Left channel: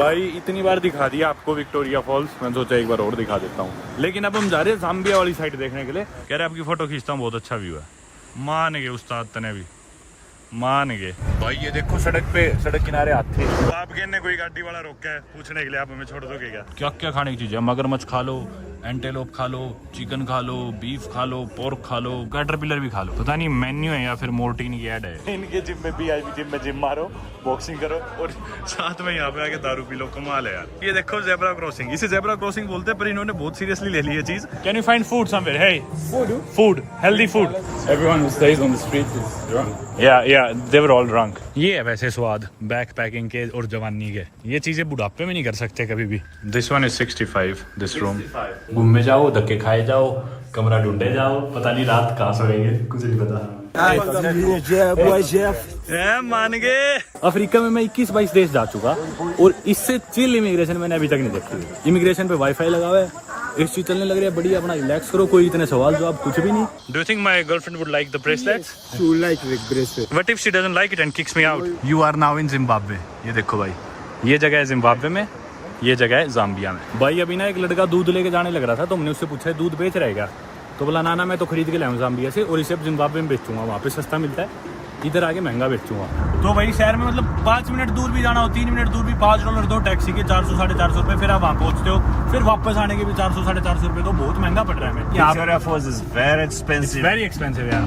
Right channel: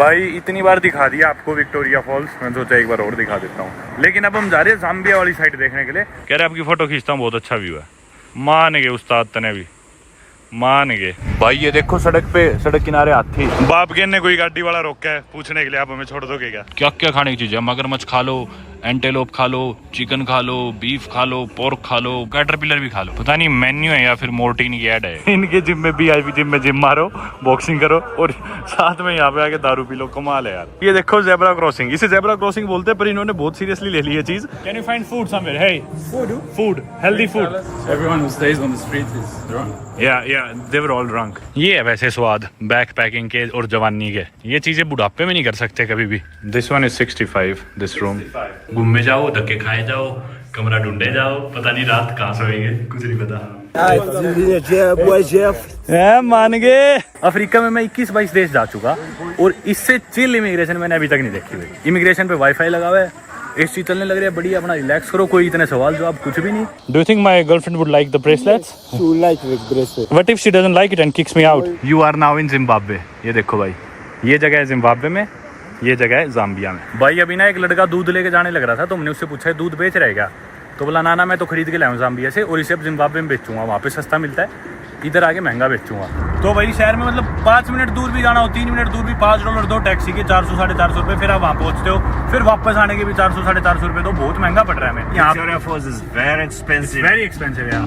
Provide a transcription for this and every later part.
भाई इतनी बार दिखा दिया आपको विक्टोरिया फॉल्स, मैं सोचा एक बार और दिखा देता हूँ। लेकिन अब हम जा रहे हैं जाम्बिया वाली साइड देखने के लिए। कह रहे आपकी फोटो खींचता हूँ, बहुत अच्छा व्यू है। मान गए उस्ताद तने भी, मान गए। भाई ये देखो सड़क किनारे हाथी। बाप के ने कोई गाड़ी वाला रोका है पूछने के लिए, आप हमें छोड़ दोगे क्या? क्या क्या खाने की चीज है? मगरमच्छ खा लो, एंटेलोप खा लो, चिकन खा लो, बीफ खा लो, पोर्क खा लो, कैटरपिलर भी खा लो। पता नहीं मेन्यू है या फिर मोर्टीन की ऐड है। इनके जिम में VIP जिम में जिम मारो, बॉक्सिंग करो और साथ में यहाँ पे आके दारू पी लो। कमाल है यार। ये देखो जेब्रा क्रॉसिंग, इसे जेब्रा क्रॉसिंग बोलते हैं, पर इन्होंने बहुत सीरियसली ले ली है चीज। Can you find food somewhere? Hey food, healthy food. Everyone who stays on the street is drunk. या दे वर ऑल ड्रंक। ये है वैसे स्वाद बैक पैकिंग के और जवानी के। ये चीजें बुढ़ापे में नहीं कर सकते कभी भी। This one is 65, this room. घूमे जाओ, धक्के खाए जाओ, कमरा ढूंढे जाओ, पता नहीं रात कहाँ सोएंगे, कुछ नहीं पता। मान गए। अफ्रीका में मैं 21-22 देश जा चुका और इससे चिल इमिग्रेशन मैंने अभी तक नहीं देखी हुई। इमिग्रेशन पे वाईफाई लगा हुआ है, एसी चलने लग रही है, बढ़िया, अपना रिलैक्स करो, कोई इतने सवाल जवाब कुछ भी नहीं। Do you think my girlfriend would like the bracelet? She would like the bracelet. What if she doesn't like it and kicks me out? You are now in Zimbabwe. ये देखो भाई, ये जगह है जिम्बाब्वे में, ये जगह है जाम्बिया में। भाई अभी ना एक लड़का दूध लेके जाने लग रहा था, तो हमने उससे पूछा दूध बेच रहे क्या? तो बोला ना मैं तो खरीद के लाया हूँ जाम्बिया से और इसे अब जिम्बाब्वे में बेचूंगा, वहाँ पे सस्ता मिलता है, इधर आके महंगा बेचूंगा। तो भाई शहर में मतलब 5 मिनट दूर भी जाना हो, 3 मिनट दूर भी $5 दो टैक्सी के, 400-450 रुपए, फिर आप वहाँ पहुँचते हो, फिर वापस आने के भी 400-450 रुपए, तो बहुत महंगा पड़ रहा है हमें। Victoria Falls is very expensive. Very expensive यार।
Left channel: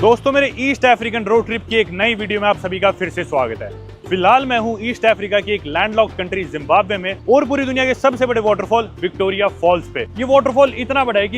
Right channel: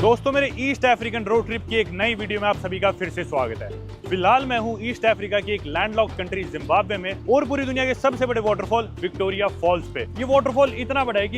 दोस्तों मेरे ईस्ट अफ्रीकन रोड ट्रिप की एक नई वीडियो में आप सभी का फिर से स्वागत है। फिलहाल मैं हूं ईस्ट अफ्रीका की एक लैंडलॉक्ड कंट्री जिम्बाब्वे में और पूरी दुनिया के सबसे बड़े वाटरफॉल विक्टोरिया फॉल्स पे। ये वाटरफॉल इतना बड़ा है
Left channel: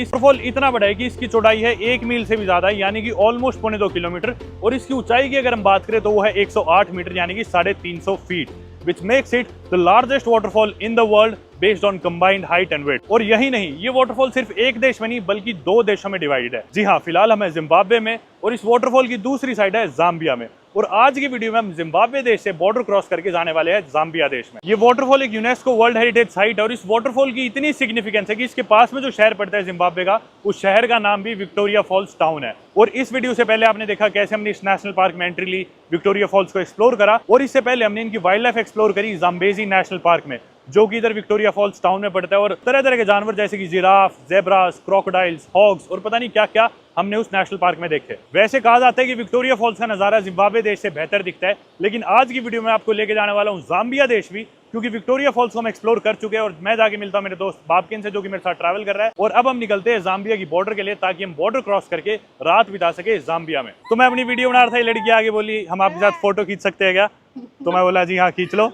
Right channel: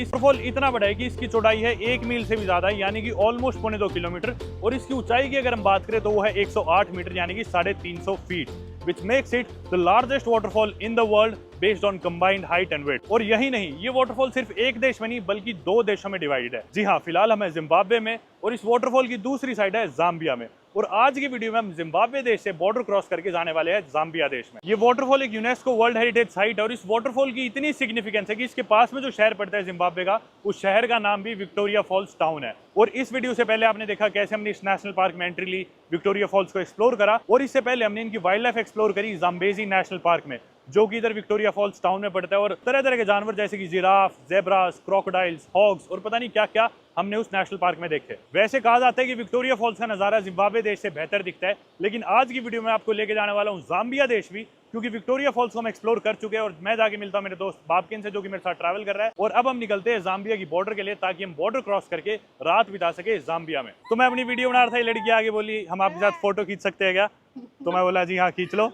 कि इसकी चौड़ाई है 1 मील से भी ज्यादा, यानी कि ऑलमोस्ट 2.25 किलोमीटर, और इसकी ऊंचाई की अगर हम बात करें तो वो है 108 मीटर यानी कि 350 feet, which makes it the largest waterfall in the world based on combined height and weight। और यही नहीं, ये वाटरफॉल सिर्फ एक देश में नहीं बल्कि 2 देशों में डिवाइडेड है। जी हाँ, फिलहाल हम जिम्बाब्वे में और इस वाटरफॉल की दूसरी साइड है जाम्बिया में। और आज की वीडियो में हम जिम्बाब्वे देश से बॉर्डर क्रॉस करके जाने वाले हैं जाम्बिया देश में। ये वाटरफॉल एक यूनेस्को वर्ल्ड हेरिटेज साइट है और इस वाटरफॉल की इतनी सिग्निफिकेंस है कि इसके पास में जो शहर पड़ता है जिम्बाब्वे का, उस शहर का नाम भी विक्टोरिया फॉल्स टाउन है। और इस वीडियो से पहले आपने देखा कैसे हमने इस नेशनल पार्क में एंट्री ली, विक्टोरिया फॉल्स को एक्सप्लोर करा, और इससे पहले हमने इनकी वाइल्ड लाइफ एक्सप्लोर करी जाम्बेजी नेशनल पार्क में, जो कि इधर विक्टोरिया फॉल्स टाउन में पड़ता है। और तरह तरह के जानवर जैसे कि जिराफ, जेब्रास, क्रोकोडाइल्स, हॉग्स और पता नहीं क्या क्या हमने उस नेशनल पार्क में देखे। वैसे कहा जाता है कि विक्टोरिया फॉल्स का नजारा जिम्बाब्वे देश से बेहतर दिखता है, लेकिन आज की वीडियो में आपको लेके जाने वाला हूँ जाम्बिया देश भी, क्योंकि विक्टोरिया फॉल्स को हम एक्सप्लोर कर चुके हैं। और मैं जाके मिलता हूँ मेरे दोस्त बाबकिन से, जो कि मेरे साथ ट्रैवल कर रहा है, और अब हम निकलते हैं जाम्बिया की बॉर्डर के लिए, ताकि हम बॉर्डर क्रॉस करके रात बिता सके जाम्बिया में। तो मैं अपनी वीडियो बना रहा था, ये लड़की आगे बोली हम आपके साथ फोटो खींच सकते हैं क्या? तो मैं बोला जी हाँ खींच लो।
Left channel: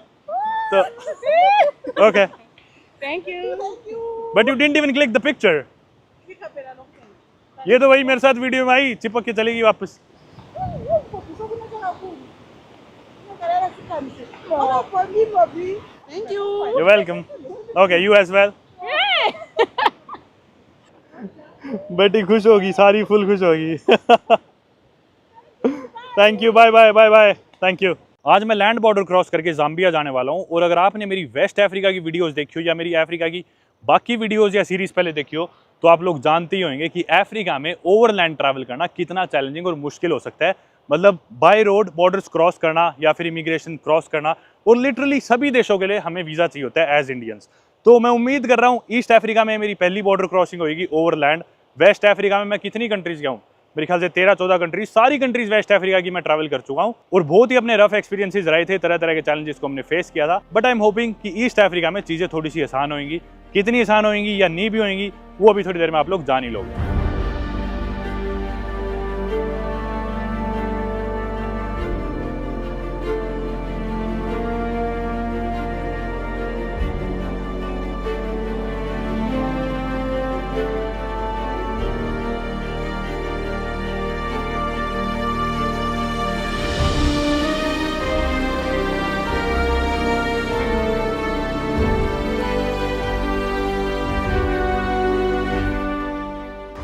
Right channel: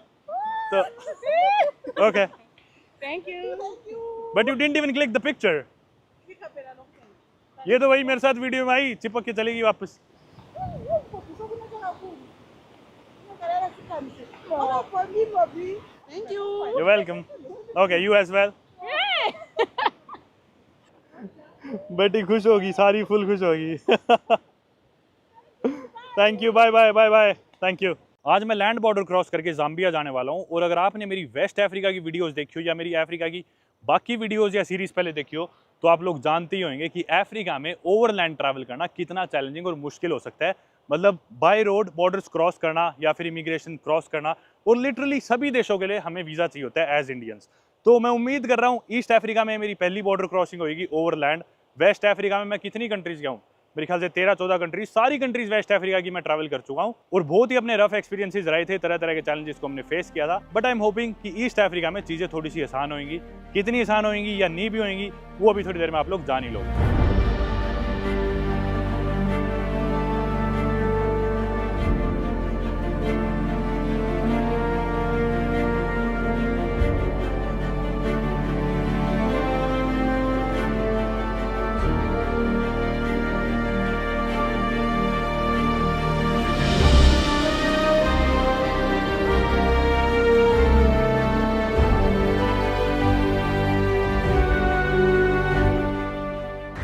तो okay, Thank you. But you didn't even click the picture. ये तो वही मेरे साथ वीडियो में आई, चिपक के चलेगी वापस। Thank you. You're welcome. Okay, you as well. बेटी खुश होगी, सारी फुल खुश होगी। Thank you, bye bye bye bye, thank you. आज मैं लैंड बॉर्डर क्रॉस करके जाम्बिया जाने वाला हूँ। और अगर आपने मेरी वेस्ट अफ्रीका की वीडियोस देखी हो या मेरी अफ्रीका की बाकी वीडियोस या सीरीज पहले देखी हो, तो आप लोग जानते ही होंगे कि अफ्रीका में ओवरलैंड ट्रैवल करना कितना चैलेंजिंग और मुश्किल हो सकता है। मतलब बाय रोड बॉर्डर्स क्रॉस करना या फिर इमिग्रेशन क्रॉस करना, और लिटरली सभी देशों के लिए हमें वीज़ा चाहिए होता है एज इंडियंस। तो मैं उम्मीद कर रहा हूँ ईस्ट अफ्रीका में मेरी पहली बॉर्डर क्रॉसिंग होगी ओवरलैंड। वेस्ट अफ्रीका में मैं कितनी कंट्रीज गया हूँ, मेरे ख्याल से 13-14 कंट्रीज, सारी कंट्रीज वेस्ट अफ्रीका की मैं ट्रैवल कर चुका हूँ, और बहुत ही अपने रफ एक्सपीरियंसेस रहे थे, तरह तरह के चैलेंजेस को हमने फेस किया था। बट आई एम होपिंग कि ईस्ट अफ्रीका में चीज़ें थोड़ी सी आसान होंगी। कितनी आसान होंगी या नहीं भी होंगी, वो अभी थोड़ी देर में आप लोग जान ही लोगे।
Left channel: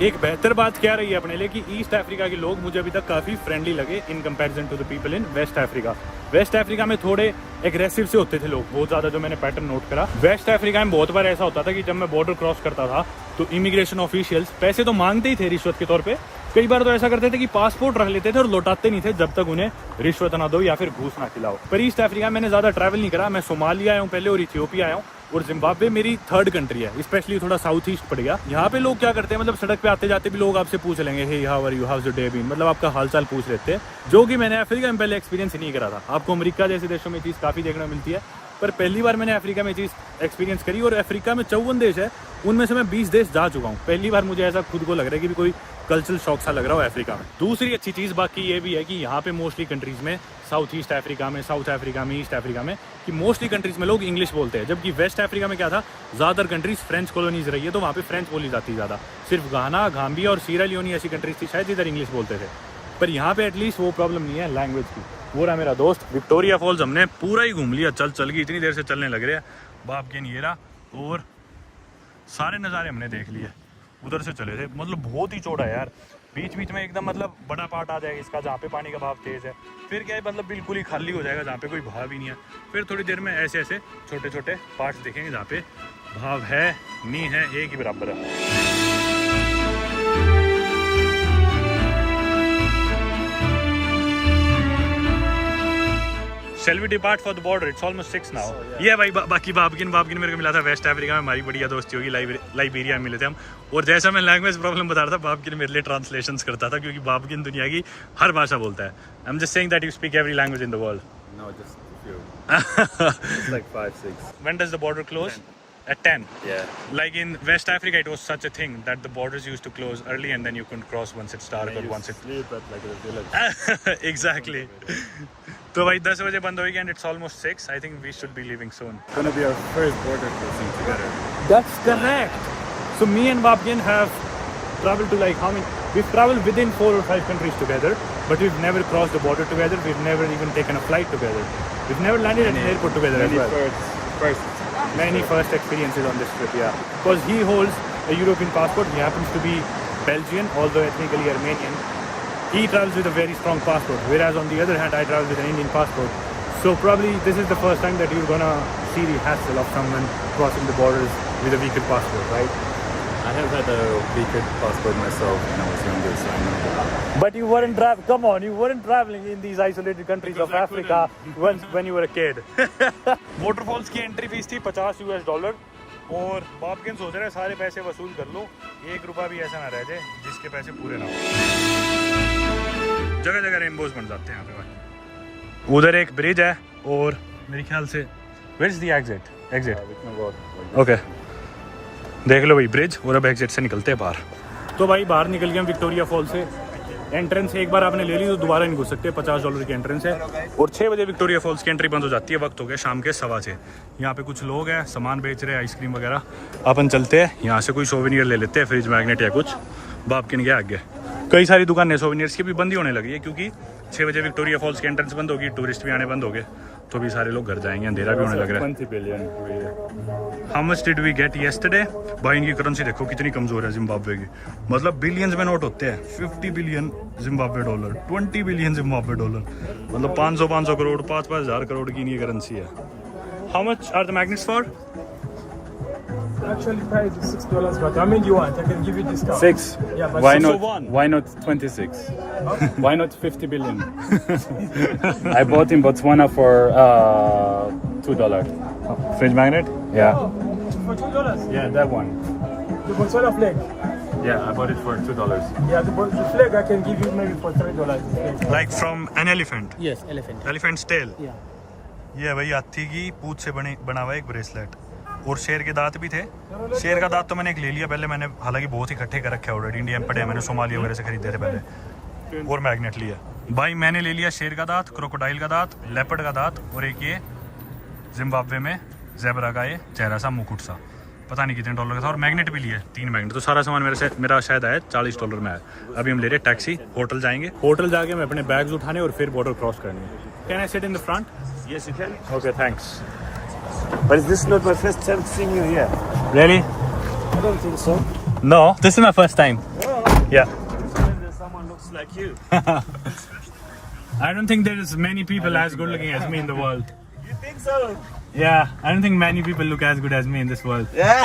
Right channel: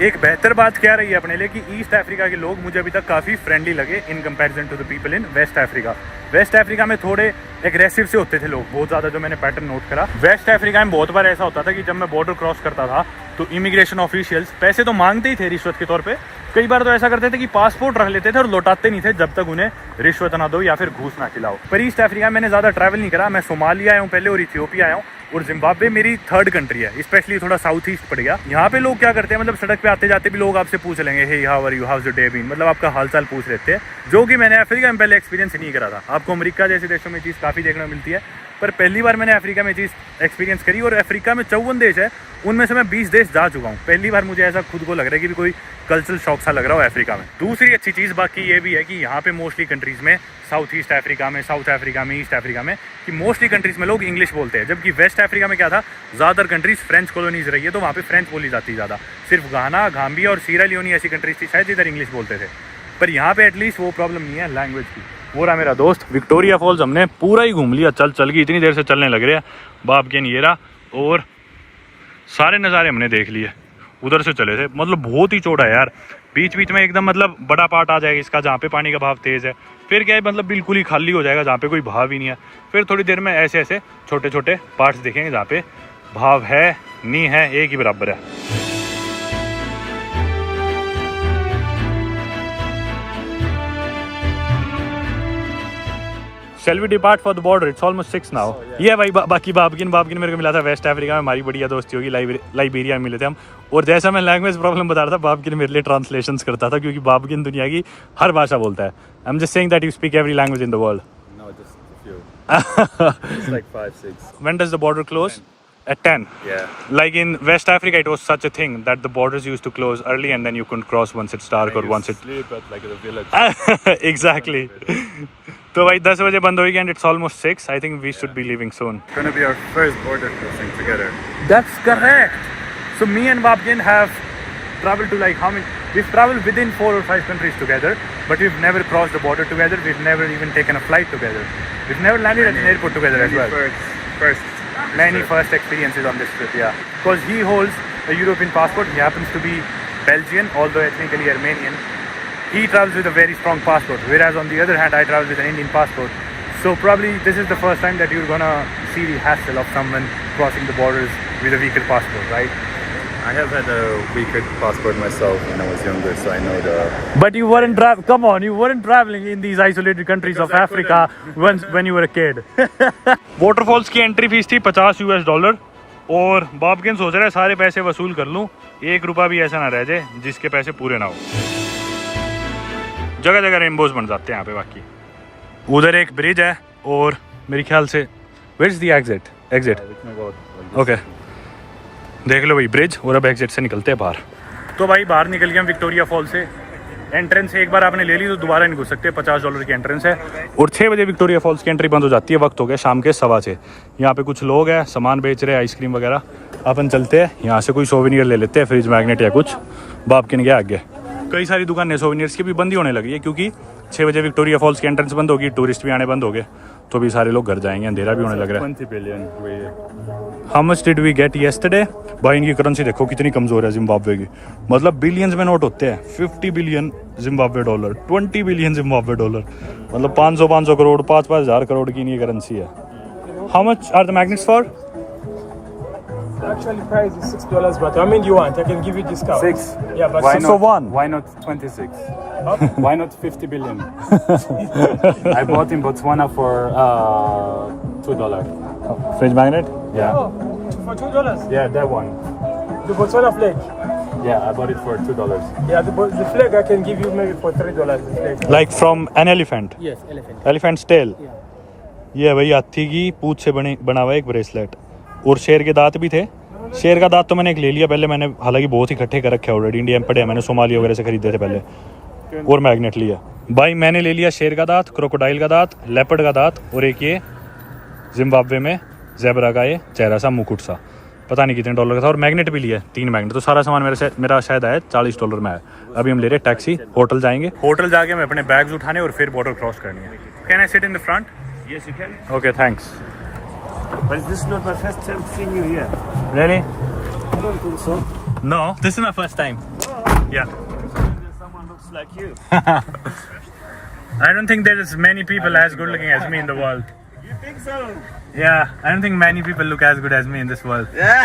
एक बेहतर बात क्या रही है अपने लिए कि ईस्ट अफ्रीका के लोग मुझे अभी तक काफ़ी फ्रेंडली लगे in comparison to the people in West Africa. West Africa में थोड़े एग्रेसिव से होते थे लोग बहुत ज़्यादा, जो मैंने पैटर्न नोट करा। वेस्ट अफ्रीका में बहुत बार ऐसा होता था कि जब मैं बॉर्डर क्रॉस करता था तो इमिग्रेशन ऑफिशियल्स पैसे तो मांगते ही थे रिश्वत के तौर पे। कई बार तो ऐसा करते थे कि पासपोर्ट रख लेते थे और लौटाते नहीं थे जब तक उन्हें रिश्वत ना दो या फिर घूस ना खिलाओ। पर ईस्ट अफ्रीका में मैंने ज़्यादा ट्रैवल नहीं करा। मैं सोमालिया आया हूँ पहले और इथियोपिया आया हूँ, और जिम्बाब्वे मेरी थर्ड कंट्री है, स्पेशली थोड़ा साउथ ईस्ट पड़ गया। यहाँ पे लोग क्या करते हैं, मतलब सड़क पे आते जाते भी लोग आपसे पूछ लेंगे, hey how are you, how's your day been, मतलब आपका हालचाल पूछ लेते हैं, जो कि मैंने अफ्रीका में पहले एक्सपीरियंस नहीं करा था। आपको अमेरिका जैसे देशों में चीज़ काफ़ी देखने को मिलती है, पर पहली बार मैंने अफ्रीका में चीज़ एक्सपीरियंस करी। और अफ्रीका में 54 देश है, उनमें से मैं 20 देश जा चुका हूँ। पहली बार मुझे ऐसा खुद को लग रहा है कि भी कोई कल्चरल शॉक सा लग रहा हो अफ्रीका में। दूसरी अच्छी चीज़ बाकी ये भी है कि यहाँ पे मोस्टली कंट्रीज़ में, साउथ ईस्ट अफ्रीका में, साउथ अफ्रीका में, ईस्ट अफ्रीका में, कि मोस्टली कंट्रीज़ में लोग इंग्लिश बोलते हैं। जबकि वेस्ट अफ्रीका में क्या था, ज़्यादातर कंट्रीज़ फ्रेंच कॉलोनीज रही है, तो वहाँ पे फ्रेंच बोली जाती है ज़्यादा। सिर्फ गाना, गाम्बिया और सीरा लियोनी ऐसी कंट्रीज थी शायद जिधर इंग्लिश बोलते थे। पर यहाँ पे एटलीस्ट वो प्रॉब्लम नहीं है लैंग्वेज की। वो रहा मेरा दोस्त विक्टोरिया फॉल्स, हमने पूरा ही घूम लिया चल के, इतनी देर से चलने लग रहे हैं। बाप के येरा और सारे नज़ारे हमने देख लिए, उधर से चले थे। मतलब बहुत ही चौड़ा है यार, बीच बीच में एकदम मतलब बड़ा पार्ट आ जाएगा इसका जहाँ पे पानी का भाव तेज़ है, फिर क्या है मतलब बिल्कुल ही खाली हो जाएगा जहाँ पे कोई भाव ही नहीं है। फिर थोड़ी देर में ऐसे ऐसे छोटे छोटे पार्ट्स देखेंगे जहाँ पे भाव है नहीं है, एक ही बराबर है। Shall we depart for the border? It's almost 6 now. ये भाई बाकी बाबगिन मेरे को मिला था वेस्ट अफ्रीका में, हमारी बढ़िया दोस्ती होगी। लाइबेरिया में मिले थे हम, और जैसा मैं लैंग्वेज प्रॉब्लम बता रहा था, बाबगिन मेरे लिए ट्रांसलेशंस करता था, क्योंकि बाबगिन दुनिया की हर भाषा बोलता है। I am just saying that you speak every language in the world. No, just a few. It's like 5, 6. When does the border close? 10. At 10. Yeah. Like in West Africa, it was such a thing that the borders used to close early, and then you couldn't cross once it's dark or once it's sleep at like a village. exactly. तो भाई 10 बजे बंद होगी, and it's almost 6. I think we should be leaving soon. It's gonna be our first border crossing together. That's correct. So me and Babgin have traveled to like how many? We've traveled within 4 or 5 countries together, but we've never crossed the border together. We've never even taken a flight together. We've never landed at an airport together as well. Many first experiences on this trip, yeah. Because he holds a European passport. He happens to be Belgian, although ethnically Armenian. He travels with a very strong passport, whereas on the other hand, I travel with an Indian passport. So probably this is the first time that you're gonna see the hassle of someone crossing the borders with a weaker passport, right? I have had a weaker passport myself when I was younger, so I know the. But you weren't come on, you weren't traveling in these isolated countries of Africa when you were a kid. Waterfalls की entry fees थी $50, और बाबगिन सोच रहा है सारे पैसे वसूल कर लूँ, 1 रुपया भी ऐसा ना रह जाए जिसके पैसे पूरे ना हो। जगह जगह रेनबोज बन जाते हैं यहाँ पे। बाकी उधर एक ब्रिज है, और मेरे ख्याल से where's the exit? ओके, देख लो भाई ब्रिज, और अब एग्जिट से निकलते हैं बाहर। तो भाई बाहर निकल गए हम विक्टोरिया फॉल से। एंट्रेंस एक बार आपने ले ली तो दोबारा नहीं घुस सकते, $50 की एंट्रेंस है। और 6 बजे विक्टोरिया फॉल्स की एंट्री बंद हो जाती है। वक्त हो गया शाम के 6:15। यहाँ पे कुछ लोग हैं, सामान बेच रहे हैं, आइसक्रीम वगैरह। अपन चलते हैं यहाँ से, कोई सोवेनियर ले लेते हैं, फ्रिज मैग्नेट या कुछ। बाप किन गया आगे, कई सारी दुकानें सोवेनियर्स की भी बंद ही होने लगी है, क्योंकि 6 बजे विक्टोरिया फॉल्स की एंट्रेंस बंद होगी, टूरिस्ट भी आने बंद हो गए, तो भी सारे लोग घर जाएंगे, अंधेरा भी होने लग रहा है। 20 billion. How much did we get yesterday? भाई इनकी करेंसी देखो कितनी कमजोर है जिम्बाब्वे की, मतलब बिलियंस में नोट होते हैं। 50 billion Zimbabwe dollar, 20 billion Zimbabwe dollar, मतलब 500 करोड़, 5-5 हज़ार करोड़ की इनकी करेंसी है। How much are the magnets for? Actually, price is $6, but how many do you want? I can give you discount. 6. Yeah, but Why 6 not? for one? Why not 26? Why not 50 billion? I bought in Botswana for $2. Fridge magnet? या for $2. Yeah, that one. The Botswana flag. Yeah, I bought it for $2. Yeah, the flag I can give you maybe for $3. The flag. Like from an elephant? Yes, elephant. Elephant's tail? ये भाई हाथी की पूंछ से बना हुआ एक bracelet, और शेर के दांत भी थे। शेर का दांत तो मैंने एक ले लिया पहले, मैंने हालांकि बहुत ही इकट्ठे कर रखे ऑलरेडी, इंडिया में पड़े हैं, मैंने सोमालिया वगैरह से खरीदे थे पहले, और मैग्नेट लिया। भाई मैंने ले लिया शेर का दांत, क्रोकोडाइल का दांत, लेपर्ड का दांत, और एक ये जिम्बाब्वे में ज़ेबरा का ये चेहरा सा, मुकुट सा, पता नहीं कितने डॉलर का था, और मैग्नेट भी लिया 3 मैग्नेट। तो सारा सामान मेरा शायद आया $40 में आया। अभी हम ले रहे टैक्सी, होटल जाएंगे, होटल जाके मैं अपने बैग्स उठाने और फिर बॉर्डर क्रॉस करनी है। Can I sit in the front? Yes, you can. Okay thanks. But is this not my first time seeing you here? Really? I don't think so. No, this is my first time. Yeah. Someone looks like you. I don't think there's many people as good looking as me in the world. You think so? Yeah, I don't think many people look as good as me in this world. Yeah.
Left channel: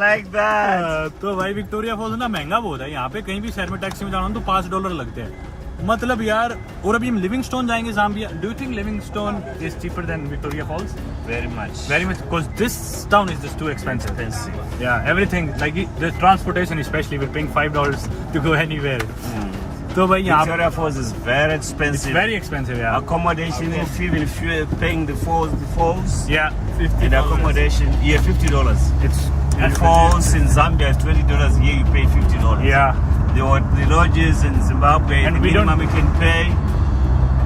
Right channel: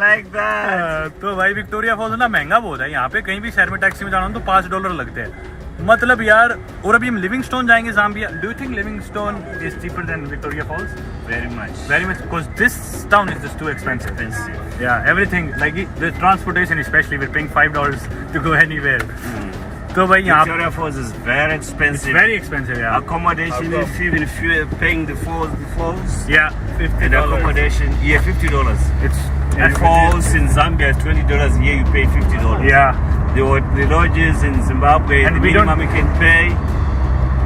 like that. तो भाई Victoria false ना महंगा बहुत है, यहाँ पे कहीं भी शहर में टैक्सी में जाना हो तो $5 लगते हैं, मतलब यार। और अभी हम लिविंगस्टोन जाएंगे Zambia. Do you think Livingstone is cheaper than Victoria Falls? Very much. Because this town is just too expensive. Expensive. Yeah, everything like the transportation especially, we're paying $5 to go anywhere. तो भाई यहाँ Victoria Falls is very expensive. very expensive, yeah. Accommodation, if you're paying the falls, Yeah, and $50. accommodation, yeah, $50. It's The falls in Zambia is $20. Here you pay $50. yeah. The lodges in Zimbabwe, And the we don't- minimum you can pay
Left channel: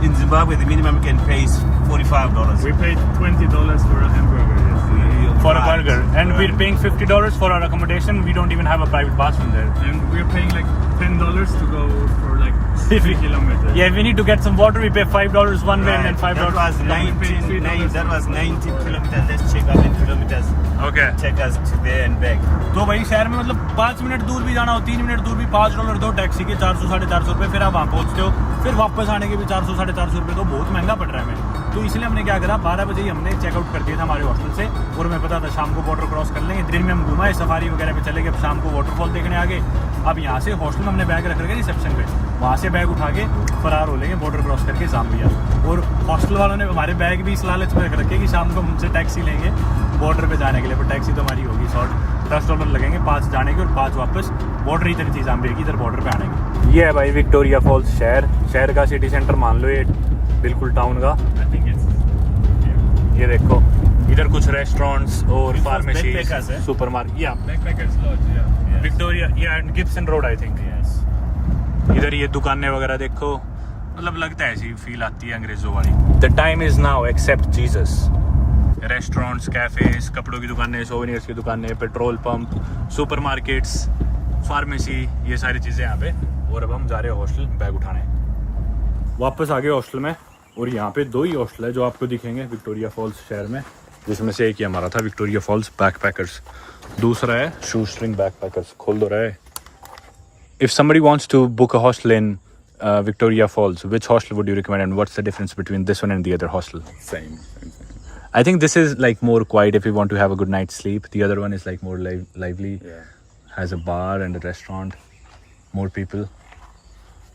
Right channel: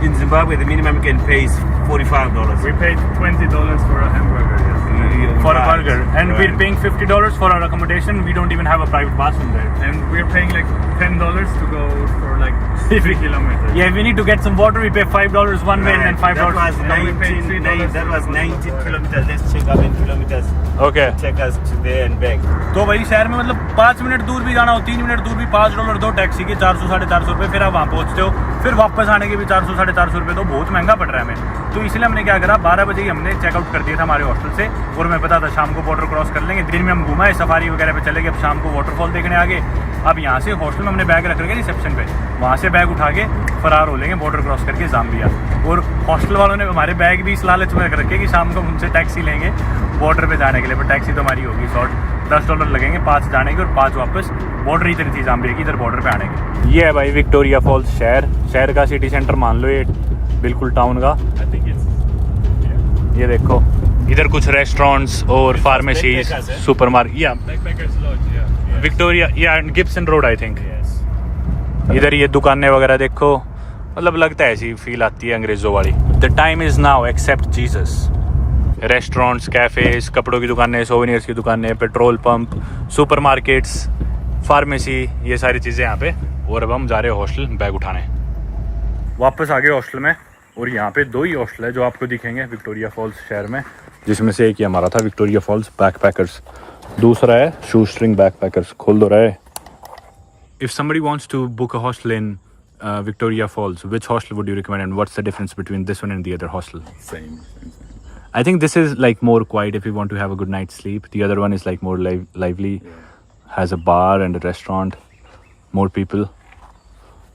in Zimbabwe, the minimum you can pay is $45. We paid $20 for a hamburger. Yes. For a Right, burger, and we're right. paying $50 for our accommodation. We don't even have a private bathroom there, and we're paying like $10 to go for like 50 kilometers. Yeah, if we need to get some water, we pay $5 one way and then $5. That was and then we pay 19 $3. that was 19 kilometers. Let's check how many kilometers Okay. take us to there and back. तो भाई शहर में मतलब 5 minute दूर भी जाना हो, 3 minute दूर भी $5 दो टैक्सी के, 400-450 रुपये, फिर आप वहाँ पहुँचते हो, फिर वापस आने के भी 400-450 रुपये, तो बहुत महंगा पड़ रहा है हमें। तो इसलिए हमने क्या करा, 12 बजे ही हमने चेकआउट कर दिया था हमारे हॉस्टल से, और हमें पता था शाम को बॉर्डर क्रॉस कर लेंगे। दिन में हम घुमाए, सफारी वगैरह पे चले गए, अब शाम को वाटरफॉल देखने आ गए। अब यहाँ से हॉस्टल में हमने बैग रख रखे रिसेप्शन पे, वहाँ से बैग उठा के फरार हो लेंगे बॉर्डर क्रॉस करके ज़ाम्बिया। और हॉस्टल वालों ने हमारे बैग भी इस लालच में रख रखे कि शाम को उनसे टैक्सी लेंगे बॉर्डर पे जाने के लिए, पर टैक्सी तो हमारी होगी शॉर्ट, $10 लगेंगे, 5 जाने के और 5 वापस। बॉर्डर इधर थी ज़ाम्बिया की, इधर बॉर्डर पे आने के। ये है भाई विक्टोरिया फॉल्स शहर का सिटी सेंटर मान लो, ये बिल्कुल टाउन का। I think it's ये देखो इधर कुछ रेस्टोरेंट्स और pharmacies, Backpackers, eh? Super market, या Backpackers Lodge, yeah. विक्टोरिया या Gibson road I think. yes. इधर ये दुकानें वगैरह देखो, मतलब लगता है ऐसी फील आती है अंग्रेजों वाली। The time is now accept Jesus. Restaurants, cafes, कपड़ों की दुकानें, सोवेनियर्स की दुकानें, petrol pump, super markets, pharmacy, ये सारी चीज़ें यहाँ पे। और अब हम जा रहे हैं हॉस्टल बैग उठाने। वापस आ गए हॉस्टल में, और यहाँ पे 2 ही हॉस्टल है जो आपको दिखेंगे विक्टोरिया फॉल्स शहर में, जिसमें से एक ही हमारा था, विक्टोरिया फॉल्स बैकपैकर्स। दूसरा है शू स्ट्रिंग बैकपैकर्स। खोल दो रहा है। If somebody wants to book a hostel in Victoria Falls, which hostel would you recommend, and what's the difference between this one and the other hostel? Same. I think this is like more quiet if you want to have a good night's sleep. The other one is like more lively, has a bar and a restaurant, more people.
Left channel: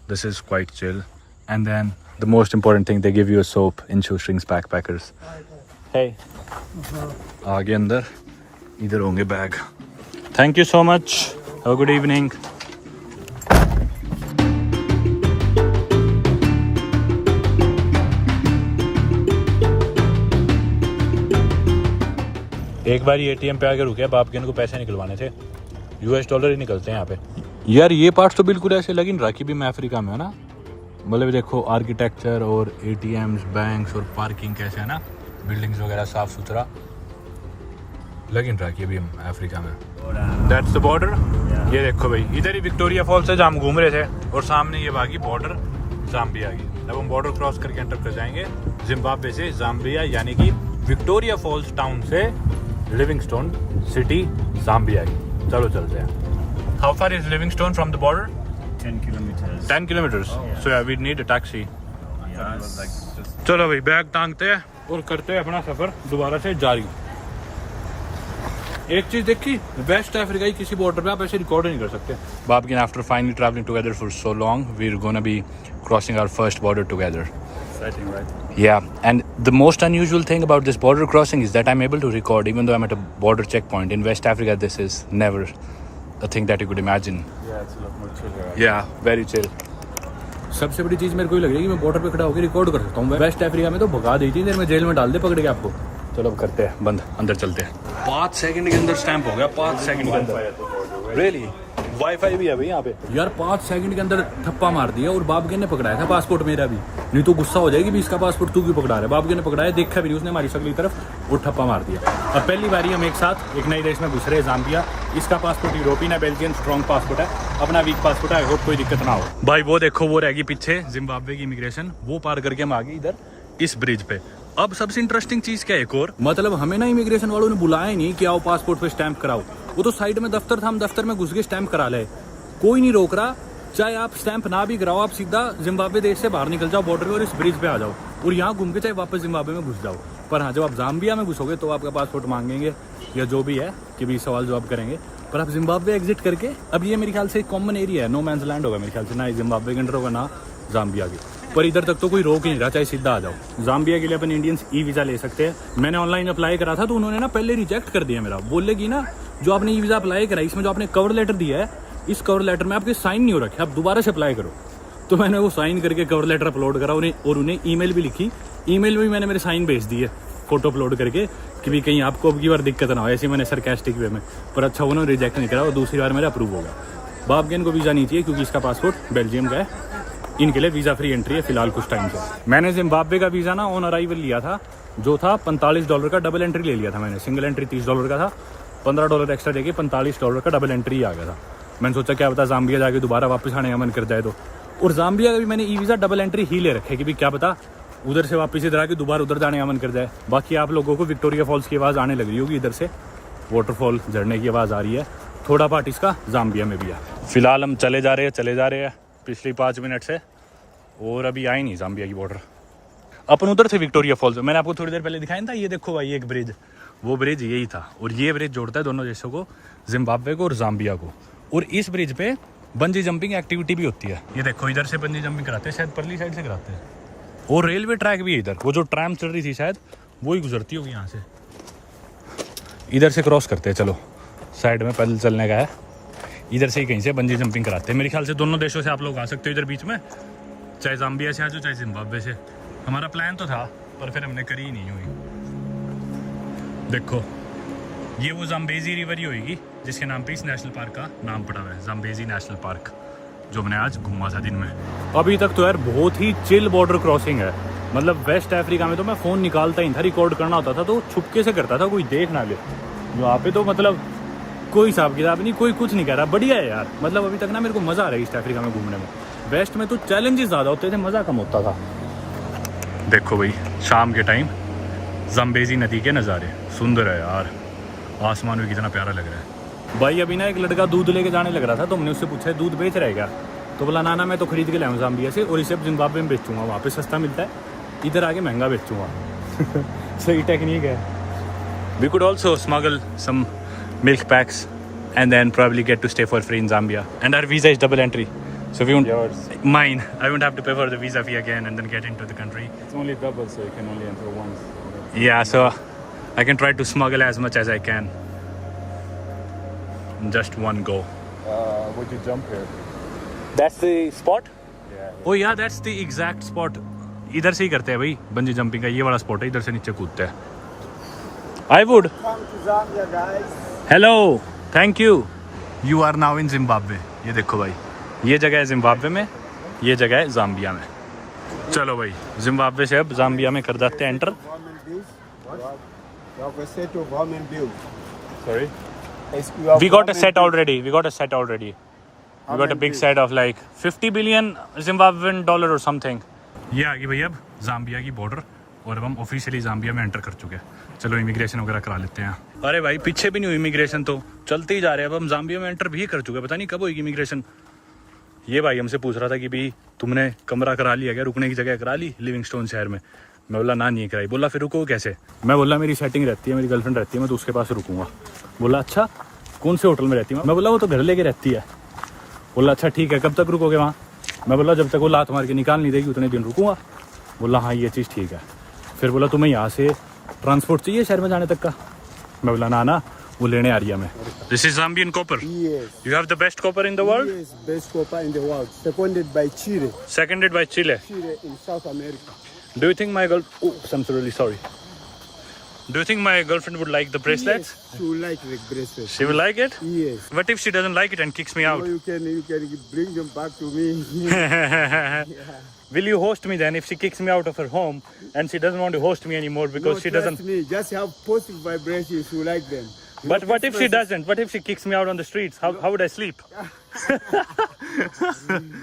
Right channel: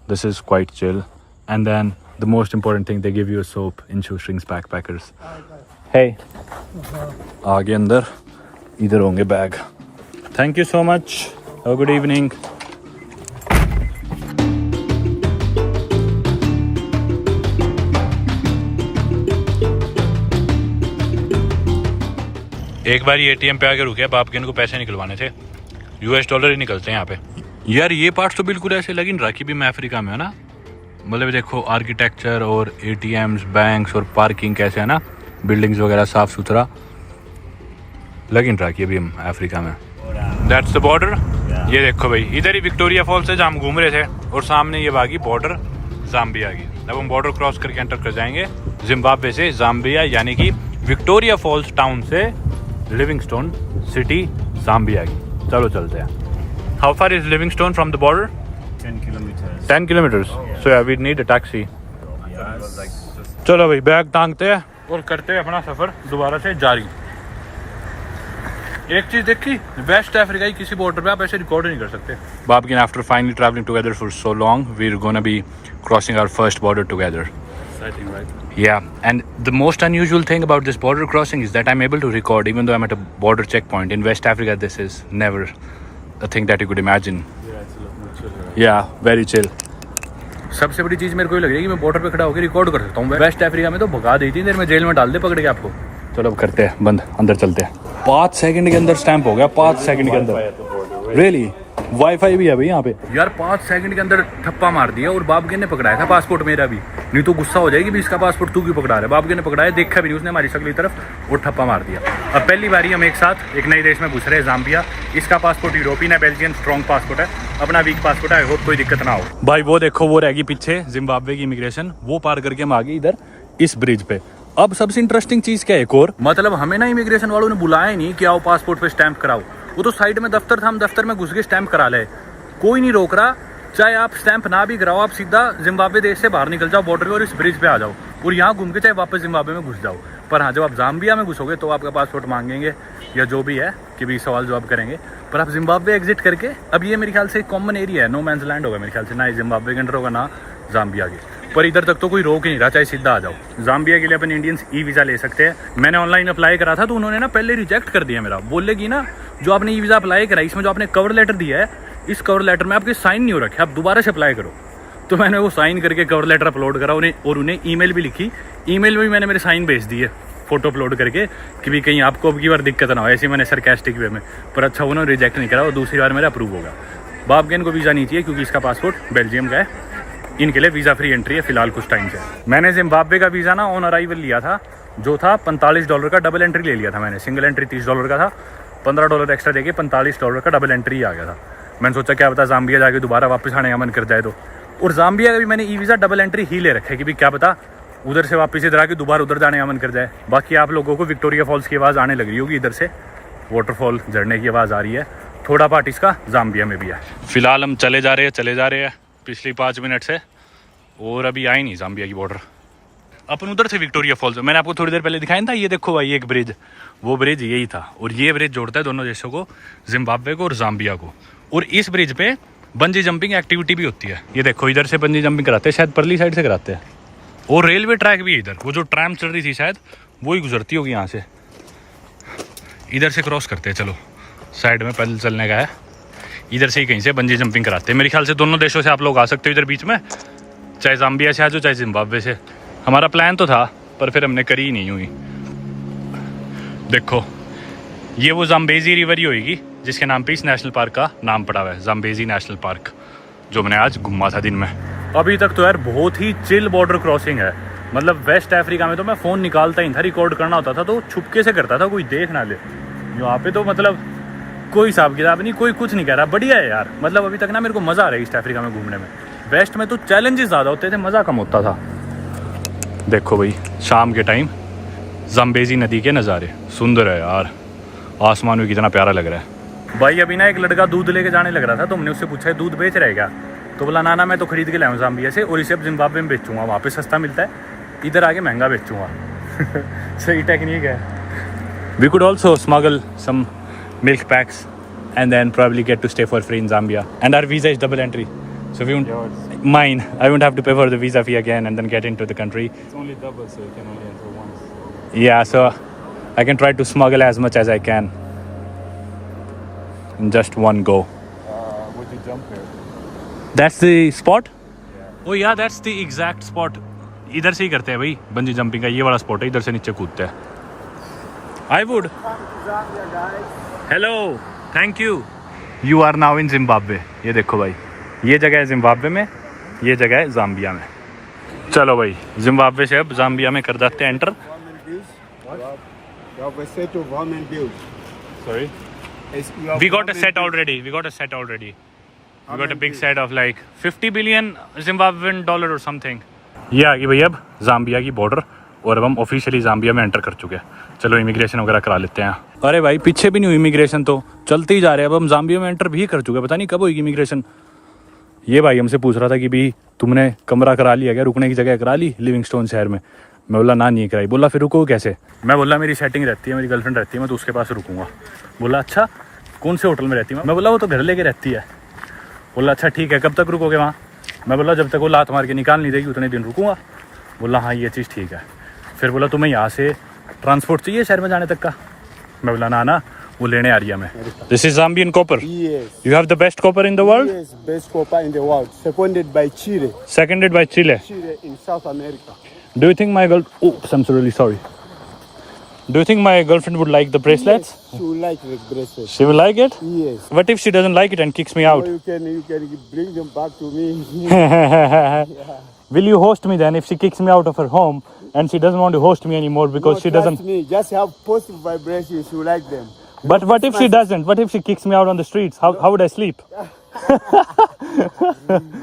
This is quite chill. And then the most important thing, they give you a soap in Shoestrings Backpackers. Hey. आगे अंदर इधर होंगे bag. Thank you so much. Have a good evening. एक बार ATM पे आके रुके, बाप के इनको पैसे निकलवाने थे, $US ही निकलते हैं यहाँ पे। यार ये पार्ट तो बिल्कुल ऐसे लगी रहा कि भी मैं अफ्रीका में है ना, मतलब देखो आर्किटेक्चर और एटीएम्स, बैंक्स और पार्किंग कैसे है ना, बिल्डिंग्स वगैरह साफ सुथरा लग रहा कि अभी हम अफ्रीका में। That's the border. ये देखो भाई, इधर ही विक्टोरिया फॉल्स है जहाँ हम घूम रहे थे, और सामने ये बागी बॉर्डर ज़ाम्बिया की। अब हम बॉर्डर क्रॉस करके एंटर कर जाएंगे जिम्बाब्वे से ज़ाम्बिया, यानी कि विक्टोरिया फॉल्स टाउन से लिविंगस्टोन सिटी ज़ाम्बिया की। चलो चलते हैं। How far is Livingstone from the border? 10 kilometers. 10 kilometers. So yeah, we need a taxi. Yes. चलो भाई बैग टांगते हैं और करते हैं अपना सफर दोबारा से जारी। एक चीज देखी, वेस्ट अफ्रीका की किसी बॉर्डर पे आप ऐसे रिकॉर्ड नहीं कर सकते। Babken after finally travelling together for so long, we are gonna be crossing our first border together. Exciting, right? Yeah, and the most unusual thing about this border crossing is that I'm able to record even though I'm at a border checkpoint. In West Africa, this is never a thing that you could imagine. Yeah, it's a lot more chill, right? Yeah, very chill. सबसे बड़ी चीज मेरे को ये लग रही है कि मैं बॉर्डर पे खड़ा होकर रिकॉर्ड कर सकता हूँ। वेस्ट अफ्रीका में तो भगा देती देर में जेल में डाल दे पकड़ के आपको। चलो अब करते हैं बंद, अंदर चलते हैं। 5 सेकंड के अंदर स्टैंप हो गया, 5 सेकंड के अंदर। रियली वाईफाई भी है भाई यहाँ पे। यार 5 सेकंड के अंदर ठप्पा मार दिया, और बाबगे ने पकड़ाया था पासपोर्ट मेरा भी, नहीं तो गुस्सा हो जाएगी भी इसका पासपोर्ट तू क्यों पकड़ा रहा है। बाबगे ने पकड़ाया, देखा भी नहीं उसने हमारी शक्ल की तरफ, और ठप्पा मार दिया। अब पहली बारी हम एक साथ एक नए देश में घुस रहे हैं, ज़ाम्बिया। इसका पासपोर्ट यूरोपियन है, बेल्जियन स्ट्रॉन्ग पासपोर्ट है, अपना वीक पासपोर्ट है। आई होप कोई दिक्कत ना हो। भाई वो देखो, वो रहेगी पीछे जिम्बाब्वे की इमिग्रेशन, वो पार करके हम आ गए इधर इस ब्रिज पे। अब सबसे इंटरेस्टिंग चीज क्या है एक और, मतलब हमें ना इमिग्रेशन वालों ने बुलाया नहीं कि आओ पासपोर्ट पे स्टैंप कराओ। वो तो साइड में दफ्तर था, हम दफ्तर में घुस के स्टैंप करा ले, कोई नहीं रोक रहा। चाहे आप स्टैंप ना भी कराओ, आप सीधा जिम्बाब्वे देश से बाहर निकल जाओ बॉर्डर पे और इस ब्रिज पे आ जाओ, और यहाँ घूम के चाहे वापस जिम्बाब्वे में घुस जाओ। पर हाँ, जब आप जाम्बिया में घुसोगे तो आपका पासपोर्ट मांगेंगे या जो भी है कि भी सवाल जवाब करेंगे। पर आप जिम्बाब्वे एग्जिट करके, अब ये मेरे ख्याल से एक कॉमन एरिया है, नो मैंस लैंड होगा मेरे ख्याल से, ना जिम्बाब्वे के अंडर होगा ना जाम्बिया के, पर इधर तक तो कोई रोक ही नहीं रहा, चाहे सीधा आ जाओ। जाम्बिया के लिए अपन इंडियंस ई वीज़ा ले सकते हैं। मैंने ऑनलाइन अप्लाई करा था तो उन्होंने ना पहले रिजेक्ट कर दिया मेरा, बोले कि ना जो आपने ई वीज़ा अप्लाई करा इसमें जो आपने कवर लेटर दिया है, इस कवर लेटर में आपके साइन नहीं हो रखे, आप दोबारा से अप्लाई करो। तो मैंने वो साइन करके कवर लेटर अपलोड करा उन्हें, और उन्हें ईमेल भी लिखी, ईमेल में भी मैंने मेरे साइन भेज दिए फोटो अपलोड करके कि भी कहीं आपको अब की बार दिक्कत ना हो, ऐसे मैंने सरकास्टिक वे में। पर अच्छा उन्होंने रिजेक्ट नहीं करा और दूसरी बार मेरा अप्रूव होगा। बाप के इनको वीज़ा नहीं चाहिए क्योंकि इसका पासपोर्ट बेल्जियम का है, इनके लिए वीज़ा फ्री एंट्री है फिलहाल कुछ टाइम से। मैंने जिम्बाब्वे का वीज़ा ना ऑन अराइवल लिया था, जो था $45 का, डबल एंट्री ले लिया था मैंने। सिंगल एंट्री $30 का था, $15 एक्स्ट्रा देके $45 का डबल एंट्री आ गया था। मैंने सोचा क्या पता जाम्बिया जाके दोबारा वापस आने का मन कर जाए तो। और जाम्बिया का भी मैंने ई वीज़ा डबल एंट्री ही ले रखा है कि भी क्या पता उधर से वापस इधर आके दोबारा उधर जाने का मन कर जाए। बाकी आप लोगों को विक्टोरिया फॉल्स की आवाज़ आने लग रही होगी, इधर से वाटरफॉल झरने की आवाज़ आ रही है, थोड़ा पार्ट इसका जाम्बिया में भी है। फिलहाल हम चले जा रहे हैं पिछली 5 मिनट से, और अभी आए नहीं जाम्बिया की बॉर्डर। अपन उधर से विक्टोरिया फॉल्स, मैंने आपको थोड़ी देर पहले दिखाया था, ये देखो भाई एक ब्रिज, वो ब्रिज यही था, और ये ब्रिज जोड़ता है दोनों देशों को, जिम्बाब्वे को और जाम्बिया को। और इस ब्रिज पे बंजी जंपिंग एक्टिविटी भी होती है, ये देखो इधर से बंजी जंपिंग कराते हैं, शायद परली साइड से कराते हैं। और रेलवे ट्रैक भी है इधर, वो जो ट्रैम चल रही थी शायद वो ही गुजरती होगी यहाँ से, इधर से क्रॉस करते हैं। चलो साइड में पैदल चलने का है, इधर से ही कहीं से बंजी जंपिंग कराते हैं। मेरे ख्याल से दोनों देशों से आप लोग आ सकते हो इधर बीच में, चाहे जाम्बिया से आ जाओ चाहे जिम्बाब्वे से। हमारा प्लान तो था पर फिर हमने करी ही नहीं हुई। देखो ये वो जाम्बेजी रिवर ही होगी जिसके नाम पे इस नेशनल पार्क का नाम पड़ा हुआ है, जाम्बेजी नेशनल पार्क, जो मैंने आज घूमा था दिन में। अभी तक तो यार बहुत ही चिल बॉर्डर क्रॉसिंग है, मतलब वेस्ट अफ्रीका में तो मैं फ़ोन निकालता ही था, रिकॉर्ड करना होता था तो छुपके से करता था, कोई देख ना ले। यहाँ पे तो मतलब कोई हिसाब किताब नहीं, कोई कुछ नहीं कह रहा, बढ़िया है यार। मतलब अभी तक ना मेरे को मज़ा आ रहा है ईस्ट अफ्रीका में घूमने में। वेस्ट में तो चैलेंजेस ज़्यादा होते थे, मज़ा कम होता था। देखो भाई शाम के टाइम जाम्बेजी नदी के नज़ारे सुंदर है यार, आसमान भी कितना प्यारा लग रहा है। भाई अभी ना एक लड़का दूध लेके जाने लग रहा था तो हमने उससे पूछा दूध बेच रहे क्या, तो बोला ना मैं तो खरीद के लाया हूँ जाम्बिया से, और इसे अब जिम्बाब्वे में बेचूंगा, वहाँ पे सस्ता मिलता है, इधर आके महंगा बेचूंगा। सही टेक्निक है। We could also smuggle some milk packs and then probably get to stay for free in Zambia. And our visa is double entry. So we won't, mine, I won't have to pay for the visa fee again and then get into the country. It's only double, so you can only enter once. Yeah, so I can try to smuggle as much as I can in just one go. Would you jump here? That's the spot? Yeah. Oh yeah, that's the exact spot. इधर से ही करते हैं भाई bungee jumping का, ये वाला spot है, इधर से नीचे कूदते हैं। I would. Hello. Thank you. You are now in Zimbabwe. ये देखो भाई ये जगह है जिम्बाब्वे में, ये जगह है जाम्बिया में। चलो भाई जिम्बाब्वे से अब जाम्बिया में कर देते हैं enter. Sorry? We got a set already. We got a big set of like 50 billion Zimbabwean dollar or something. ये आ गई भाई अब जाम्बिया की बॉर्डर, और अब हम ऑफिशियली जाम्बिया में एंटर कर चुके हैं। चलो इमिग्रेशन वगैरह करा लेते हैं। अरे भाई पीछे भी नहीं हुई इमिग्रेशन, तो चलते ही जा रहे हैं। अब हम जाम्बिया में एंटर भी कर चुके हैं, पता नहीं कब होगी इमिग्रेशन। ये भाई हमसे पूछ रहा था कि भी तुमने कमरा करा लिया क्या, रुकने की जगह करा ली लिविंगस्टोन शहर में। मैं बोला ना नहीं कराई। बोला फिर रुको कैसे। मैं बोला मेरी सेटिंग रहती है, मेरी गर्लफ्रेंड रहती है, मैं तो उसके पास रुकूंगा। बोला अच्छा कौन से होटल में रहती है। मैं बोला वो तो घर लेके रहती है। बोला अच्छा ठीक है, कब तक रुकोगे वहाँ। मैं बोला जब तक वो लात मार के निकाल नहीं देगी उतने दिन रुकूंगा। बोला हाँ ये चीज़ ठीक है। फिर बोला तुम्हें यहाँ से ट्रांसपोर्ट चाहिए शहर में जाने तक का। मैं बोला ना वो लेने आ रही है मैं। This is Zambian copper. Yes. You have the best copper in the world? Yes, best copper in the world. Seconded by Chile. Seconded by Chile. Chile in South America. Do you think my girl... Oops, I'm so really sorry. Do you think my girlfriend would like the bracelets? Yes, she will like the bracelets. She will like it? Yes. What if she doesn't like it and kicks me out? So you can bring them back to me. Yeah. Will you host me then if she kicks me out of her home and she doesn't want to host me anymore because No, she trust doesn't... me, just have positive vibrations. You like them. But what if she doesn't? What if she kicks me out on the streets? How would I sleep?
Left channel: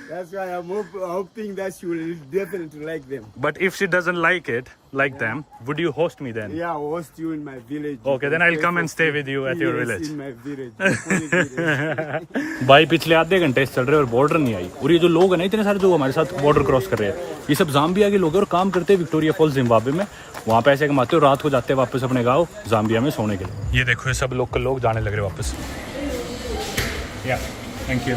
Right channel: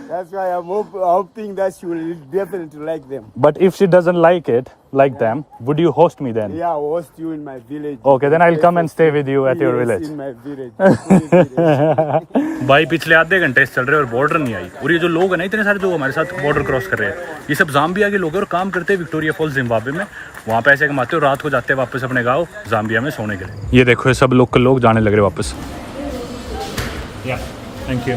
That's why I'm hoping that she will definitely like them. But if she doesn't like it, like them, would you host me then? Yeah, I'll host you in my village. Okay, then I'll come and stay with you at your Yes, village. in my village. Fully village. भाई पिछले आधे घंटे से चल रहे और border नहीं आई, और ये जो लोग हैं ना इतने सारे जो हमारे साथ बॉर्डर क्रॉस कर रहे हैं, ये सब जाम्बिया के लोग हैं और काम करते हैं विक्टोरिया फॉल्स जिम्बाब्वे में। वहाँ पैसे कमाते और रात को जाते हैं वापस अपने गाँव जाम्बिया में सोने के लिए। ये देखो ये सब लोकल लोग जाने लग रहे वापस। या थैंक यू।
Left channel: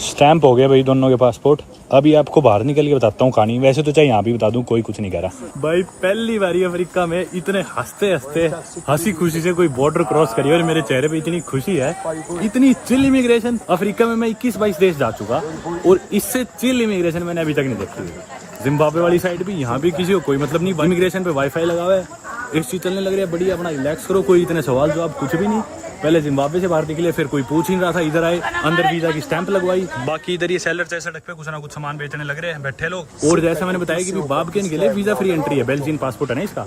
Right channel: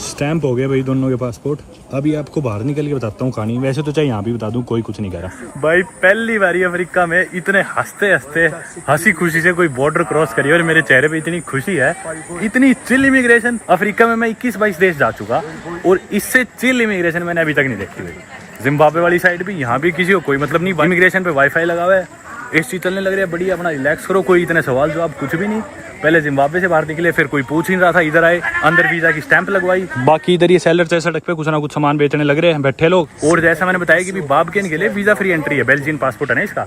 स्टैंप हो गया भाई दोनों के पासपोर्ट। अभी आपको बाहर निकल के बताता हूँ कहानी। वैसे तो चाहे यहाँ भी बता दूँ, कोई कुछ नहीं कह रहा। भाई पहली बारी अफ्रीका में इतने हंसते हंसते हंसी खुशी से कोई बॉर्डर क्रॉस करी और मेरे चेहरे पे इतनी खुशी है, इतनी चिल इमिग्रेशन। अफ्रीका में मैं 21-22 देश जा चुका और इससे चिल इमिग्रेशन मैंने अभी तक नहीं देखी हुई। जिम्बाब्वे वाली साइड भी, यहाँ भी किसी को कोई मतलब नहीं। इमिग्रेशन पे वाईफाई लगा हुआ है, एसी चलने लग रही है, बढ़िया अपना रिलैक्स करो, कोई इतने सवाल जवाब कुछ भी नहीं। पहले जिम्बाब्वे से बाहर निकले, फिर कोई पूछ नहीं रहा था, इधर आए, अंदर वीजा की स्टैंप लगवाई। बाकी इधर ये सेलर से सड़क पे कुछ ना कुछ सामान बेचने लग रहे हैं बैठे लोग। और जैसा मैंने बताया कि बाबकेन के लिए वीजा फ्री एंट्री है, बेल्जियन पासपोर्ट है ना इसका।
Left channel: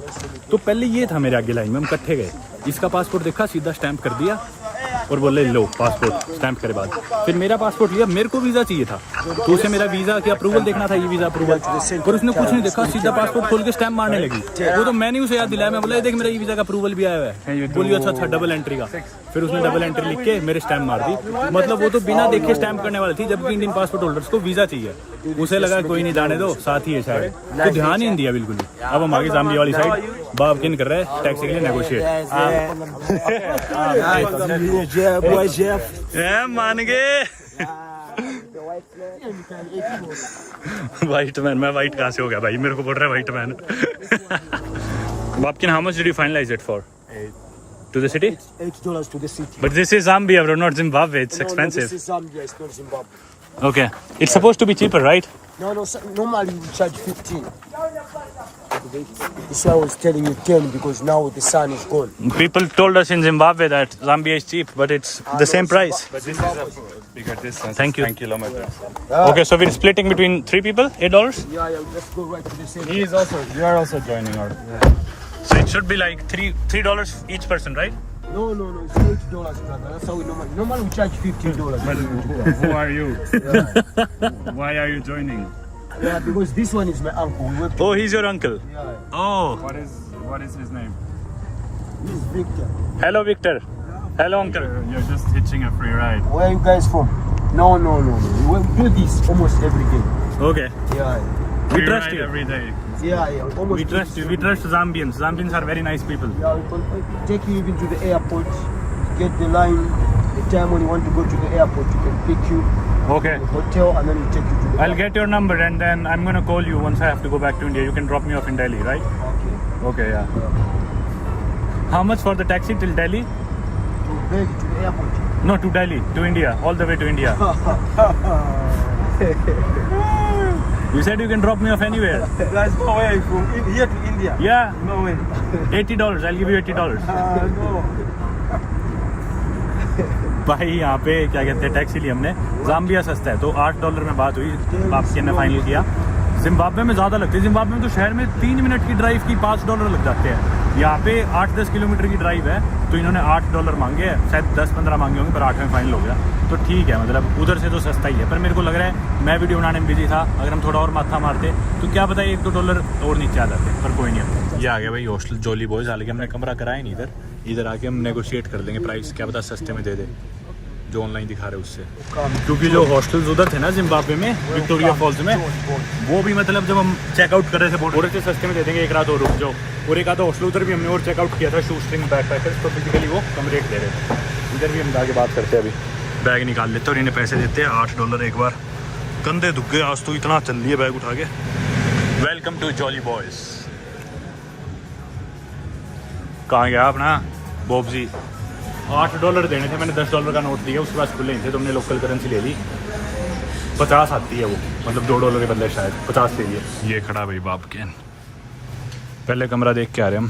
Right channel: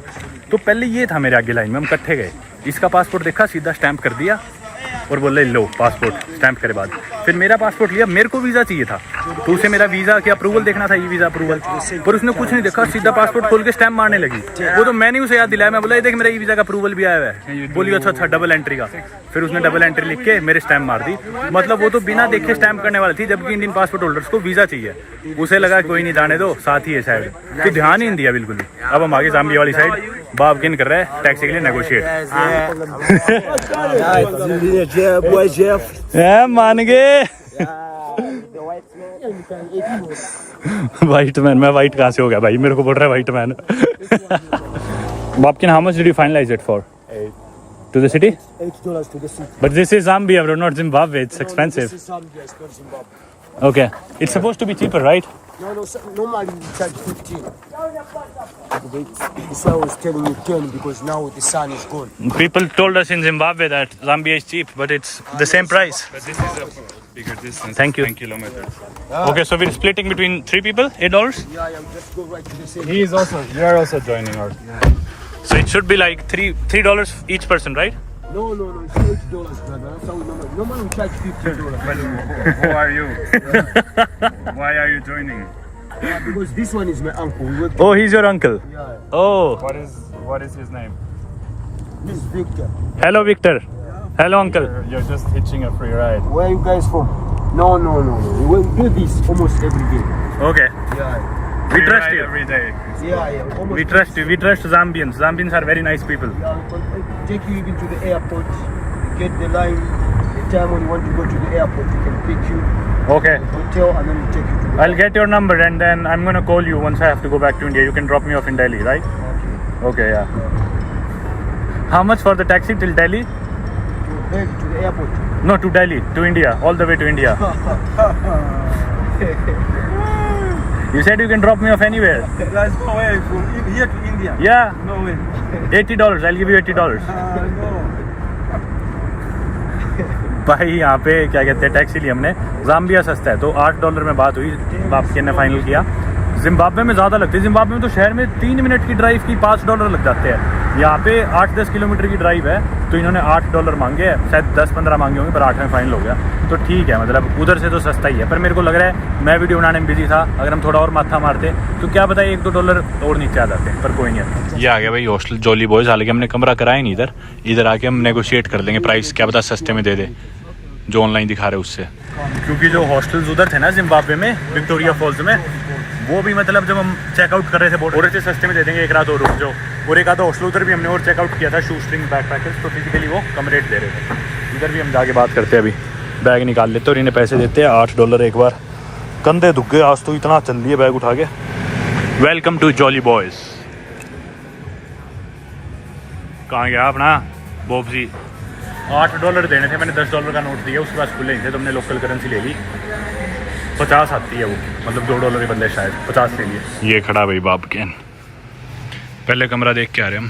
तो पहले ये था मेरे आगे लाइन में, हम इकट्ठे गए, इसका पासपोर्ट देखा, सीधा स्टैंप कर दिया और बोले लो पासपोर्ट। स्टैंप करे बाद फिर मेरा पासपोर्ट लिया, मेरे को वीजा चाहिए था तो उसे मेरा वीजा की अप्रूवल देखना था, ये वीजा अप्रूवल, पर उसने कुछ नहीं देखा, सीधा पासपोर्ट खोल के स्टैंप मारने लगी। वो तो मैंने उसे याद दिलाया, मैं बोला ये देख मेरा ये वीजा का अप्रूवल भी आया है। बोलिए अच्छा था डबल एंट्री का। फिर उसने डबल एंट्री लिख के मेरे स्टैंप मार दी। मतलब वो तो बिना देखे स्टैंप करने वाली थी, जबकि इंडियन पासपोर्ट होल्डर्स को वीजा चाहिए। उसे लगा कोई नहीं जाने दो, साथ ही है शायद, तो ध्यान ही नहीं दिया बिल्कुल ही। अब हम आगे जाम्बिया वाली साइड बाबकेन कर रहे हैं टैक्सी के लिए नेगोशिएट। मान गए वाइट मैन। मैं वाइट कहाँ से हो गया भाई, मेरे को बोल रहा है white man. Babken, how much did you finalise it for? 8 to the city? $8 to the city. But this is Zambia, bro, not Zimbabwe. It's expensive. This is Zambia, it's not Zimbabwe. Okay, it's supposed to be cheaper, right? No, normally we charge 15. This one was telling you 10 because now the sun is gone. People told us in Zimbabwe that Zambia is cheap, but it's the same price. But this is also bigger distance. Thank you. 10 kilometers. Okay, so we're splitting between 3 people, $8. Yeah, just go right to the city. We are also joining our. So it should be like $3 each person, right? No, it's $8, brother. That's how we normally we charge $15. But who are you? Why are you joining? Yeah, because this one is my uncle. We work Oh, he's your uncle. together. Oh, What is his name? This is Victor. hello Victor. Hello uncle. You're just hitching a free ride. Where are you guys from? No. We do this almost every day. Okay, Yeah. we Free trust ride you. every day. Almost. We trust you. We trust Zambians. Zambians are very nice people. Yeah, we can take you even to the airport. Get the line. The time when you want to go to the airport, we can pick you Okay, at the hotel and then we take you to the I'll get your number and then I'm gonna call you once I have to go back to India. You can drop me off in Delhi, right? Okay, yeah. How much for the taxi till Delhi? to the airport. No, to Delhi, to India, all the way to India. You said you can drop me off anywhere. There's no way from here to India. Yeah, No way. $80. I'll give you $80. No. भाई यहाँ पे क्या कहते हैं taxi ली हमने, Zambia सस्ता है तो $8 में बात हुई, बाबकेन ने फाइनल किया। जिम्बाब्वे में ज़्यादा लगती है, जिम्बाब्वे में तो शहर में 3 मिनट की ड्राइव की $5 लग जाते हैं। यहाँ पे 8-10 किलोमीटर की ड्राइव है तो इन्होंने $8 मांगे हैं, शायद 10-15 मांगे होंगे पर 8 में फाइनल हो गया। तो ठीक है, मतलब उधर से तो सस्ता ही है। पर मेरे को लग रहा है मैं वीडियो बनाने में बिजी था, अगर हम थोड़ा और माथा मारते तो क्या पता $1-2 और नीचे आ जाते, पर कोई नहीं। ये आ गया भाई हॉस्टल जॉली बॉयज, हालांकि हमने कमरा कराया नहीं इधर आके हम नेगोशिएट कर लेंगे प्राइस, क्या पता सस्ते में दे दे जो ऑनलाइन दिखा रहे उससे। क्योंकि जो हॉस्टल्स उधर थे ना जिम्बाब्वे में विक्टोरिया फॉल्स में, वो भी मतलब जब हम चेकआउट कर रहे थे बोल रहे थे सस्ते में दे देंगे, एक रात और रुक जाओ। और एक आधा हॉस्टल उधर भी हमने और चेकआउट किया था, शू स्ट्रिंग बैग पैकेज, तो फिजिकली वो कम रेट दे रहे थे। इधर भी हम जाके बात करते हैं, अभी बैग निकाल लेते और इन्हें पैसे देते हैं $8 एक बार। कंधे दुख गए आज तो, इतना चल लिए बैग उठा के। Welcome to Jolly Boys. कहाँ गया अपना बॉबजी? $8 देने थे, मैंने $10 का नोट दिया, उसके बाद खुले नहीं थे तो हमने लोकल करेंसी ले ली। 50 आती है वो, मतलब $2 के बदले शायद 50 के लिए। ये खड़ा भाई बाबकेन, पहले कमरा देख के आ रहे हम।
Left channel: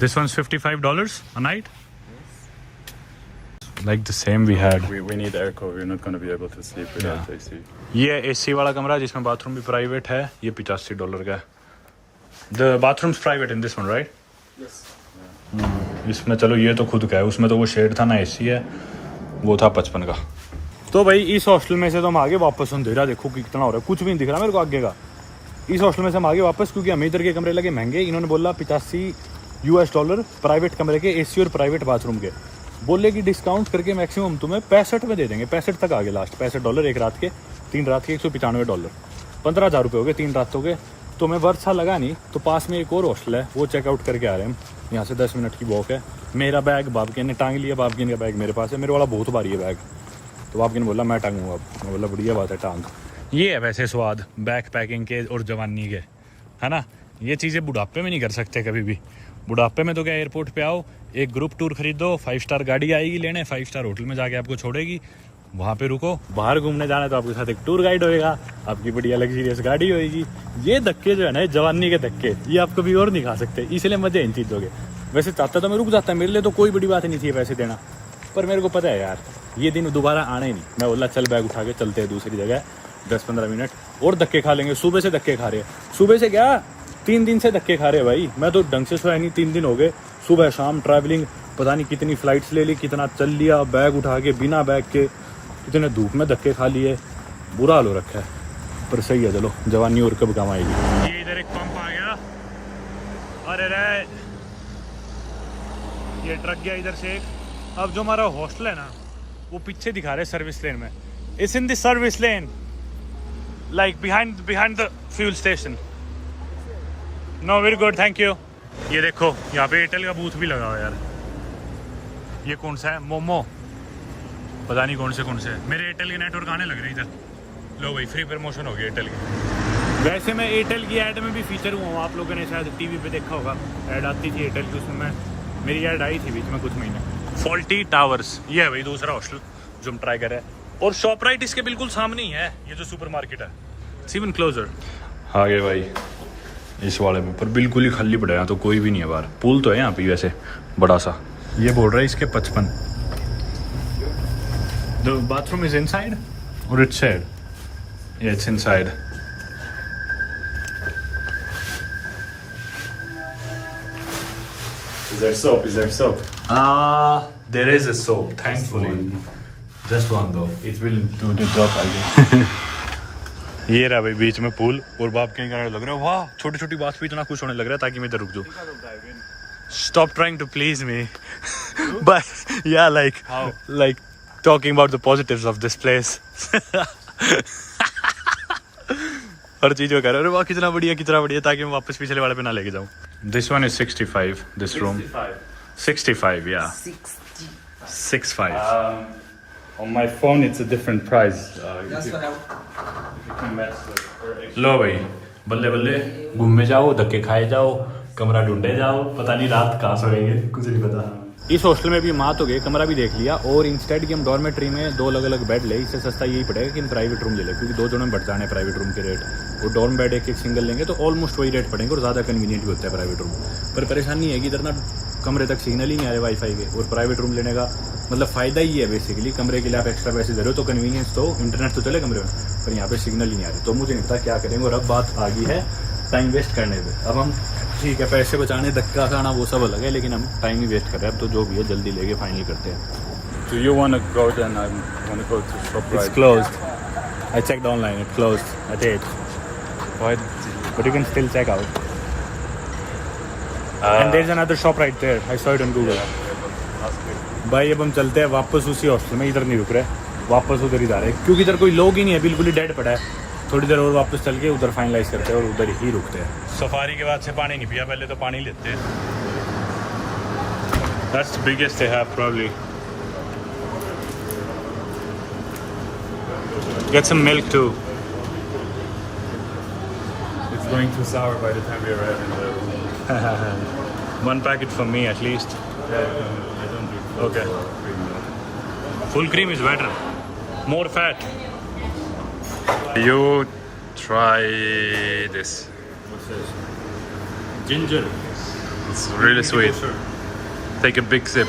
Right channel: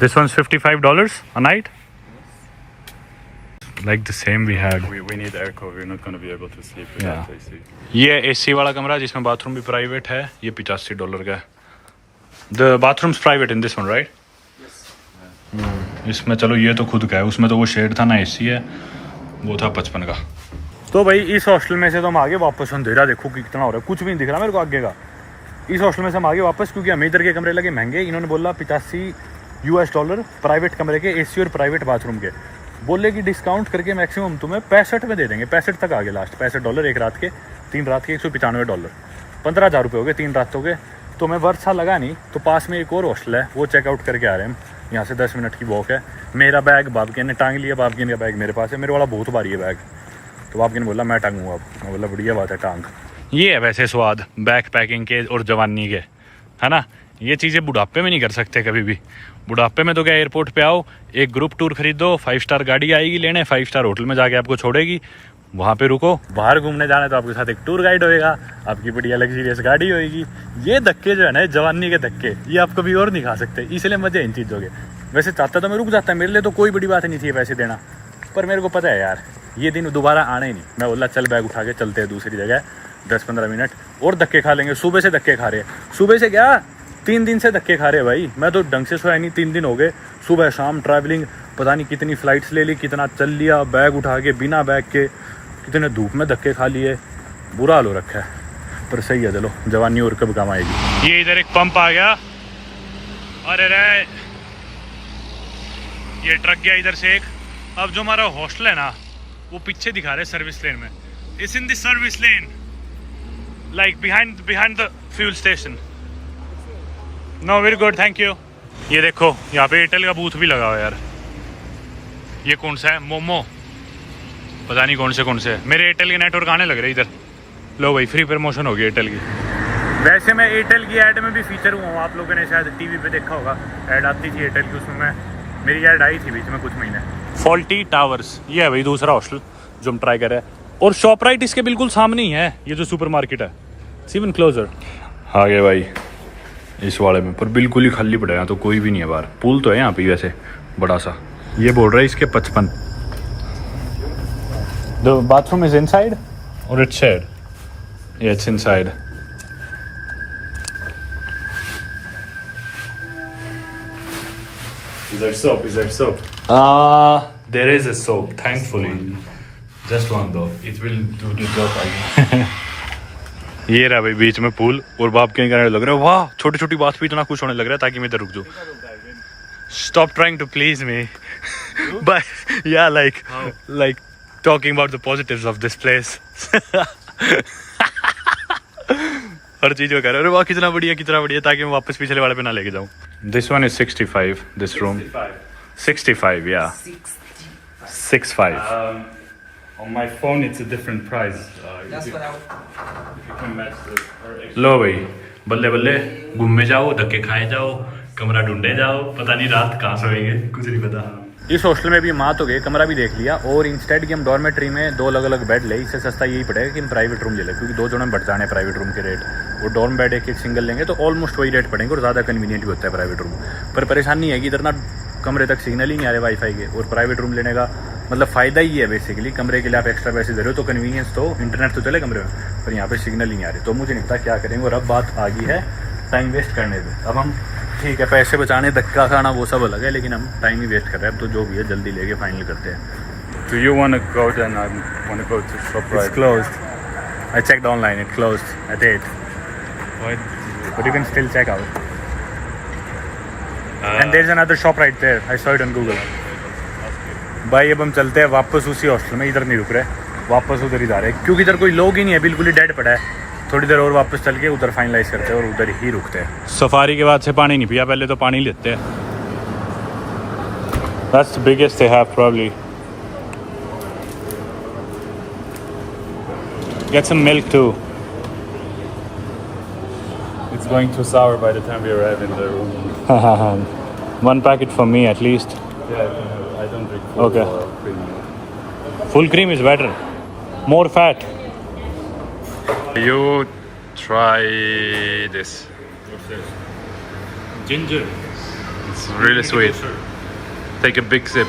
This one's $55 a night, like the same we had. We need airco. We're not going to be able to sleep without AC. ये AC वाला कमरा जिसमें बाथरूम भी प्राइवेट है, ये $85 का है। The bathrooms private in this one, right? इसमें चलो ये तो खुद का है, उसमें तो वो शेड था ना AC है, वो था 55 का। तो भाई इस हॉस्टल में से तो हम आगे वापस, अंधेरा देखो कितना हो रहा है, कुछ भी नहीं दिख रहा मेरे को आगे का। इस हॉस्टल में से हम आगे वापस, क्योंकि हमें इधर के कमरे लगे महंगे। इन्होंने बोला $85 प्राइवेट कमरे के, एसी और प्राइवेट बाथरूम के। बोले कि डिस्काउंट करके मैक्सिमम तुम्हें 65 में दे देंगे, 65 तक आगे लास्ट, $65 एक रात के, 3 रात के $195, $15,000 हो गए 3 रातों के। तो मैं वर्षा लगा नहीं, तो पास में एक और हॉस्टल है, वो चेकआउट करके आ रहे हैं हम। यहाँ से 10 मिनट की वॉक है। मेरा बैग बाबकिन ने टांग लिया, बाबकिन का बैग मेरे पास है, मेरे वाला बहुत भारी है बैग। तो बाबकिन ने बोला मैं टांगूंगा, अब मैं बोला बढ़िया बात है टांग। ये है वैसे स्वाद बैग पैकिंग के और जवानी के, है ना। ये चीज़ें बुढ़ापे में नहीं कर सकते कभी भी। बुढ़ापे में तो क्या, एयरपोर्ट पे आओ, एक ग्रुप टूर खरीदो, 5 स्टार गाड़ी आएगी लेने, 5 स्टार होटल में जाके आपको छोड़ेगी, वहाँ पे रुको। बाहर घूमने जाना है तो आपके साथ एक टूर गाइड होएगा, आपकी बढ़िया लग्जरियस गाड़ी होएगी। ये धक्के जो है ना, जवानी के धक्के, ये आप कभी और नहीं खा सकते, इसलिए मजे इन चीज़ों के। वैसे चाहता तो मैं रुक जाता, मेरे लिए तो कोई बड़ी बात नहीं थी पैसे देना, पर मेरे को पता है यार ये दिन दोबारा आने ही नहीं। मैं बोला चल बैग उठा के चलते हैं दूसरी जगह, 10-15 मिनट और धक्के खा लेंगे। सुबह से धक्के खा रहे, सुबह से क्या 3 दिन से धक्के खा रहे भाई। मैं तो ढंग से सोया नहीं, 3 दिन हो गए, सुबह शाम ट्रैवलिंग, पता नहीं कितनी फ्लाइट्स ले ली, कितना चल लिया, बैग उठा के बिना बैग के, कितने धूप में धक्के खा लिए, बुरा हाल हो रखा है। पर सही है, चलो जवानी और कब काम आएगी। ये इधर एक पंप आ गया, अरे रे ये ट्रक गया इधर से एक। अब जो हमारा हॉस्टल है ना, वो पीछे दिखा रहे सर्विस लेन में, it's in the service lane, like behind the fuel station. Know very good, thank you. ये देखो यहाँ पे एयरटेल का बूथ भी लगा हुआ है यार। ये कौन सा है, मोमो, पता नहीं कौन से। मेरे एयरटेल के नेटवर्क आने लग रहे इधर। लो भाई फ्री प्रमोशन होगी एयरटेल की। वैसे मैं एयरटेल की ऐड में भी फीचर हुआ हूँ, आप लोगों ने शायद टीवी पे देखा होगा, ऐड आती थी एयरटेल की, उसमें मेरी ऐड आई थी बीच में कुछ महीने। फॉल्टी टावर्स, ये है भाई दूसरा हॉस्टल जो हम ट्राई कर रहे हैं। और शॉपराइट इसके बिल्कुल सामने ही है, ये जो सुपर मार्केट है, इवन क्लोजर। आगे भाई इस वाले में, पर बिल्कुल ही खाली पड़ा है, तो कोई भी नहीं है बाहर। पूल तो है यहाँ पे वैसे बड़ा सा। ये बोल रहा है इसके 55। द बाथरूम इज इनसाइड और it's side, yeah it's inside. Is there soap? There is a soap, thankfully. Just one though. It will do the job again. ये रहा भाई बीच में पूल, और बाप के कहने लग रहा है वाह, छोटी छोटी बात पे इतना खुश होने लग रहा है ताकि मैं इधर रुक जाऊँ। Stop trying to please me. But yeah, like talking about the positives of this place. हर चीज को कह रहे हो वाह कितना बढ़िया ताकि मैं वापस पिछले वाले पे ना लेके जाऊँ। This one is 65, this room 65, yeah 65. On my phone it's a different price. लो भाई बल्ले बल्ले घूमने जाओ, धक्के खाए जाओ, कमरा ढूंढे जाओ, पता नहीं रात कहाँ सोएंगे, कुछ नहीं पता। इस हॉस्टल में भी मात हो गई, कमरा भी देख लिया, और इंस्टेड की हम डॉर्मेट्री में 2 अलग अलग बेड ले, इससे सस्ता यही पड़ेगा कि हम प्राइवेट रूम ले लें, क्योंकि 2 जनों में बढ़ जाने प्राइवेट रूम के रेट। और डॉर्म बेड एक सिंगल लेंगे तो ऑलमोस्ट वही रेट पड़ेंगे, और ज़्यादा कन्वीनियंट भी होता है प्राइवेट रूम। पर परेशानी है कि इधर ना कमरे तक सिग्नल ही नहीं आ रहे वाईफाई के, और प्राइवेट रूम लेने का मतलब फ़ायदा ही है बेसिकली, कमरे के लिए आप एक्स्ट्रा पैसे दे रहे हो तो कन्वीनियंस तो, इंटरनेट तो चले कमरे में, पर यहाँ पे सिग्नल ही नहीं आ रही। तो मुझे नहीं पता क्या करेंगे। और अब बात आ गई है टाइम वेस्ट करने पे। अब हम ठीक है पैसे बचाने, धक्का खाना वो सब अलग है, लेकिन हम टाइम ही वेस्ट कर रहे हैं। अब तो जो भी है जल्दी लेके फाइनल करते हैं। Do you want to go then? I want to go to ShopRite. It's closed. I checked online. It's closed at 8. Why did you? But you can still check out. And there's another shop right there. I saw it on Google. भाई अब हम चलते हैं वापस उसी hostel में, इधर नहीं रुक रहे, वापस उधर ही जा रहे हैं, क्योंकि इधर कोई लोग ही नहीं है, बिल्कुल ही डेड पड़ा है। थोड़ी देर और वापस चल के उधर फाइनलाइज करते हैं और उधर ही रुकते हैं। सफारी के बाद से पानी नहीं पिया, पहले तो पानी लेते हैं। That's the biggest they have probably. Get some milk too. It's going too sour by the time we arrive in the. 1 packet for me at least. Yeah, I don't drink full Okay. or cream milk. Full cream is better. More fat. You try this. What's this? Ginger. It's really sweet. Take a big sip.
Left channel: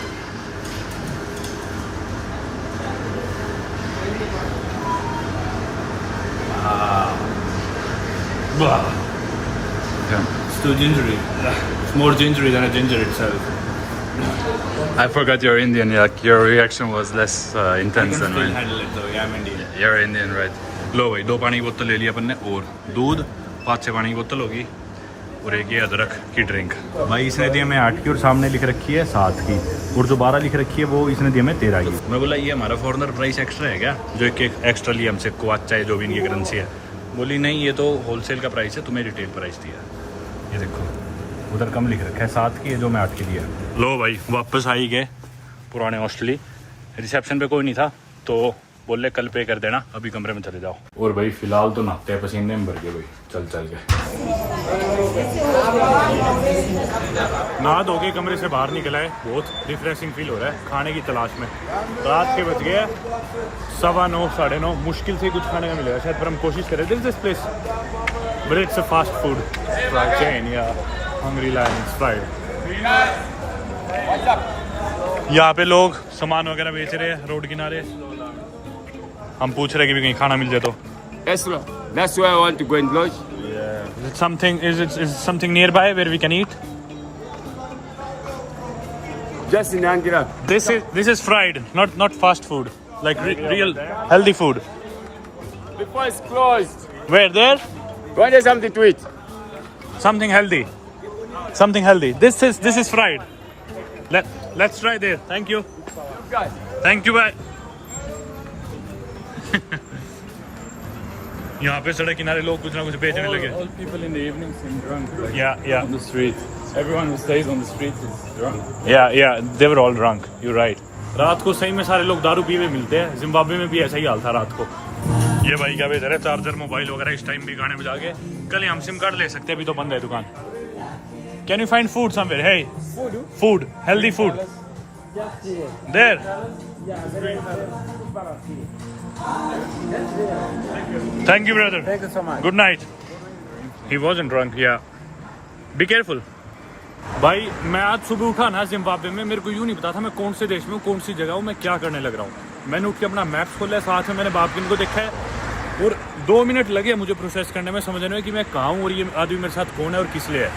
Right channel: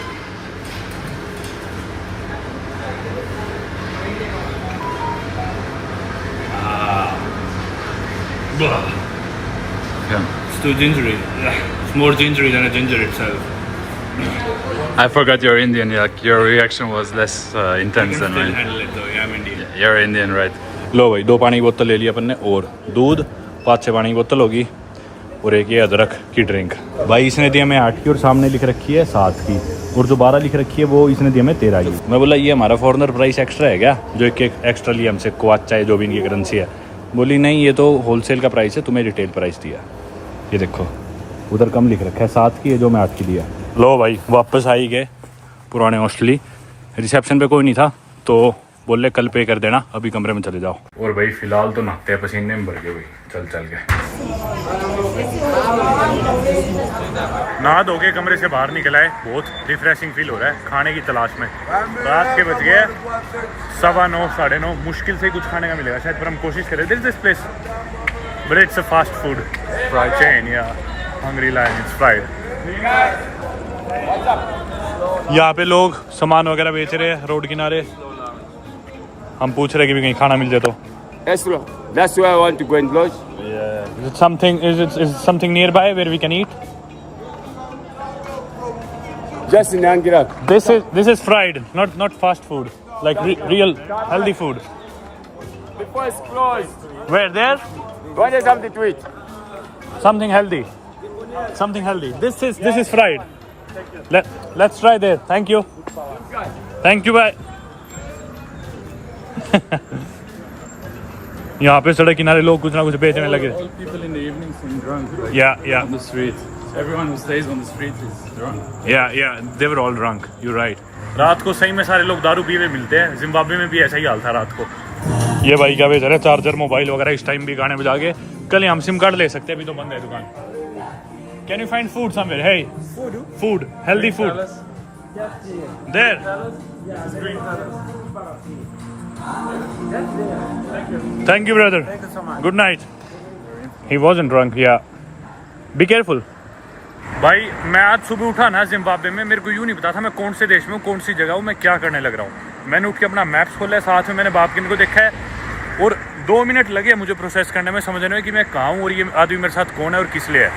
Yeah. It's too gingery. It's more gingery than a ginger itself. I forgot you're Indian. Yeah, your reaction was less intense than mine. handle it though. Yeah, I'm Indian. You're Indian, right? लो भाई 2 पानी की बोतल ले लिया अपन ने और दूध 5-6 पानी की बोतल होगी और एक ये अदरक की ड्रिंक। भाई इसने दी हमें 8 की और सामने लिख रखी है 7 की और जो 12 लिख रखी है वो इसने दी हमें 13 की। मैं बोला ये हमारा फॉरनर प्राइस एक्स्ट्रा है क्या, जो एक एक्स्ट्रा लिया हमसे क्वाचा है जो भी इनकी करेंसी है। बोली नहीं ये तो होलसेल का प्राइस है, तुम्हें रिटेल प्राइस दिया। ये देखो उधर कम लिख रखा है 7 की है जो मैं 8 की दिया। लो भाई वापस आई गए पुराने हॉस्टली, रिसेप्शन पे कोई नहीं था तो बोले कल पे कर देना, अभी कमरे में चले जाओ। और भाई फिलहाल तो नहाते पसीने में भर गए भाई चल चल के। नहा धो के कमरे से बाहर निकला है, बहुत रिफ्रेशिंग फील हो रहा है खाने की तलाश में। रात के बज गए 9:15 9:30, मुश्किल से कुछ खाने का मिलेगा शायद, पर हम कोशिश करें। This place but it's a fast food chain या हंग्री लायन, इट्स फ्राइड। यहाँ पे लोग सामान वगैरह बेच रहे हैं रोड किनारे, हम पूछ रहे कि भी कहीं खाना मिल जाए तो। That's why I want to go and lodge. Is it something nearby where we can eat? Just in Angira. This is fried, not fast food, like real healthy food. Before it's closed. Where there? Want something to eat? Something healthy. This is fried. Let's try there. Thank you. Thank you. Bye. यहाँ पे सड़क किनारे लोग कुछ ना कुछ बेचने लगे। All people in the evening seem drunk. Like, Yeah. On the street. Everyone who stays on the street is drunk. Yeah. They were all drunk. You're right. रात को सही में सारे लोग दारू पीवे मिलते हैं। जिम्बाब्वे में भी ऐसा ही हाल था रात को। ये भाई क्या बेच रहे हैं, चार्जर मोबाइल वगैरह इस टाइम भी गाने बजा के। कल हम सिम कार्ड ले सकते हैं, अभी तो बंद है दुकान। Can you find food somewhere? Hey, food, healthy food. There. Thank you, brother. Thank you so much. Good night. He wasn't drunk. Yeah. Be careful. भाई मैं आज सुबह उठा ना जिम्बाब्वे में, मेरे को यूँ नहीं पता था मैं कौन से देश में हूँ, कौन सी जगह हूँ, मैं क्या करने लग रहा हूँ। मैंने उठ के अपना मैप्स खोला है, साथ में मैंने बापकिन को देखा है और 2 मिनट लगे मुझे प्रोसेस करने में, समझने में कि मैं कहाँ हूँ और ये आदमी मेरे साथ कौन है और किस लिए है।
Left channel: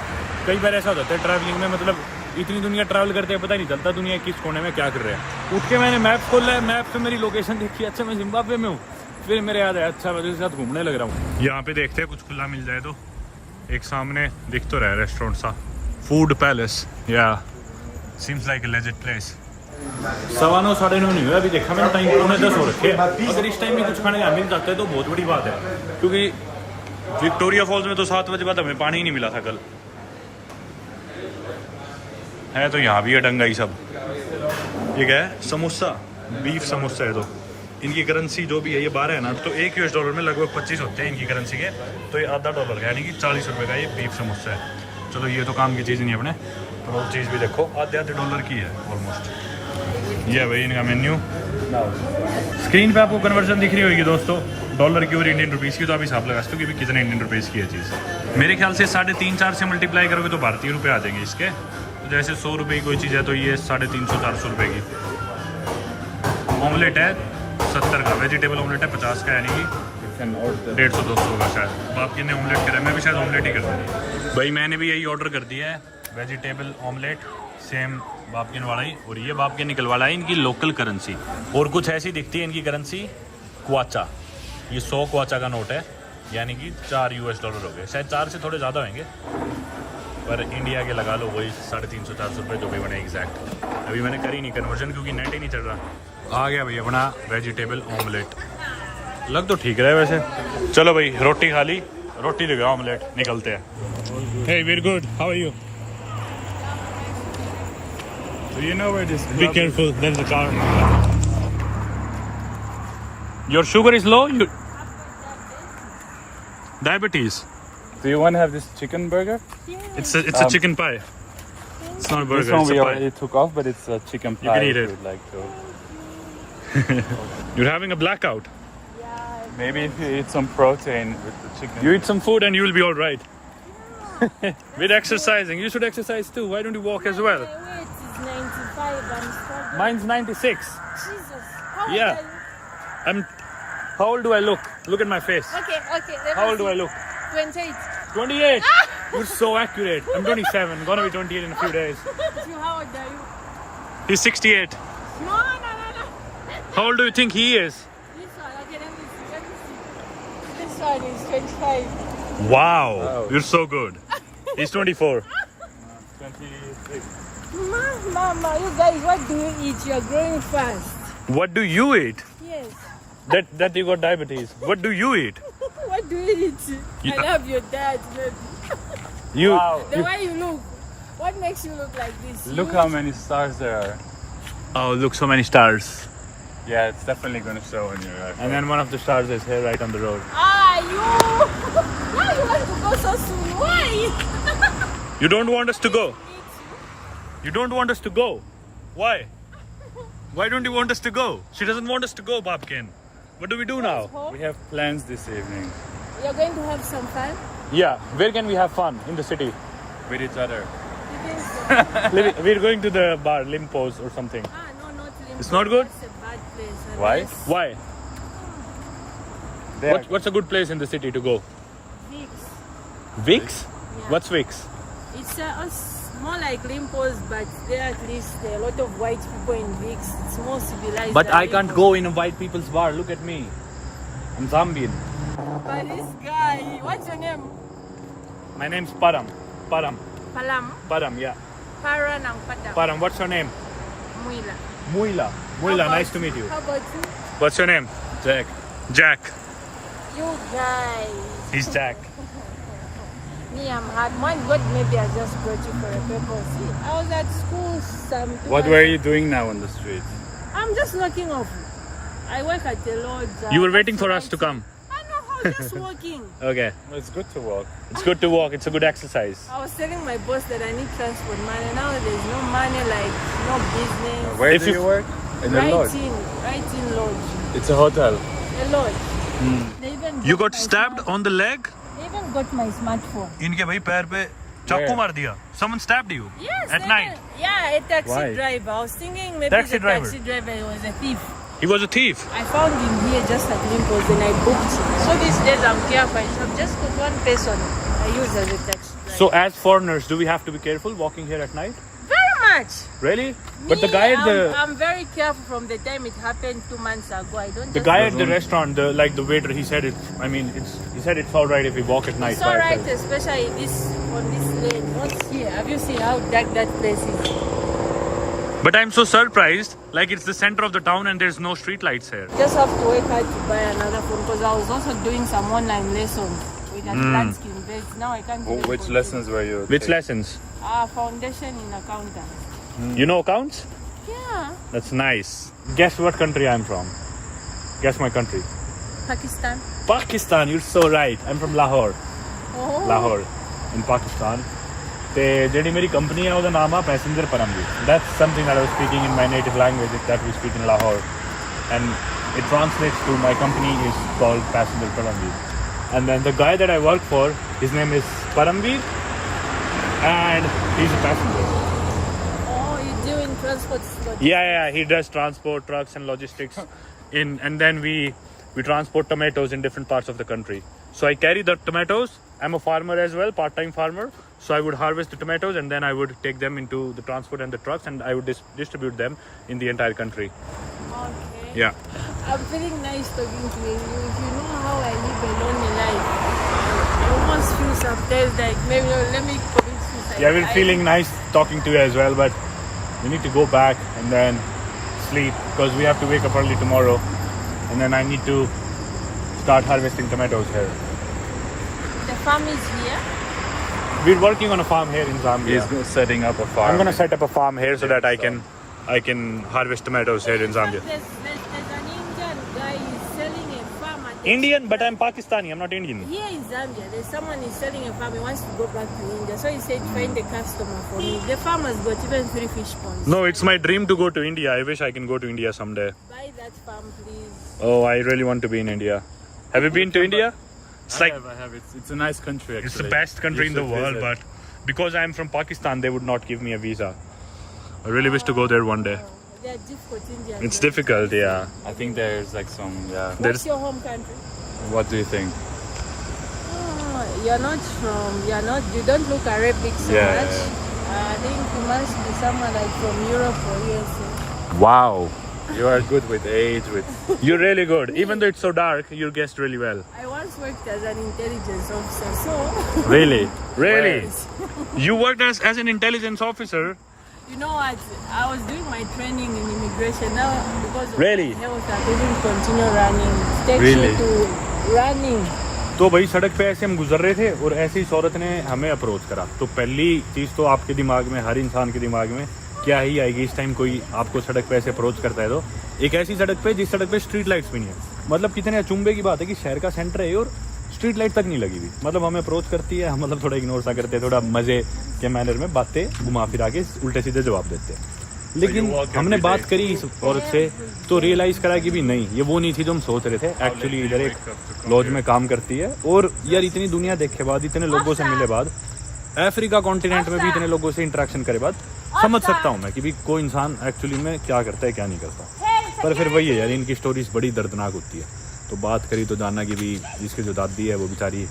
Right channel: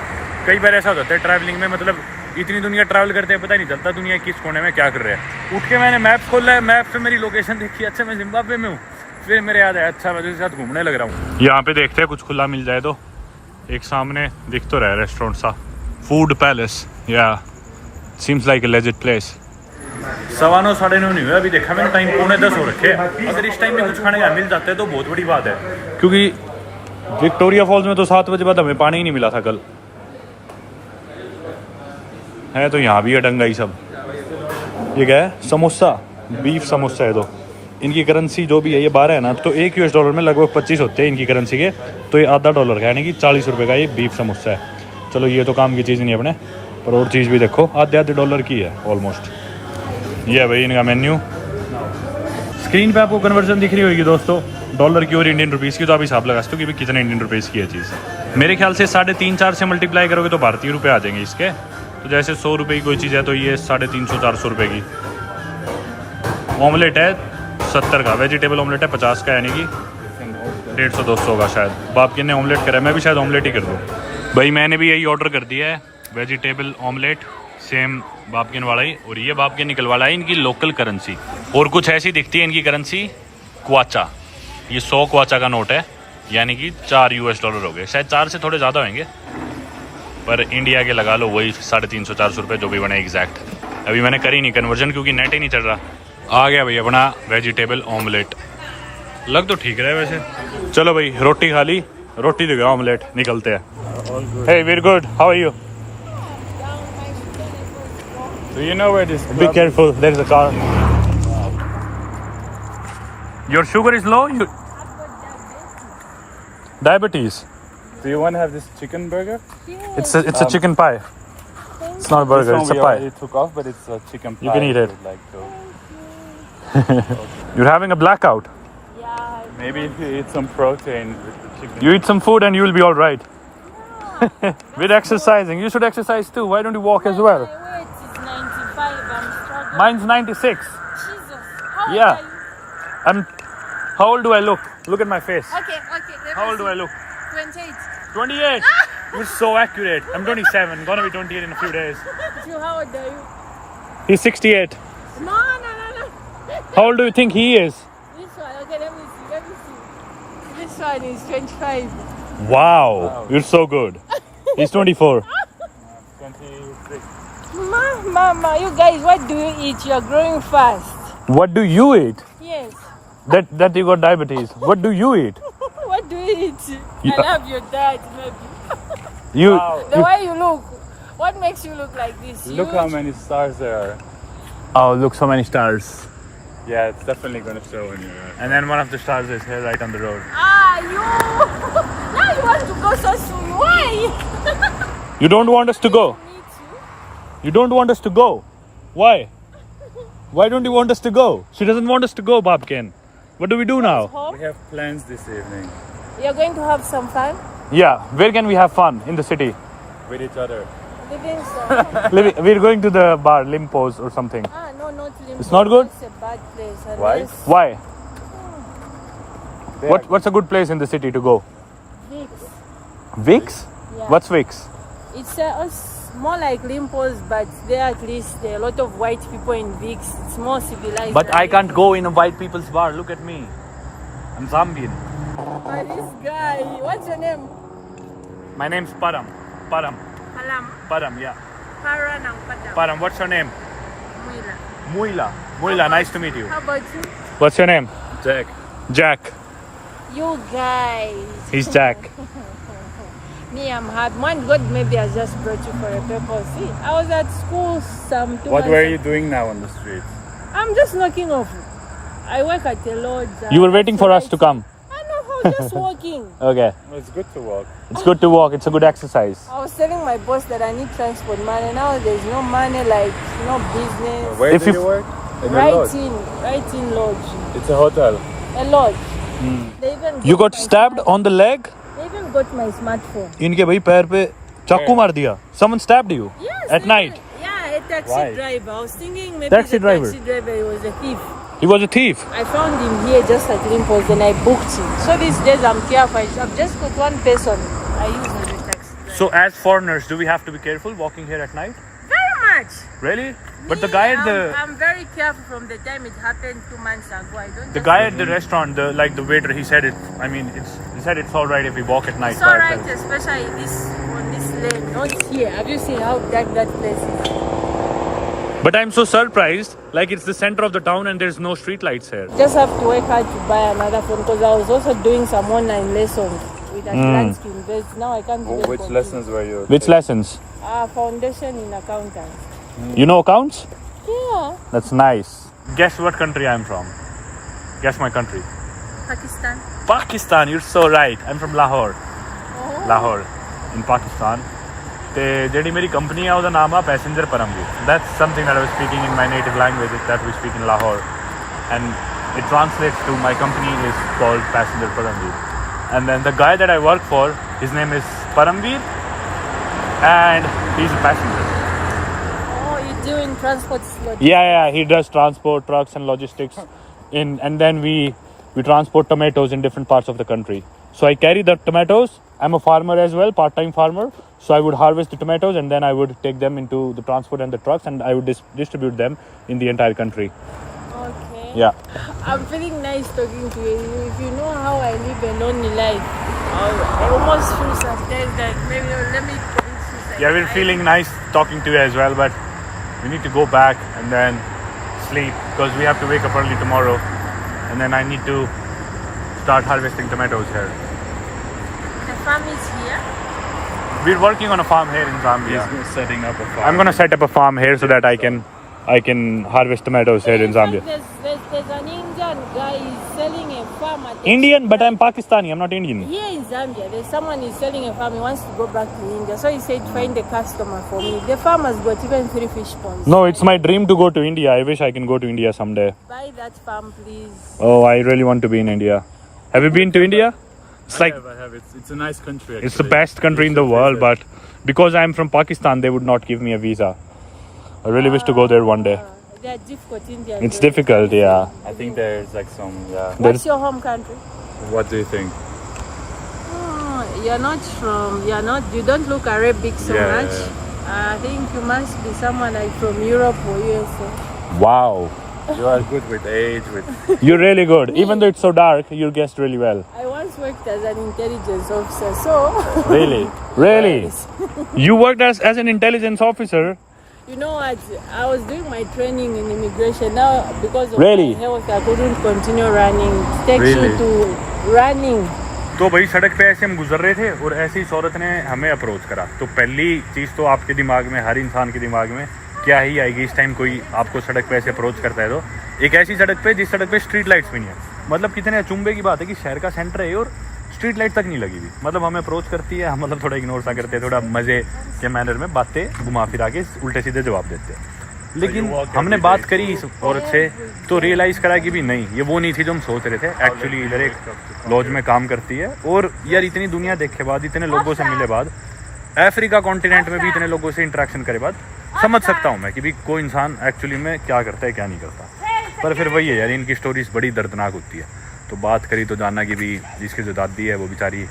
कई बार ऐसा हो जाता है ट्रैवलिंग में, मतलब इतनी दुनिया ट्रैवल करते हैं पता नहीं चलता दुनिया किस कोने में क्या कर रहे हैं। उठ के मैंने मैप खोला है, मैप पे मेरी लोकेशन देखी, अच्छा मैं जिम्बाब्वे में हूँ। फिर मेरे याद है अच्छा मैं उसके साथ घूमने लग रहा हूँ। यहाँ पे देखते हैं कुछ खुला मिल जाए तो। एक सामने दिख तो रहा है रेस्टोरेंट सा, फूड पैलेस। या seems like a legend place. 9:15 9:30 नहीं हुआ अभी, देखा मैंने टाइम 9:45 हो रखे। अगर इस टाइम में कुछ खाने का मिल जाता है तो बहुत बड़ी बात है, क्योंकि विक्टोरिया फॉल्स में तो 7 बजे बाद हमें पानी ही नहीं मिला था कल। है तो यहाँ भी है डंगाई सब। ये क्या है, समोसा, बीफ समोसा है। तो इनकी करेंसी जो भी है ये 12 है ना, तो $1 में लगभग 25 होते हैं इनकी करेंसी के, तो ये $0.5 का यानी कि 40 रुपये का ये बीफ समोसा है। चलो ये तो काम की चीज़ नहीं है अपने, पर और चीज़ भी देखो आधे $1 की है ऑलमोस्ट। ये है भाई इनका मेन्यू। स्क्रीन पे आपको कन्वर्जन दिख रही होगी दोस्तों, डॉलर की और इंडियन रुपीज़ की, तो आप हिसाब लगा सकते हो कि भी कितने इंडियन रुपीज़ की है चीज़। मेरे ख्याल से 3.5-4 से मल्टीप्लाई करोगे तो भारतीय रुपये आ जाएंगे इसके। तो जैसे 100 रुपये की कोई चीज़ है तो ये 350-400 रुपये की। ऑमलेट है 70 का, वेजिटेबल ऑमलेट है 50 का, यानी कि 150-200 का शायद। बापकिन ने ऑमलेट करा है, मैं भी शायद ऑमलेट ही कर दूँ। भाई मैंने भी यही ऑर्डर कर दिया है, वेजिटेबल ऑमलेट, सेम बापकिन वाला ही। और ये बापकिन निकल वाला है इनकी लोकल करेंसी, और कुछ ऐसी दिखती है इनकी करेंसी क्वाचा। ये 100 क्वाचा का नोट है, यानी कि $4 हो गए, शायद 4 से थोड़े ज़्यादा होंगे, पर इंडिया के लगा लो वही 350-400 रुपये जो भी बने एग्जैक्ट। अभी मैंने करी नहीं कन्वर्जन क्योंकि नेट ही नहीं चल रहा। आ गया भाई अपना वेजिटेबल ऑमलेट, लग तो ठीक रहा है वैसे। चलो भाई रोटी खा ली, रोटी दे गया ऑमलेट, निकलते हैं। Hey very good, how are you? Do you know where this? Be careful, there is a car. Your sugar is low? Diabetes? Do you want to have this chicken burger? It's a chicken pie. It's not a burger, This it's one a we pie. already took off, but it's a chicken pie. You can eat if it. you'd like to. You're having a blackout. Maybe if you eat some protein with the chicken. You eat some food and you will be all right. With exercising, you should exercise too. Why don't you walk as well? My weight is 95. I'm struggling. Mine's 96. Jesus. How Yeah. old are you? How old do I look? Look at my face. Okay. Let How me old do see. I look? 28. 28. You're so accurate. I'm 27. Gonna be 28 in a few days. You, how old are you? He's 68. No. How old do you think he is? This one, okay, let me see. This one is 25. Wow. You're so good. He's 24. 26. Mama, you guys, what do you eat? You're growing fast. What do you eat? Yes. That you got diabetes. What do you eat? What do you eat? Yeah. I love your dad, maybe. You. The way you look. What makes you look like this? Look how Huge? many stars there are. Oh, look, so many stars. Yeah, it's definitely gonna show in your eyes. And then one of the stars is here right on the road. Ah, you! Now you want to go so soon. Why? You don't want us to go. Me too. You don't want us to go. Why? Why don't you want us to go? She doesn't want us to go, Babkin. What do we do now? We have plans this evening You're going to have some fun? Yeah, where can we have fun? In the city. with each other. Depends on We're going to the bar, Limpos or something. no, not Limbo. It's not good? That's a bad place. Why? Unless Why? They What's a good place in the city to go? Vicks. Vicks? Yeah. What's Vicks? It's more like Limpos, but there at least there are a lot of white people in Vicks. It's more civilized. But than I can't Limpos. go in a white people's bar. Look at me. I'm Zambian. But this guy, what's your name? My name's Param. Param. Palam. Param, yeah. Paranam Padam. Param, what's your name? Muila. Muila. How Muila, about- nice to meet you. How about you? What's your name? Jack. Jack. You guys. He's Jack. Me, I'm happy. One God, maybe I just brought you for a purpose. See, I was at school some 2 What months were ago. you doing now on the street? I'm just knocking off. I work at the Lord. You were waiting for us to come. I know, just walking. Okay. No, it's good to walk. It's good to walk. It's a good exercise. I was telling my boss that I need transport money. Now there's no money, like no business. Where If do you- you work? In a Right lodge. in lodge. It's a hotel. A lodge. They even You got my stabbed smart- on the leg? They even got my smartphone. इनके भाई पैर पे चाकू Where? मार दिया. Someone stabbed you? Yes. At they night? even- Yeah, a taxi Why? driver. I was thinking maybe Taxi the driver? taxi driver he was a thief. He was a thief. I found him here just at Limpos and I booked him. So these days I'm careful. I've just got one person I use as a taxi driver. So as foreigners, do we have to be careful walking here at night? Very much. Really? But the Me, guy at the I'm very careful from the time it happened 2 months ago. I don't. the guy at the restaurant, the waiter, he said it. I mean, he said it's all right if we walk at night. It's by alright, ourselves. especially on this lane, not here. Have you seen how dark that place is? But I'm so surprised. Like it's the center of the town and there's no street lights here. Just have to work hard to buy another phone because I was also doing some online lessons with advanced invest. Now I can't even Which continue. lessons were you Which taking? lessons? Foundation in accounting. You know accounts? Yeah, That's nice. Guess what country I'm from? Guess my country. Pakistan. Pakistan. You're so right. I'm from Lahore. Oh. Lahore in Pakistan. ਤੇ ਜਿਹੜੀ ਮੇਰੀ company ਆ ਉਹਦਾ ਨਾਮ ਆ passenger Parmveer. That's something that I was speaking in my native language that we speak in Lahore, and it translates to my company is called Passenger Paramveer. And then the guy that I work for, his name is Paramveer, and he's a passenger. Oh, you're doing transport slot. Yeah, he does transport, trucks, and logistics. And then we transport tomatoes in different parts of the country. So I carry the tomatoes. I'm a farmer as well, part-time farmer. So I would harvest the tomatoes and then I would take them into the transport and the trucks and I would distribute them in the entire country. Okay. Yeah. I'm feeling nice talking to you. If you know how I live a lonely life, I almost feel sometimes like maybe let me commit suicide. Yeah, we're feeling nice talking to you as well, but we need to go back and then sleep because we have to wake up early tomorrow and then I need to start harvesting tomatoes here. The farm is here. We're working on a farm here in Zambia. He's setting up a farm. I'm gonna set up a farm here so that I can harvest tomatoes here in Zambia. There's an Indian guy selling a farm at the Indian, but I'm Pakistani. I'm not Indian. here in Zambia. There's someone who's selling a farm. He wants to go back to India, so he said find a customer for me. The farm has got even 3 fish ponds. No, it's my dream to go to India. I wish I can go to India someday. Buy that farm, please. Oh, I really want to be in India. Have you been to India? It's like I have. It's a nice country. Actually. it's the best country in the world, but because I'm from Pakistan, they would not give me a visa. I really wish to go there one day. They are difficult Indians. It's difficult, yeah. I think there's like some. Yeah. What's your home country? What do you think? You don't look Arabic so Yeah, much. I think you must be someone like from Europe or USA. Wow, You are good with age, with you're really good. Even though it's so dark, you guessed really well. I once worked as an intelligence officer, so Really? Really? You worked as an intelligence officer? you know what? I was doing my training in immigration now because of Really? my health. I couldn't continue running. It takes you to running. तो भाई सड़क पे ऐसे हम गुजर रहे थे और ऐसी इस औरत ने हमें अप्रोच करा। तो पहली चीज़ तो आपके दिमाग में, हर इंसान के दिमाग में क्या ही आएगी इस टाइम कोई आपको सड़क पे ऐसे अप्रोच करता है। तो एक ऐसी सड़क पे जिस सड़क पे स्ट्रीट लाइट्स भी नहीं है। मतलब कितने अचंभे की बात है कि शहर का सेंटर है और स्ट्रीट लाइट तक नहीं लगी हुई। मतलब हमें अप्रोच करती है, हम मतलब थोड़ा इग्नोर सा करते हैं, थोड़ा मजे के मैनर में बातें घुमा फिरा के उल्टे सीधे जवाब देते हैं। लेकिन हमने बात करी इस औरत से तो रियलाइज़ करा कि भी नहीं, ये वो नहीं थी जो हम सोच रहे थे। एक्चुअली इधर एक लॉज में काम करती है और यार इतनी दुनिया देखे बाद, इतने लोगों से मिले बाद, अफ्रीका कॉन्टिनेंट में भी इतने लोगों से इंटरेक्शन करे बाद समझ सकता हूँ मैं कि भी कोई इंसान एक्चुअली में क्या करता है क्या नहीं करता। पर फिर वही है यार, इनकी स्टोरीज बड़ी दर्दनाक होती है। तो बात करी तो जानना कि भी जिसकी जो दादी है वो बेचारी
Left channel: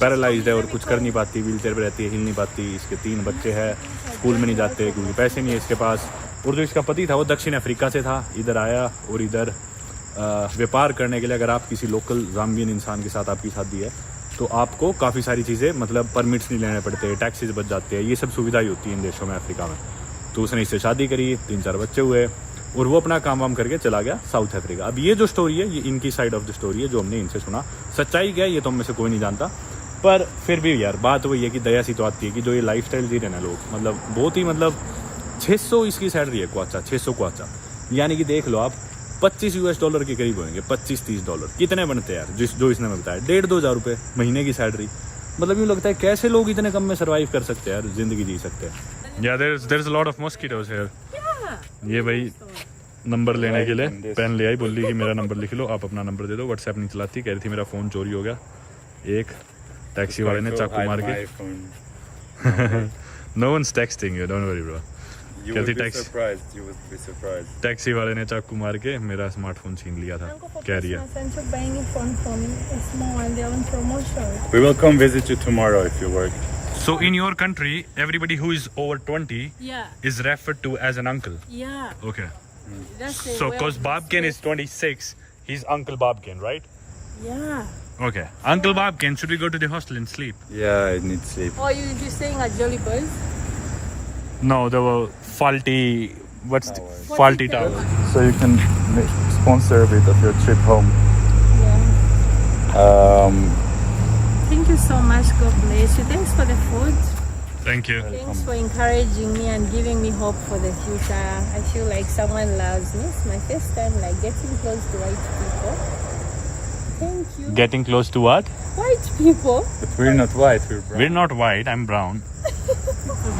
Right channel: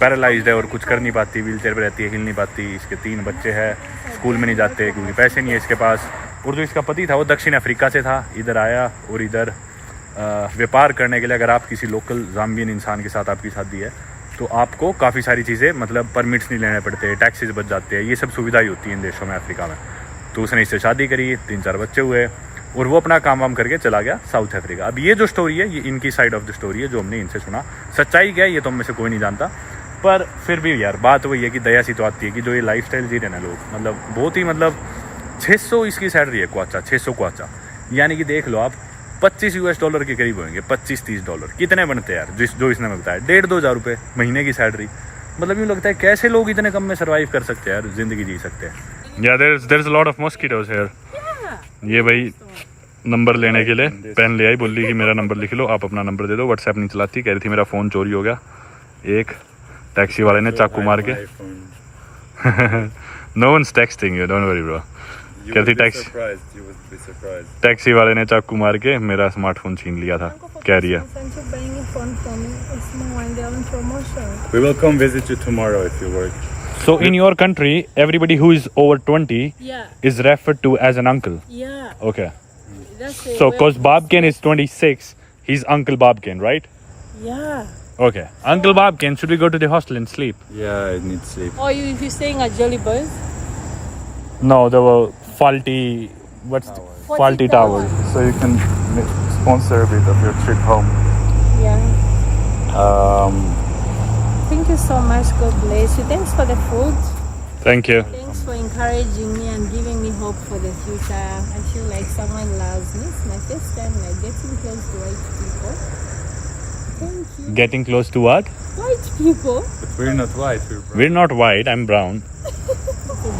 पैरालाइज्ड है और कुछ कर नहीं पाती, व्हील चेयर पर रहती है, हिल नहीं पाती। इसके 3 बच्चे हैं, स्कूल में नहीं जाते क्योंकि पैसे नहीं है इसके पास। और जो इसका पति था वो दक्षिण अफ्रीका से था, इधर आया और इधर व्यापार करने के लिए अगर आप किसी लोकल जाम्बियन इंसान के साथ आपकी शादी है तो आपको काफ़ी सारी चीज़ें, मतलब परमिट्स नहीं लेने पड़ते, टैक्सेस बच जाते हैं, ये सब सुविधाएं होती हैं इन देशों में, अफ्रीका में। तो उसने इससे शादी करी, 3-4 बच्चे हुए और वो अपना काम वाम करके चला गया साउथ अफ्रीका। अब ये जो स्टोरी है ये इनकी साइड ऑफ द स्टोरी है जो हमने इनसे सुना। सच्चाई क्या है ये तो हम में से कोई नहीं जानता, पर फिर भी यार बात वही है कि दया सी तो आती है कि जो ये लाइफस्टाइल जी रहे ना लोग, मतलब बहुत ही, मतलब 600 इसकी सैलरी है क्वाचा, 600 क्वाचा, यानी कि देख लो आप $25 के करीब होंगे, $25-30 कितने बनते हैं यार, जो इसने हमें बताया 1,500-2 हज़ार रुपये महीने की सैलरी। मतलब यूँ लगता है कैसे लोग इतने कम में सर्वाइव कर सकते हैं यार, जिंदगी जी सकते हैं। या there is a lot of mosquitoes here. ये भाई नंबर लेने के लिए पेन ले आई, बोली कि मेरा नंबर लिख लो, आप अपना नंबर दे दो। व्हाट्सएप नहीं चलाती, कह रही थी मेरा फ़ोन चोरी हो गया। एक टैक्सी वाले ने चाकू मार के no one's texting you, don't worry bro. कहती टैक्सी वाले ने चाकू मार के मेरा स्मार्टफोन छीन लिया था, कह रही है। we will come visit you tomorrow if you work. So in your country, everybody who is over 20 Yeah, is referred to as an uncle. yeah. Okay. That's the So way because of Babkin is respect. 26, he's Uncle Babkin, right? Yeah. Okay. Uncle Babkin, should we go to the hostel and sleep? Yeah, I need sleep. Oh, you staying at Jolly Boys? No, there were faulty. What's the, faulty tower? So you can sponsor a bit of your trip home. Yeah. Thank you so much. God bless you. Thanks for the food. Thank you. Thanks for encouraging me and giving me hope for the future. I feel like someone loves me. It's my first time like getting close to white people. Thank you. Getting close to what? White people. But we're not white, we're brown. We're not white. I'm brown.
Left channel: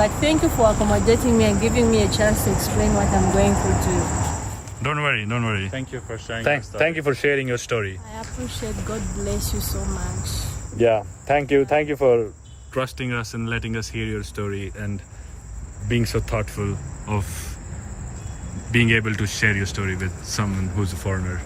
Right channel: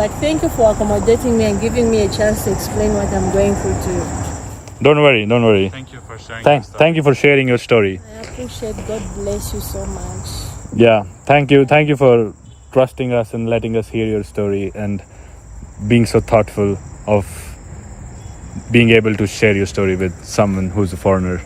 But thank you for accommodating me and giving me a chance to explain what I'm going through to you. Don't worry. Don't worry. Thank you for sharing. Thank you for sharing your story. I appreciate. God bless you so much. Yeah. Thank you. Thank you for trusting us and letting us hear your story and being so thoughtful of being able to share your story with someone who's a foreigner.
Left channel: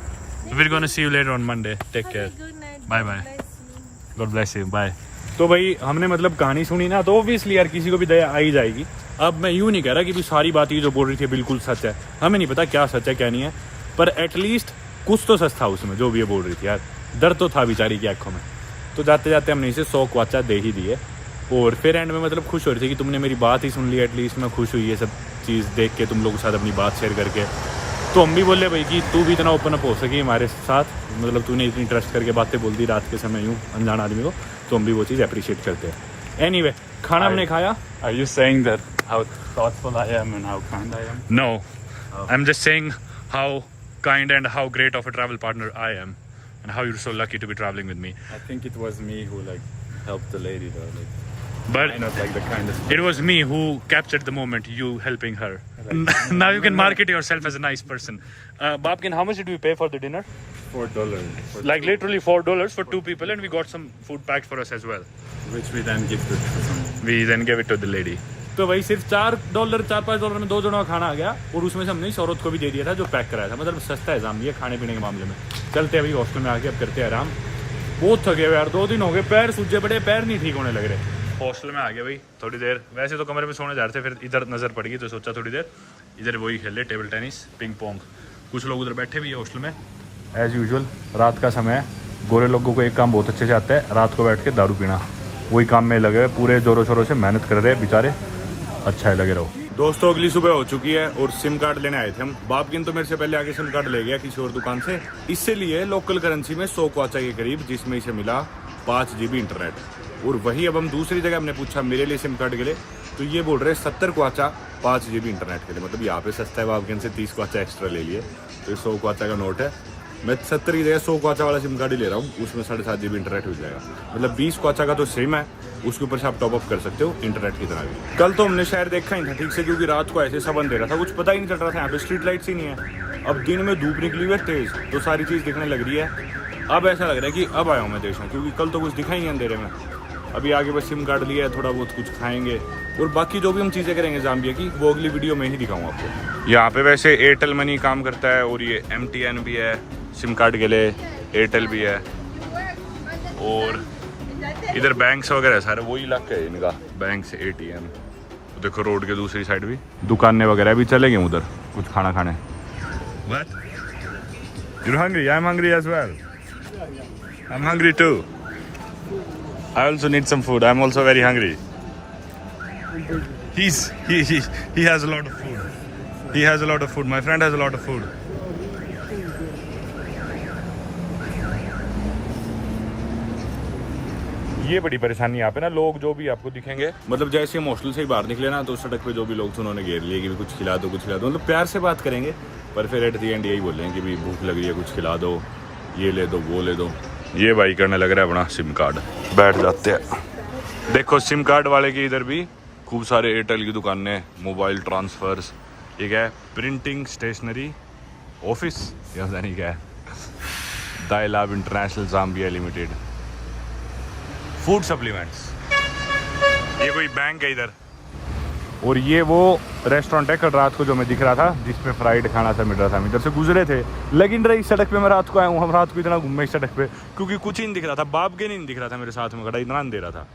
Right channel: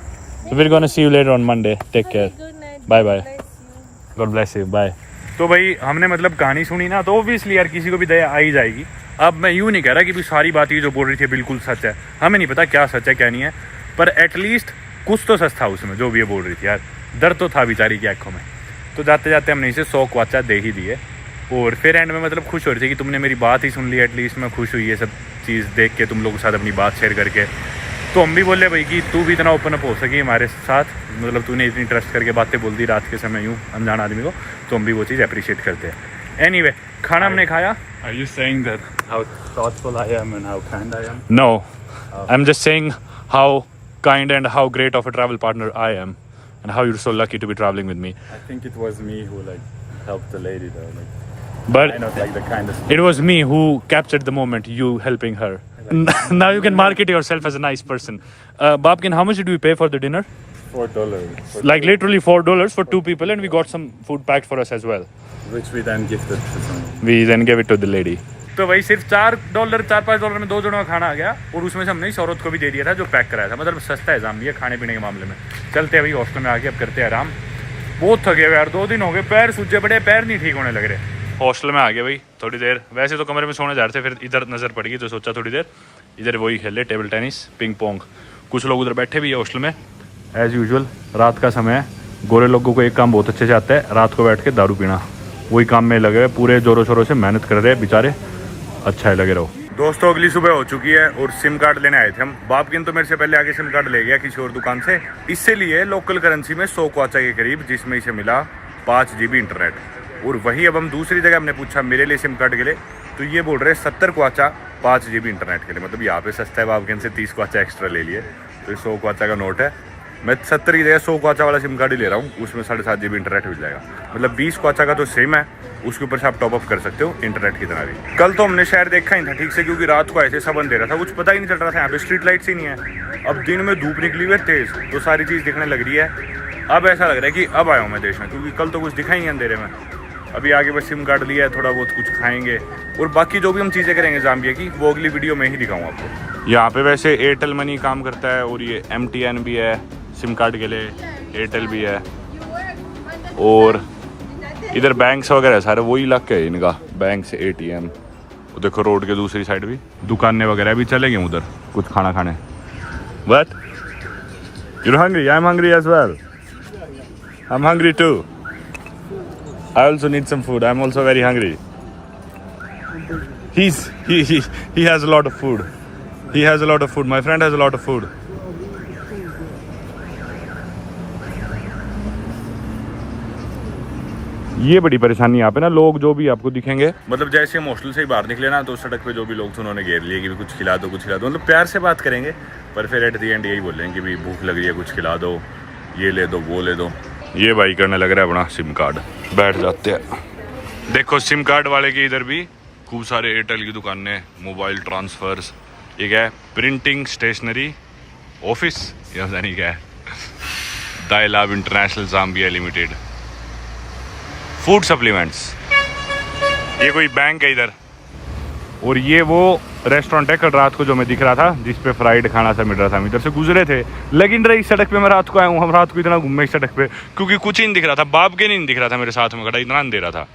We're gonna see you later on Monday. Take Have care. a good night. Bye God bye. bless you. God bless you. Bye. तो भाई हमने मतलब कहानी सुनी ना, तो obviously यार किसी को भी दया आ ही जाएगी। अब मैं यूँ नहीं कह रहा कि भी सारी बात ये जो बोल रही थी बिल्कुल सच है, हमें नहीं पता क्या सच है क्या नहीं है, पर एटलीस्ट कुछ तो सच था उसमें जो भी ये बोल रही थी यार। डर तो था बेचारी की आंखों में। तो जाते जाते हमने इसे 100 क्वाचा दे ही दिए और फिर एंड में मतलब खुश हो रही थी कि तुमने मेरी बात ही सुन ली। एटलीस्ट मैं खुश हुई ये सब चीज़ देख के, तुम लोगों के साथ अपनी बात शेयर करके। तो हम भी बोले भाई कि तू भी इतना ओपन अप हो सकी हमारे साथ, मतलब तूने इतनी ट्रस्ट करके बातें बोल दी रात के समय यूँ अनजान आदमी को, तो हम भी वो चीज़ अप्रिशिएट करते हैं। एनीवे, खाना हमने खाया। Are you saying that how thoughtful I am and how kind I am? No, I'm just saying how kind and how great of a travel partner I am and how you're so lucky to be traveling with me. I think it was me who helped the lady though. But I'm not the kindest. it was me who captured the moment, you helping her. Now you can market yourself as a nice person. Babkin, how much did we pay for the dinner? $4. Like literally $4 for 2 people, and we got some food packed for us as well. Which we then gifted to someone. We then gave it to the lady. तो भाई सिर्फ $4-5 में 2 जनों का खाना आ गया और उसमें से हमने इस औरत को भी दे दिया था जो पैक कराया था। मतलब सस्ता है जाम्बिया खाने पीने के मामले में। चलते अभी हॉस्टल में आके अब करते हैं आराम। बहुत थके हुए यार, 2 दिन हो गए, पैर सूजे पड़े, पैर नहीं ठीक होने लग रहे। हॉस्टल में आ गया भाई थोड़ी देर। वैसे तो कमरे में सोने जा रहे थे, फिर इधर नज़र पड़ गई तो सोचा थोड़ी देर इधर वही खेले टेबल टेनिस पिंग पोंग। कुछ लोग उधर बैठे भी है हॉस्टल में। एज़ यूजुअल रात का समय है, गोरे लोगों को एक काम बहुत अच्छे से आता है, रात को बैठ के दारू पीना। वही काम में लगे हुए, पूरे जोरों शोरों से मेहनत कर रहे हैं बेचारे। अच्छा है, लगे रहो। दोस्तों अगली सुबह हो चुकी है और सिम कार्ड लेने आए थे हम। बापकिन तो मेरे से पहले आके सिम कार्ड ले गया किसी और दुकान से। इससे लिए लोकल करेंसी में 100 क्वाचा के करीब, जिसमें इसे मिला 5 GB इंटरनेट। और वही अब हम दूसरी जगह हमने पूछा मेरे लिए सिम कार्ड के लिए, तो ये बोल रहे 70 क्वाचा 5 GB इंटरनेट के लिए। मतलब यहाँ पे सस्ता है, बापकिन से 30 क्वाचा एक्स्ट्रा ले लिए। तो 100 क्वाचा का नोट है। मैं 70 की जगह 100 क्वाचा वाला सिम कार्ड ही ले रहा हूँ, उसमें 7.5 GB इंटरनेट मिल जाएगा। मतलब 20 क्वाचा का तो सेम है, उसके ऊपर से आप टॉप अप कर सकते हो इंटरनेट की तरह भी। कल तो हमने शहर देखा ही था ठीक से, क्योंकि रात को ऐसे सबन दे रहा था, कुछ पता ही नहीं चल रहा था। यहाँ पे स्ट्रीट लाइट्स ही नहीं है। अब दिन में धूप निकली हुई है तेज, तो सारी चीज़ दिखने लग रही है। अब ऐसा लग रहा है कि अब आया हूँ मैं देश में, क्योंकि कल तो कुछ दिखा ही नहीं अंधेरे में। अभी आगे बस सिम कार्ड लिया है, थोड़ा बहुत कुछ खाएंगे और बाकी जो भी हम चीज़ें करेंगे जाम्बिया की, वो अगली वीडियो में ही दिखाऊंगा आपको। यहाँ पे वैसे एयरटेल मनी काम करता है और ये MTN भी है सिम कार्ड के लिए, एयरटेल भी है। और इधर बैंक्स वगैरह सारे वही इलाके है इनका, बैंक से ATM। देखो रोड के दूसरी साइड भी दुकानें वगैरह भी चले गए उधर कुछ खाना खाने। But you're hungry? I'm hungry as well. I'm hungry too. I also need some food. I'm also very hungry. He has a lot of food. He has a lot of food. My friend has a lot of food. ये बड़ी परेशानी यहाँ पे ना, लोग जो भी आपको दिखेंगे, मतलब जैसे हम हॉस्टल से ही बाहर निकले ना, तो सड़क पे जो भी लोग थे उन्होंने घेर लिए कि भी कुछ खिला दो कुछ खिला दो। मतलब प्यार से बात करेंगे, पर फिर एट दी एंड यही बोलेंगे कि भी भूख लग रही है, कुछ खिला दो, ये ले दो वो ले दो। ये भाई करने लग रहा है अपना सिम कार्ड, बैठ जाते हैं। देखो सिम कार्ड वाले की इधर भी खूब सारे एयरटेल की दुकानें, मोबाइल ट्रांसफर्स, एक है प्रिंटिंग स्टेशनरी ऑफिस, या नहीं क्या है, दाइलाब international Zambia limited, food supplements, ये कोई बैंक है इधर। और ये वो रेस्टोरेंट है कल रात को जो मैं दिख रहा था, जिस पे फ्राइड खाना सा मिल रहा था। हम इधर से गुजरे थे, लेकिन रही सड़क पे मैं रात को आया हूँ। हम रात को इतना घूमे इस सड़क पे, क्योंकि कुछ ही नहीं दिख रहा था, बाप के नहीं दिख रहा था मेरे साथ में खड़ा, इतना अंधेरा था।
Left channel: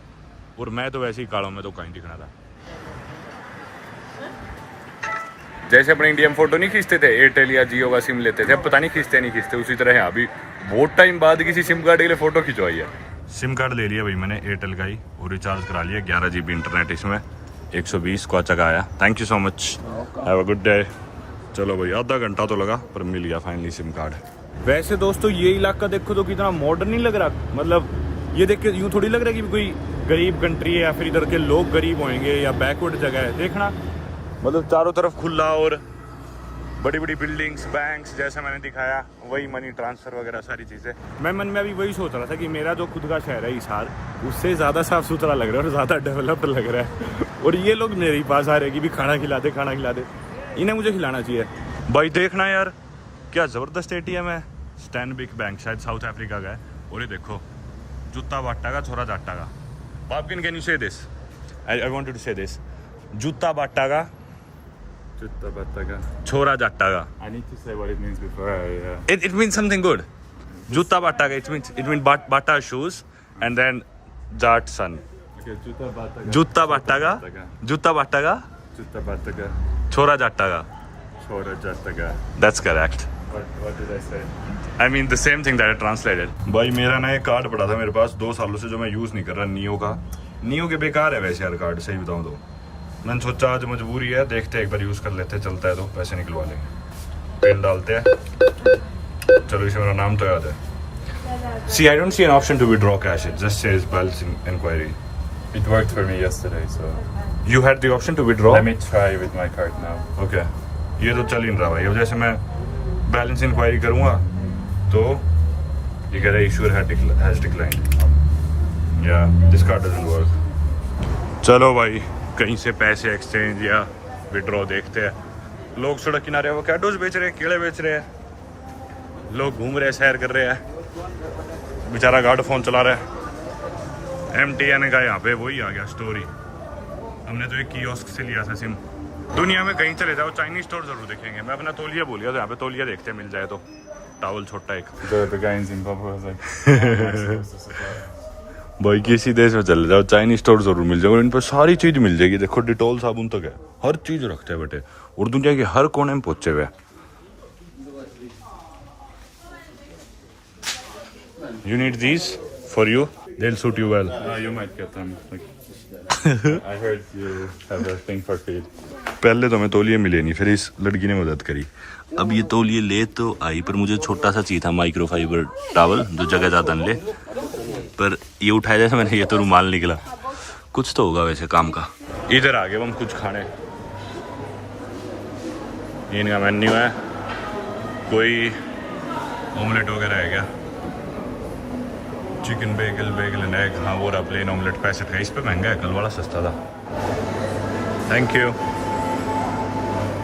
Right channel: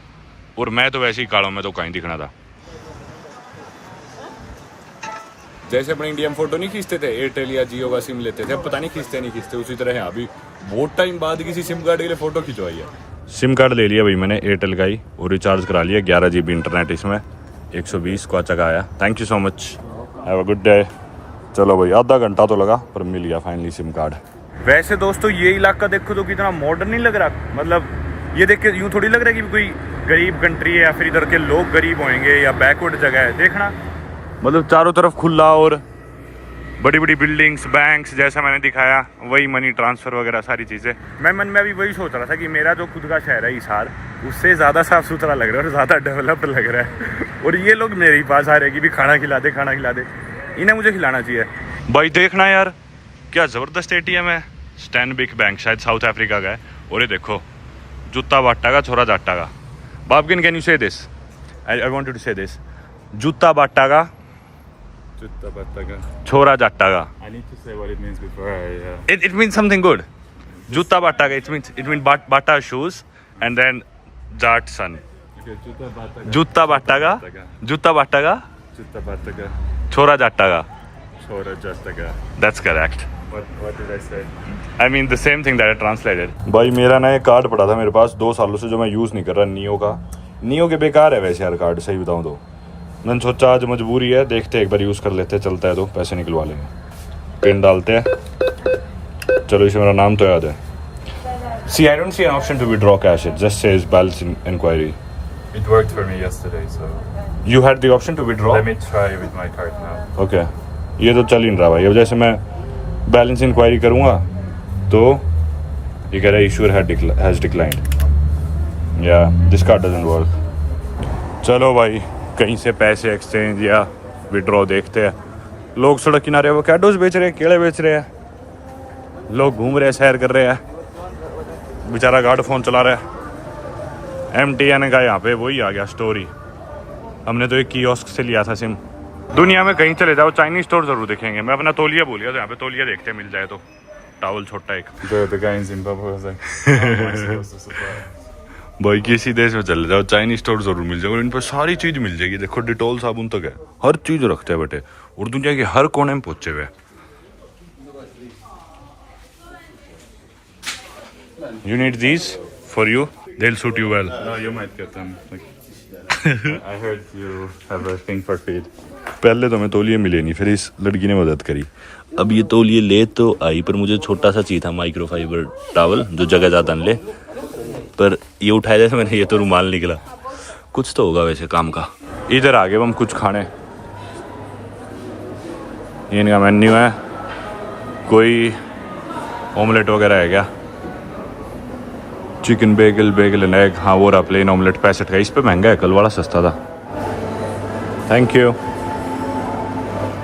और मैं तो वैसे ही काड़ा, मैं तो कहीं दिखना था। जैसे अपने इंडिया में फोटो नहीं खींचते थे, एयरटेल या जियो का सिम लेते थे, अब पता नहीं खींचते नहीं खींचते, उसी तरह यहाँ भी बहुत टाइम बाद किसी सिम कार्ड के लिए फोटो खिंचवाई है। सिम कार्ड ले लिया भाई मैंने एयरटेल का ही, और रिचार्ज करा लिया 11 GB इंटरनेट इसमें, 120 क्वाचा का आया। Thank you so much, have a good day. चलो भाई आधा घंटा तो लगा, पर मिल गया फाइनली सिम कार्ड। वैसे दोस्तों ये इलाका देखो तो कितना मॉडर्न नहीं लग रहा। मतलब ये देख के यूँ थोड़ी लग रहा है कि कोई गरीब कंट्री है या फिर इधर के लोग गरीब होंगे या बैकवर्ड जगह है। देखना मतलब चारों तरफ खुला और बड़ी बड़ी बिल्डिंग्स, बैंक्स, जैसा मैंने दिखाया वही मनी ट्रांसफ़र वगैरह सारी चीज़ें। मैं मन में अभी वही सोच रहा था कि मेरा जो खुद का शहर है हिसार, उससे ज़्यादा साफ़ सुथरा लग रहा है और ज़्यादा डेवलप्ड लग रहा है। और ये लोग मेरे ही पास आ रहे हैं कि भी खाना खिला दे खाना खिला दे। इन्हें मुझे खिलाना चाहिए भाई। देखना यार क्या ज़बरदस्त ATM है, स्टैनबिक बैंक, शायद साउथ अफ्रीका का है। और ये देखो जूता बाटा का छोरा जाटा का। बापकिन कैन यू से दिस? आई वांट टू से दिस, जूता बाटा का Jutta battaga. छोरा जाटा का। I need to say what it means before I... It means something good. Jutta battaga. It means bata shoes and then jat son. Okay, jutta battaga. Jutta battaga. Jutta battaga. Jutta battaga. Chora jattaga. Chora jattaga. That's correct. What did I say? I mean the same thing that I translated. भाई मेरा ना एक card पड़ा था मेरे पास 2 सालों से, जो मैं यूज़ नहीं कर रहा, नियो का। नियो के बेकार है वैसे यार कार्ड, सही बताऊँ तो। मैंने सोचा आज मजबूरी है, देखते एक बार यूज़ कर लेते, चलता है तो पैसे निकलवा लेंगे। पिन डालते हैं, चलो इसे मेरा नाम तो याद है। See, I don't see an option to withdraw cash. It just says balance inquiry. It worked for me yesterday, so... You had the option to withdraw? Let me try with my card now. Okay. ये तो चल ही नहीं रहा भाई। अब जैसे मैं balance inquiry करूँगा तो ये कह रहा है इशूर हैज डिक्लाइंड, या दिस कार्ड डजंट वर्क। चलो भाई कहीं से पैसे एक्सचेंज या विड्रॉ देखते हैं। लोग सड़क किनारे वो कैडोस बेच रहे हैं, केले बेच रहे हैं, लोग घूम रहे हैं, सैर कर रहे हैं। बेचारा गार्ड फ़ोन चला रहा है। MTN का यहाँ पे वही आ गया स्टोरी। हमने तो एक कियोस्क से लिया था सिम। दुनिया में कहीं चले जाओ चाइनीज स्टोर जरूर देखेंगे। मैं अपना तौलिया बोल गया, तो यहाँ पे तौलिया देखते हैं, मिल जाए तो। टावल छोटा एक। The guy in Zimbabwe was like... भाई किसी देश में चले जाओ चाइनीज स्टोर जरूर मिल जाएगा, इन पर सारी चीज मिल जाएगी। देखो डिटॉल साबुन तक है, हर चीज रखते हैं बेटे, और दुनिया के हर कोने में पहुंचे हुए। You need these for you. They'll suit you well. No, you might get them. Like, I heard you have a thing for feet. पहले तो हमें तौलिए मिले नहीं, फिर इस लड़की ने मदद करी। अब ये तौलिए ले तो आई, पर मुझे छोटा सा चाहिए था माइक्रोफाइबर टॉवल जो जगह जाता न ले, पर ये उठाया जाए मैंने, ये तो रुमाल निकला। कुछ तो होगा वैसे काम का। इधर आ गए हम कुछ खाने, ये इनका मेन्यू है। कोई ऑमलेट वगैरह है क्या? Chicken Bengal, Bengal and egg. हाँ वो रहा प्लेन ऑमलेट 65 का। इस पे महंगा है, कल वाला सस्ता था। Thank you.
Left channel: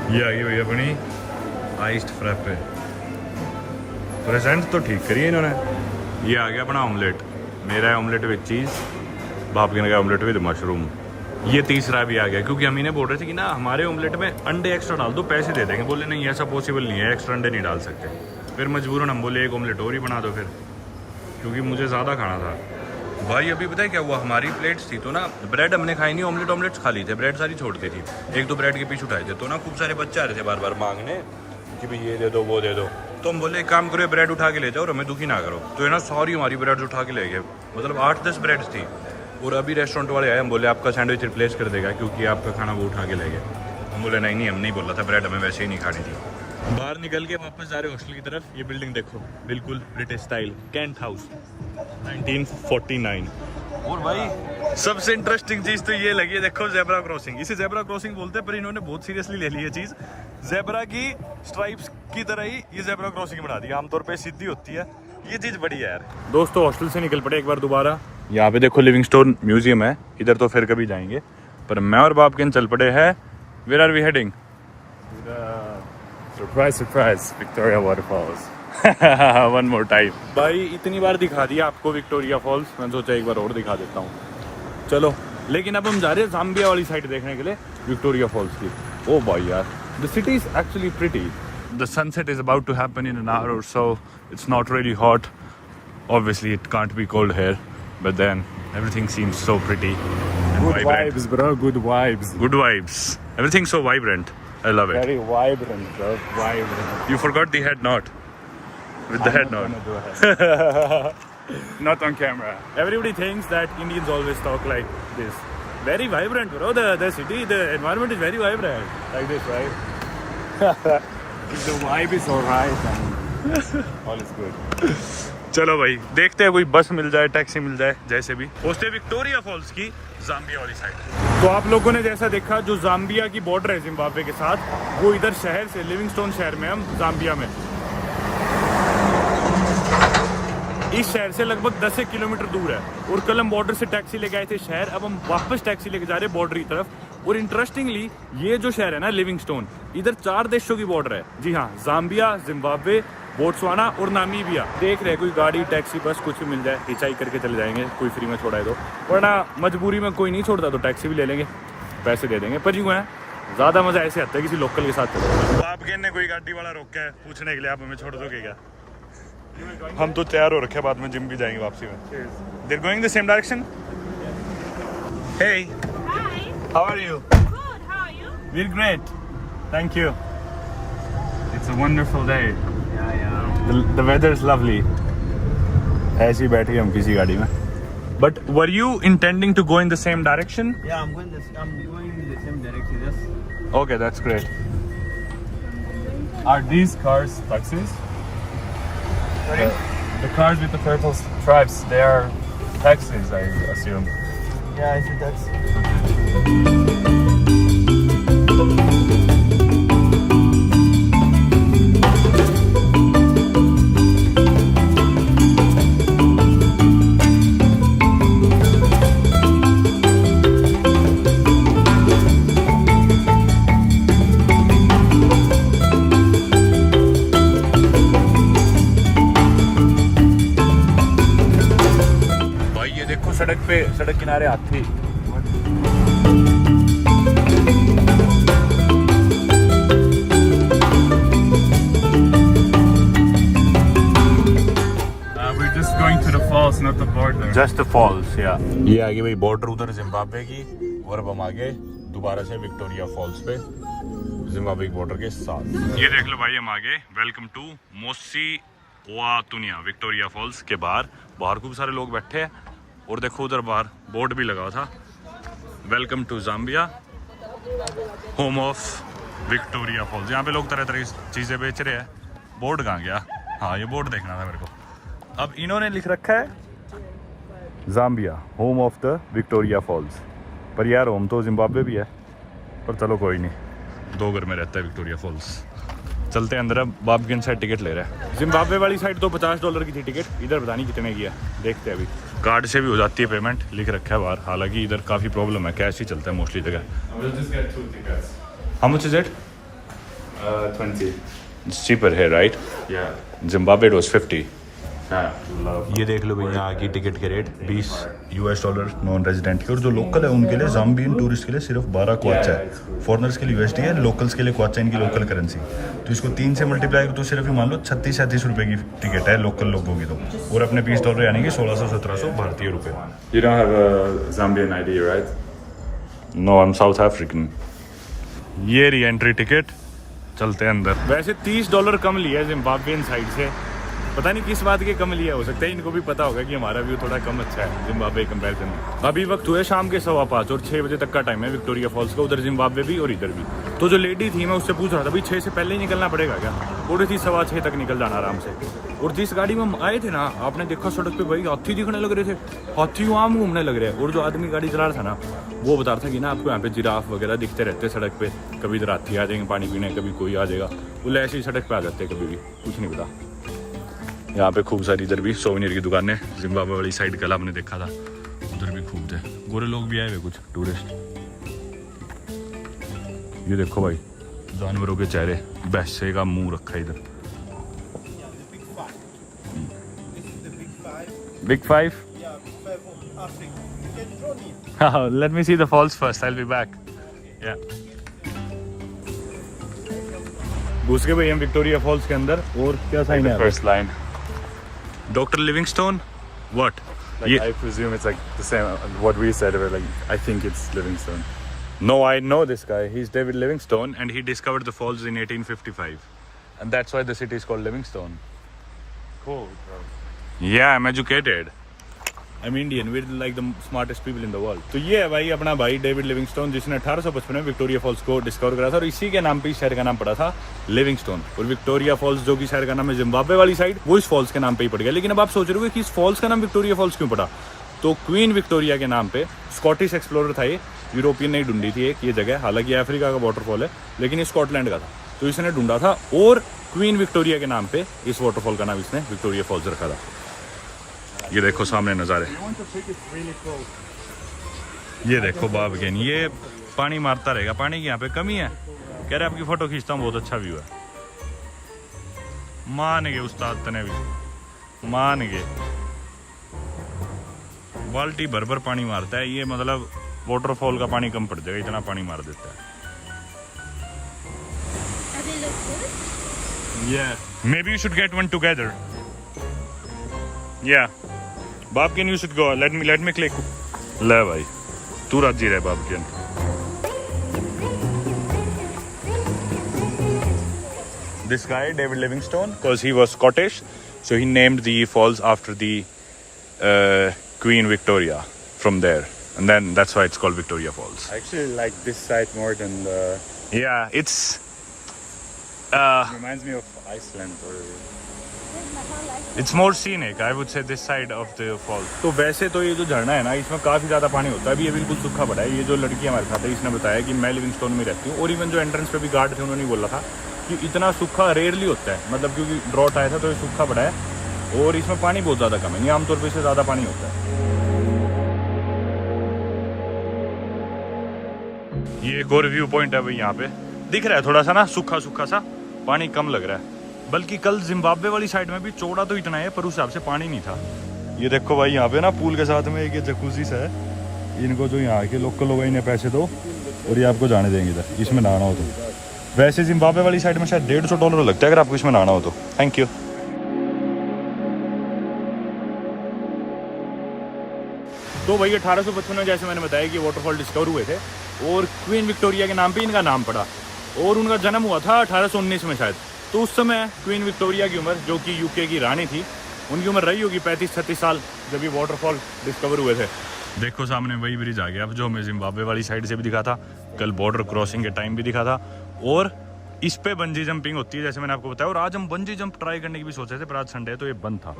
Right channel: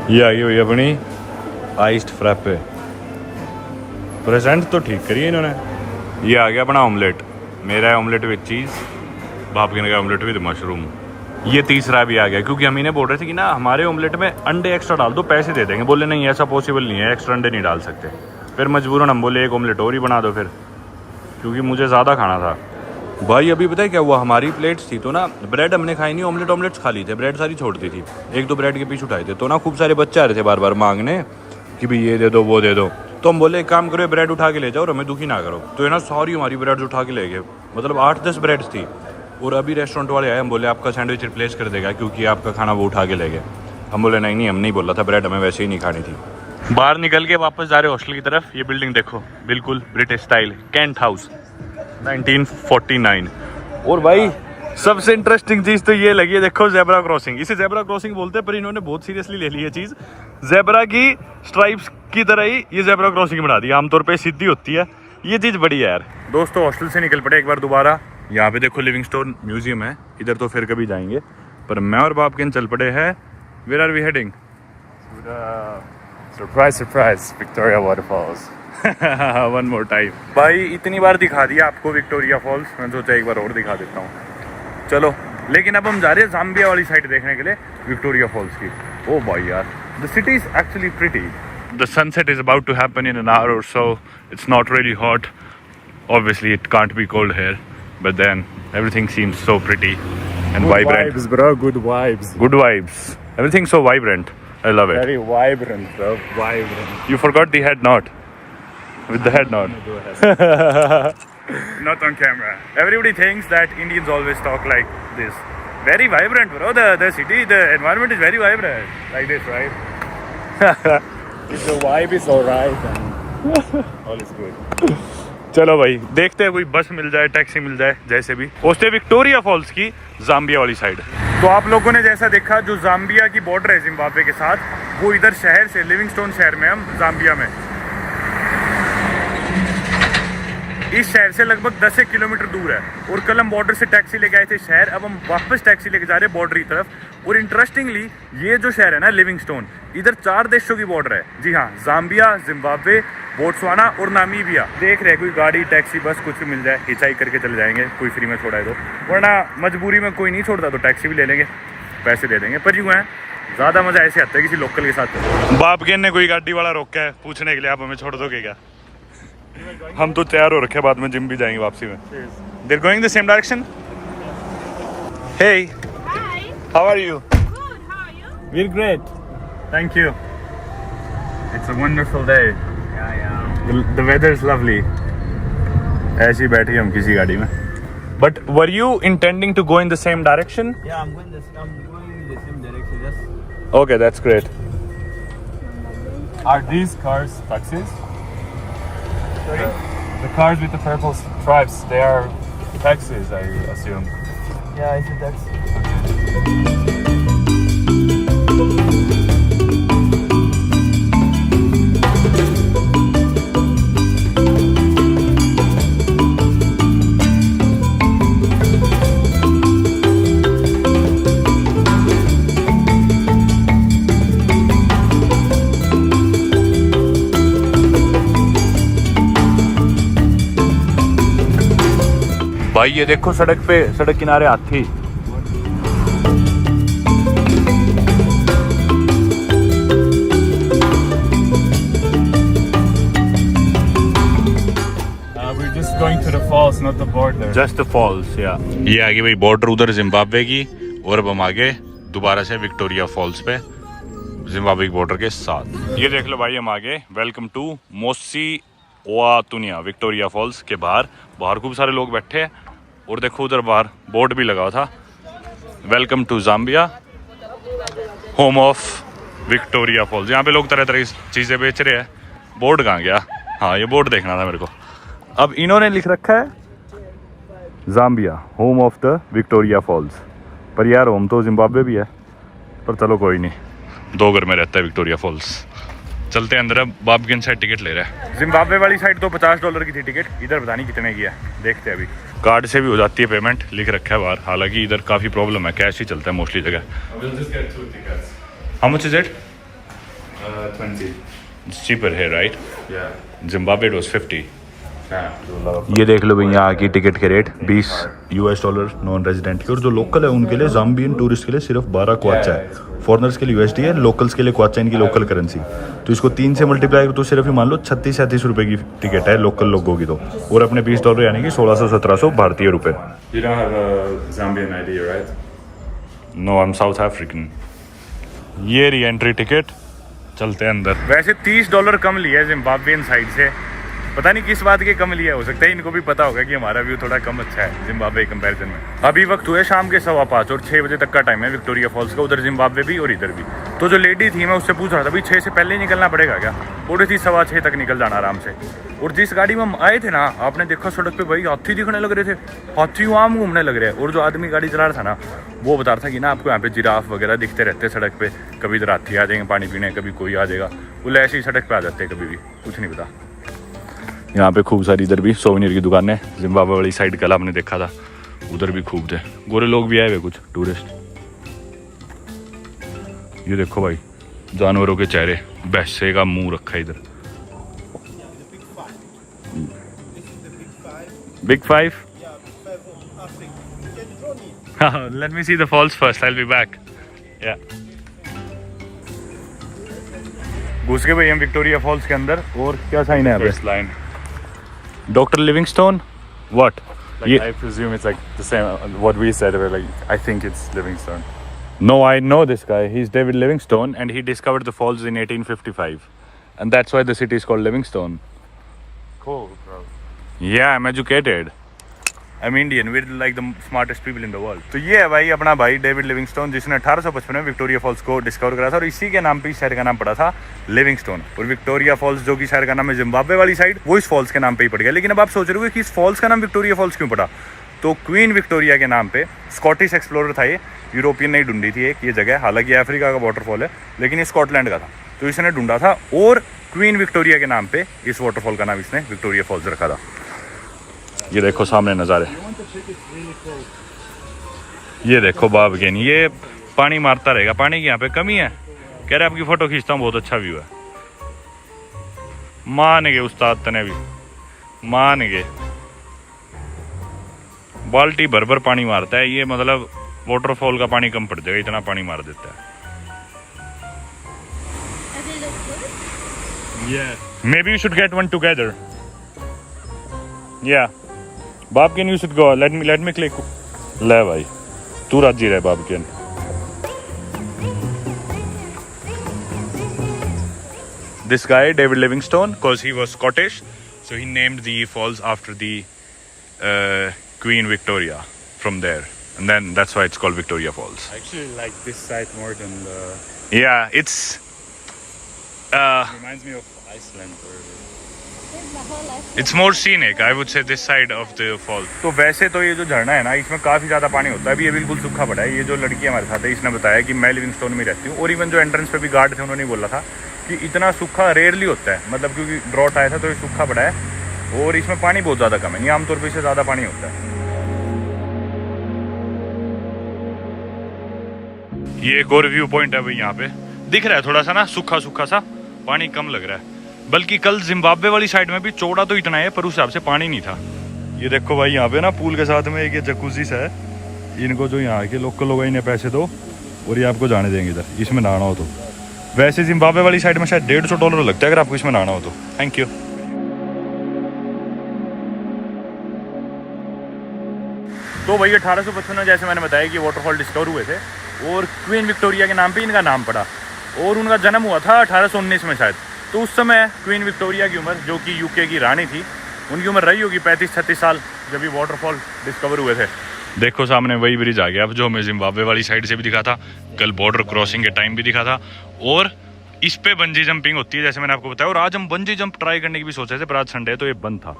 ये आई हुई अपनी आइस्ड फ्रैपे। प्रेजेंट तो ठीक करिए इन्होंने। ये आ गया अपना ऑमलेट, मेरा है ऑमलेट विद चीज़, बाप के का ऑमलेट विद मशरूम। ये तीसरा भी आ गया, क्योंकि हम इन्हें बोल रहे थे कि ना हमारे ऑमलेट में अंडे एक्स्ट्रा डाल दो, पैसे दे देंगे। बोले नहीं ऐसा पॉसिबल नहीं है, एक्स्ट्रा अंडे नहीं डाल सकते। फिर मजबूरन हम बोले एक ऑमलेट और ही बना दो फिर, क्योंकि मुझे ज़्यादा खाना था। भाई अभी पता है क्या हुआ, हमारी प्लेट्स थी तो ना ब्रेड हमने खाई नहीं, ऑमलेट्स खा ली थे, ब्रेड सारी छोड़ दी थी। एक दो ब्रेड के पीछे उठाए थे, तो ना खूब सारे बच्चे आ रहे थे बार बार मांगने कि भाई ये दे दो वो दे दो। तो हम बोले एक काम करो, ब्रेड उठा के ले जाओ और हमें दुखी ना करो। तो ये ना सारी हमारी ब्रेड उठा के ले गए, मतलब 8-10 ब्रेड्स थी। और अभी रेस्टोरेंट वाले आए, हम बोले आपका सैंडविच रिप्लेस कर देगा क्योंकि आपका खाना वो उठा के ले गए। हम बोले नहीं हम नहीं बोला था, ब्रेड हमें वैसे ही नहीं खानी थी। बाहर निकल के वापस जा रहे हॉस्टल की तरफ। ये बिल्डिंग देखो, बिल्कुल ब्रिटिश स्टाइल, कैंट हाउस 1949। और भाई सबसे इंटरेस्टिंग चीज़ तो ये लगी है, देखो जेब्रा क्रॉसिंग। इसे जेब्रा क्रॉसिंग बोलते हैं, पर इन्होंने बहुत सीरियसली ले ली है चीज़। जेब्रा की स्ट्राइप्स की तरह ही ये जेब्रा क्रॉसिंग बना दी, आमतौर पे सीधी होती है। ये चीज़ बड़ी है यार। दोस्तों हॉस्टल से निकल पड़े एक बार दोबारा। यहाँ पे देखो लिविंगस्टोन म्यूजियम है, इधर तो फिर कभी जाएंगे, पर मैं और बाप के चल पड़े हैं। Where are we heading? Surprise, surprise, Victoria Waterfalls. One more time. भाई इतनी बार दिखा दिया आपको विक्टोरिया फॉल्स, मैं सोचा एक बार और दिखा देता हूँ। चलो, लेकिन अब हम जा रहे हैं जाम्बिया वाली साइड देखने के लिए विक्टोरिया फॉल्स की। ओ भाई यार, the city is actually pretty. The sunset is about to happen in an hour or so. It's not really hot, obviously it can't be cold here, but then everything seems so pretty and vibrant. Vibes, bro. Good vibes. Good vibes. Everything's so vibrant. I love it. Very vibrant, bro. Vibrant. You forgot the head knot. With the head knot. Do ahead. Not on camera. Everybody thinks that Indians always talk like this. Very vibrant, bro. The city, the environment is very vibrant. Like this, right? If the vibe is alright, then all is good. चलो भाई, देखते हैं कोई बस मिल जाए, taxi मिल जाए, जैसे भी पहुंचते विक्टोरिया फॉल्स की जाम्बिया वाली साइड। तो आप लोगों ने जैसा देखा, जो जाम्बिया की बॉर्डर है जिम्बाब्वे के साथ, वो इधर शहर से, लिविंगस्टोन शहर में, हम जाम्बिया में, इस शहर से लगभग 10 किलोमीटर दूर है। और कल हम बॉर्डर से टैक्सी लेके आए थे शहर, अब हम वापस टैक्सी लेके जा रहे हैं बॉर्डर की तरफ। और इंटरेस्टिंगली ये जो शहर है ना लिविंगस्टोन, इधर 4 देशों की बॉर्डर है। जी हाँ, जाम्बिया, जिम्बाब्वे, बोट्सवाना और नामीबिया। देख रहे कोई गाड़ी, टैक्सी, बस कुछ भी मिल जाए, हिचाई करके चले जाएंगे, कोई फ्री में छोड़ा है तो, वरना मजबूरी में कोई नहीं छोड़ता तो टैक्सी भी ले लेंगे, पैसे दे देंगे। पर यूँ है, ज़्यादा मजा ऐसे आता है किसी लोकल के साथ चले। बाप के ने कोई गाड़ी वाला रोका है पूछने के लिए, आप हमें छोड़ दोगे क्या? हम तो तैयार हो रखे, बाद में जिम भी जाएंगे वापसी में। They're going the same direction? Hey. Hi. How are you? Good. How are you? We're great. Thank you. It's a wonderful day. The weather is lovely. ऐसे ही बैठे हम किसी गाड़ी में। But were you intending to go in the same direction? Yeah, I'm going in the same direction. Yes. Okay, that's great. Are these cars taxis? The cars with the purple stripes, they are taxis, I assume. Yeah, I think that's. भाई ये देखो सड़क किनारे हाथी। We're just going to the falls, not the border. Just falls या ये आगे भाई बॉर्डर उधर जिम्बाब्वे की, और अब हम आगे दोबारा से विक्टोरिया फॉल्स पे जिम्बाब्वे की बॉर्डर के साथ। ये देख लो भाई हम आगे, वेलकम टू मोसी ओआतुनिया विक्टोरिया फॉल्स के बाहर खूब सारे लोग बैठे हैं, और देखो उधर बाहर बोर्ड भी लगा हुआ था, welcome to Zambia home of Victoria Falls. यहाँ पे लोग तरह तरह की चीज़ें बेच रहे हैं। बोर्ड कहाँ गया? हाँ ये बोर्ड देखना था मेरे को। अब इन्होंने लिख रखा है Zambia home of the Victoria Falls, पर यार होम तो जिम्बाब्वे भी है, पर चलो कोई नहीं, 2 घर में रहता है विक्टोरिया फॉल्स। चलते हैं अंदर। अब बाबगिन साइड टिकट ले रहे हैं। जिम्बाब्वे वाली साइड तो $50 की थी टिकट, इधर पता नहीं कितने की है, देखते हैं अभी। कार्ड से भी हो जाती है पेमेंट, लिख रखा है बाहर, हालांकि इधर काफ़ी प्रॉब्लम है, कैश ही चलता है मोस्टली जगह। We'll just get 2 tickets. How much is it? 20. It's cheaper है right? Yeah. Zimbabwe it was 50। Yeah, too low. ये देख लो भैया यहाँ की टिकट के रेट $20 नॉन रेजिडेंट की, और जो लोकल है उनके लिए, जाम्बियन टूरिस्ट के लिए सिर्फ 12 क्वाचा है, फॉरनर्स के लिए USD है, लोकल्स के लिए क्वाचा इनकी लोकल करेंसी। तो इसको 3 से मल्टीप्लाई करो तो सिर्फ ही मान लो 36-37 रुपये की टिकट है लोकल लोगों की, तो और अपने $20 यानी कि 1600-1700 भारतीय रुपये। You don't have a Zambian ID, right? No I am South African. ये री एंट्री टिकट, चलते हैं अंदर। वैसे $30 कम लिया है जिम्बाब्वियन साइड से, पता नहीं किस बात के कम लिया, हो सकता है इनको भी पता होगा कि हमारा व्यू थोड़ा कम अच्छा है जिम्बाब्वे कंपैरिजन में। अभी वक्त हुए शाम के 5:15 और 6 बजे तक का टाइम है विक्टोरिया फॉल्स का, उधर जिम्बाब्वे भी और इधर भी। तो जो लेडी थी मैं उससे पूछ रहा था भाई 6 से पहले ही निकलना पड़ेगा क्या? बोली थी 6:15 तक निकल जाना आराम से। और जिस गाड़ी में हम आए थे ना, आपने देखा सड़क पे भाई हाथी दिखने लग रहे थे, हाथी आम घूमने लग रहे हैं। और जो आदमी गाड़ी चला रहा था ना, वो बता रहा था कि ना आपको यहाँ पे जिराफ वगैरह दिखते रहते हैं सड़क पे, कभी इधर हाथी आ जाएंगे पानी पीने, कभी कोई आ जाएगा, वो ऐसे ही सड़क पे आ जाते हैं, कभी भी कुछ नहीं पता। यहाँ पे खूब सारी इधर भी सोवेनियर की दुकान है, जिम्बाब्वे वाली साइड कल आपने देखा था, उधर भी खूब थे, गोरे लोग भी आए हुए कुछ टूरिस्ट। ये देखो भाई जानवरों के चेहरे, भैंसे का मुंह रखा है इधर। Big 5? Let me see the falls first, I will be back. या घुस गए भाई हम विक्टोरिया फॉल्स के अंदर। और क्या साइन है? First line. Doctor Livingstone what? I presume it's like the same what we said. We're like, I think it's Livingstone. No, I know this guy. He's David Livingstone and he discovered the falls in 1855. And that's why the city is called Livingstone. Cool, bro. Yeah, I'm educated. I'm Indian. We're like the smartest people in the world. तो ये है भाई अपना भाई David Livingstone, जिसने 1855 में Victoria false को discover करा था, और इसी के नाम पे इस शहर का नाम पड़ा था लिविंगस्टोन। और विक्टोरिया फॉल्स जो कि शहर का नाम है जिम्बाब्वे वाली साइड, वो इस फॉल्स के नाम पे ही पड़ गया। लेकिन अब आप सोच रहे हो कि इस फॉल्स का नाम विक्टोरिया फॉल्स क्यों पड़ा? तो क्वीन विक्टोरिया के नाम पे स्कॉटिश एक्सप्लोरर था, ये यूरोपियन ने ढूंढी थी एक ये जगह, हालांकि अफ्रीका का वाटरफॉल है लेकिन ये स्कॉटलैंड का था, तो इसने ढूंढा था, और क्वीन विक्टोरिया के नाम पे इस वाटरफॉल का नाम इसने विक्टोरिया फॉल्स रखा था। ये देखो सामने नज़ारे, ये देखो बाबगिन, ये पानी मारता रहेगा, पानी की यहाँ पे कमी है। कह रहे आपकी फोटो खींचता हूँ, बहुत अच्छा व्यू है। मान गए उस्ताद तने भी, मान गए। बाल्टी भर भर पानी मारता है ये, मतलब वाटरफॉल का पानी कम पड़ जाएगा, इतना पानी मार देता है। Yeah. Maybe you should get one together. Yeah. Babkin, you should go. Let me click. ले भाई, तू राजी रहे बाबकिन। This guy, David Livingstone, because he was Scottish, so he named the falls after the Queen Victoria from there. And then that's why it's called Victoria Falls. I actually like this site more than the. Yeah, it's... Reminds me of Iceland. It's more scenic, I would say, this side of the fall. तो वैसे तो ये जो झरना है ना, इसमें काफ़ी ज़्यादा पानी होता है। अभी ये बिल्कुल सूखा पड़ा है। ये जो लड़की हमारे साथ है, इसने बताया कि मैं लिविंगस्टोन में रहती हूँ, और इवन जो एंट्रेंस पे भी गार्ड थे उन्होंने बोला था कि इतना सूखा रेयरली होता है, मतलब क्योंकि ड्रॉट आया था तो ये सूखा पड़ा है, और इसमें पानी बहुत ज़्यादा कम है, नहीं आमतौर पर इससे ज़्यादा पानी होता है। ये एक और व्यू पॉइंट है भाई, यहाँ पे दिख रहा है थोड़ा सा ना सूखा सूखा सा, पानी कम लग रहा है। बल्कि कल जिम्बाब्वे वाली साइड में भी चौड़ा तो इतना है, पर उस हिसाब से पानी नहीं था। ये देखो भाई यहाँ पे ना पूल के साथ में एक ये जकूजी सा है, इनको जो यहाँ के लोकल लोग इन्हें पैसे दो और ये आपको जाने देंगे इधर, इसमें नहाना हो तो। वैसे जिम्बाब्वे वाली साइड में शायद $150 लगता है अगर आपको इसमें नहाना हो तो। Thank you. तो भाई 1855 में जैसे मैंने बताया कि वाटरफॉल डिस्कवर हुए थे और क्वीन विक्टोरिया के नाम पे इनका नाम पड़ा और उनका जन्म हुआ था 1819 में शायद। तो उस समय क्वीन विक्टोरिया की उम्र, जो कि यूके की रानी थी, उनकी उम्र रही होगी 35-36 साल जब ये वाटरफॉल डिस्कवर हुए थे। देखो सामने वही ब्रिज आ गया अब जो हमें जिम्बाब्वे वाली साइड से भी दिखा था, कल बॉर्डर क्रॉसिंग के टाइम भी दिखा था। और इस पे बंजी जंपिंग होती है जैसे मैंने आपको बताया। और आज हम बंजी जंप ट्राई करने की भी सोचे थे पर आज संडे है तो ये बंद था।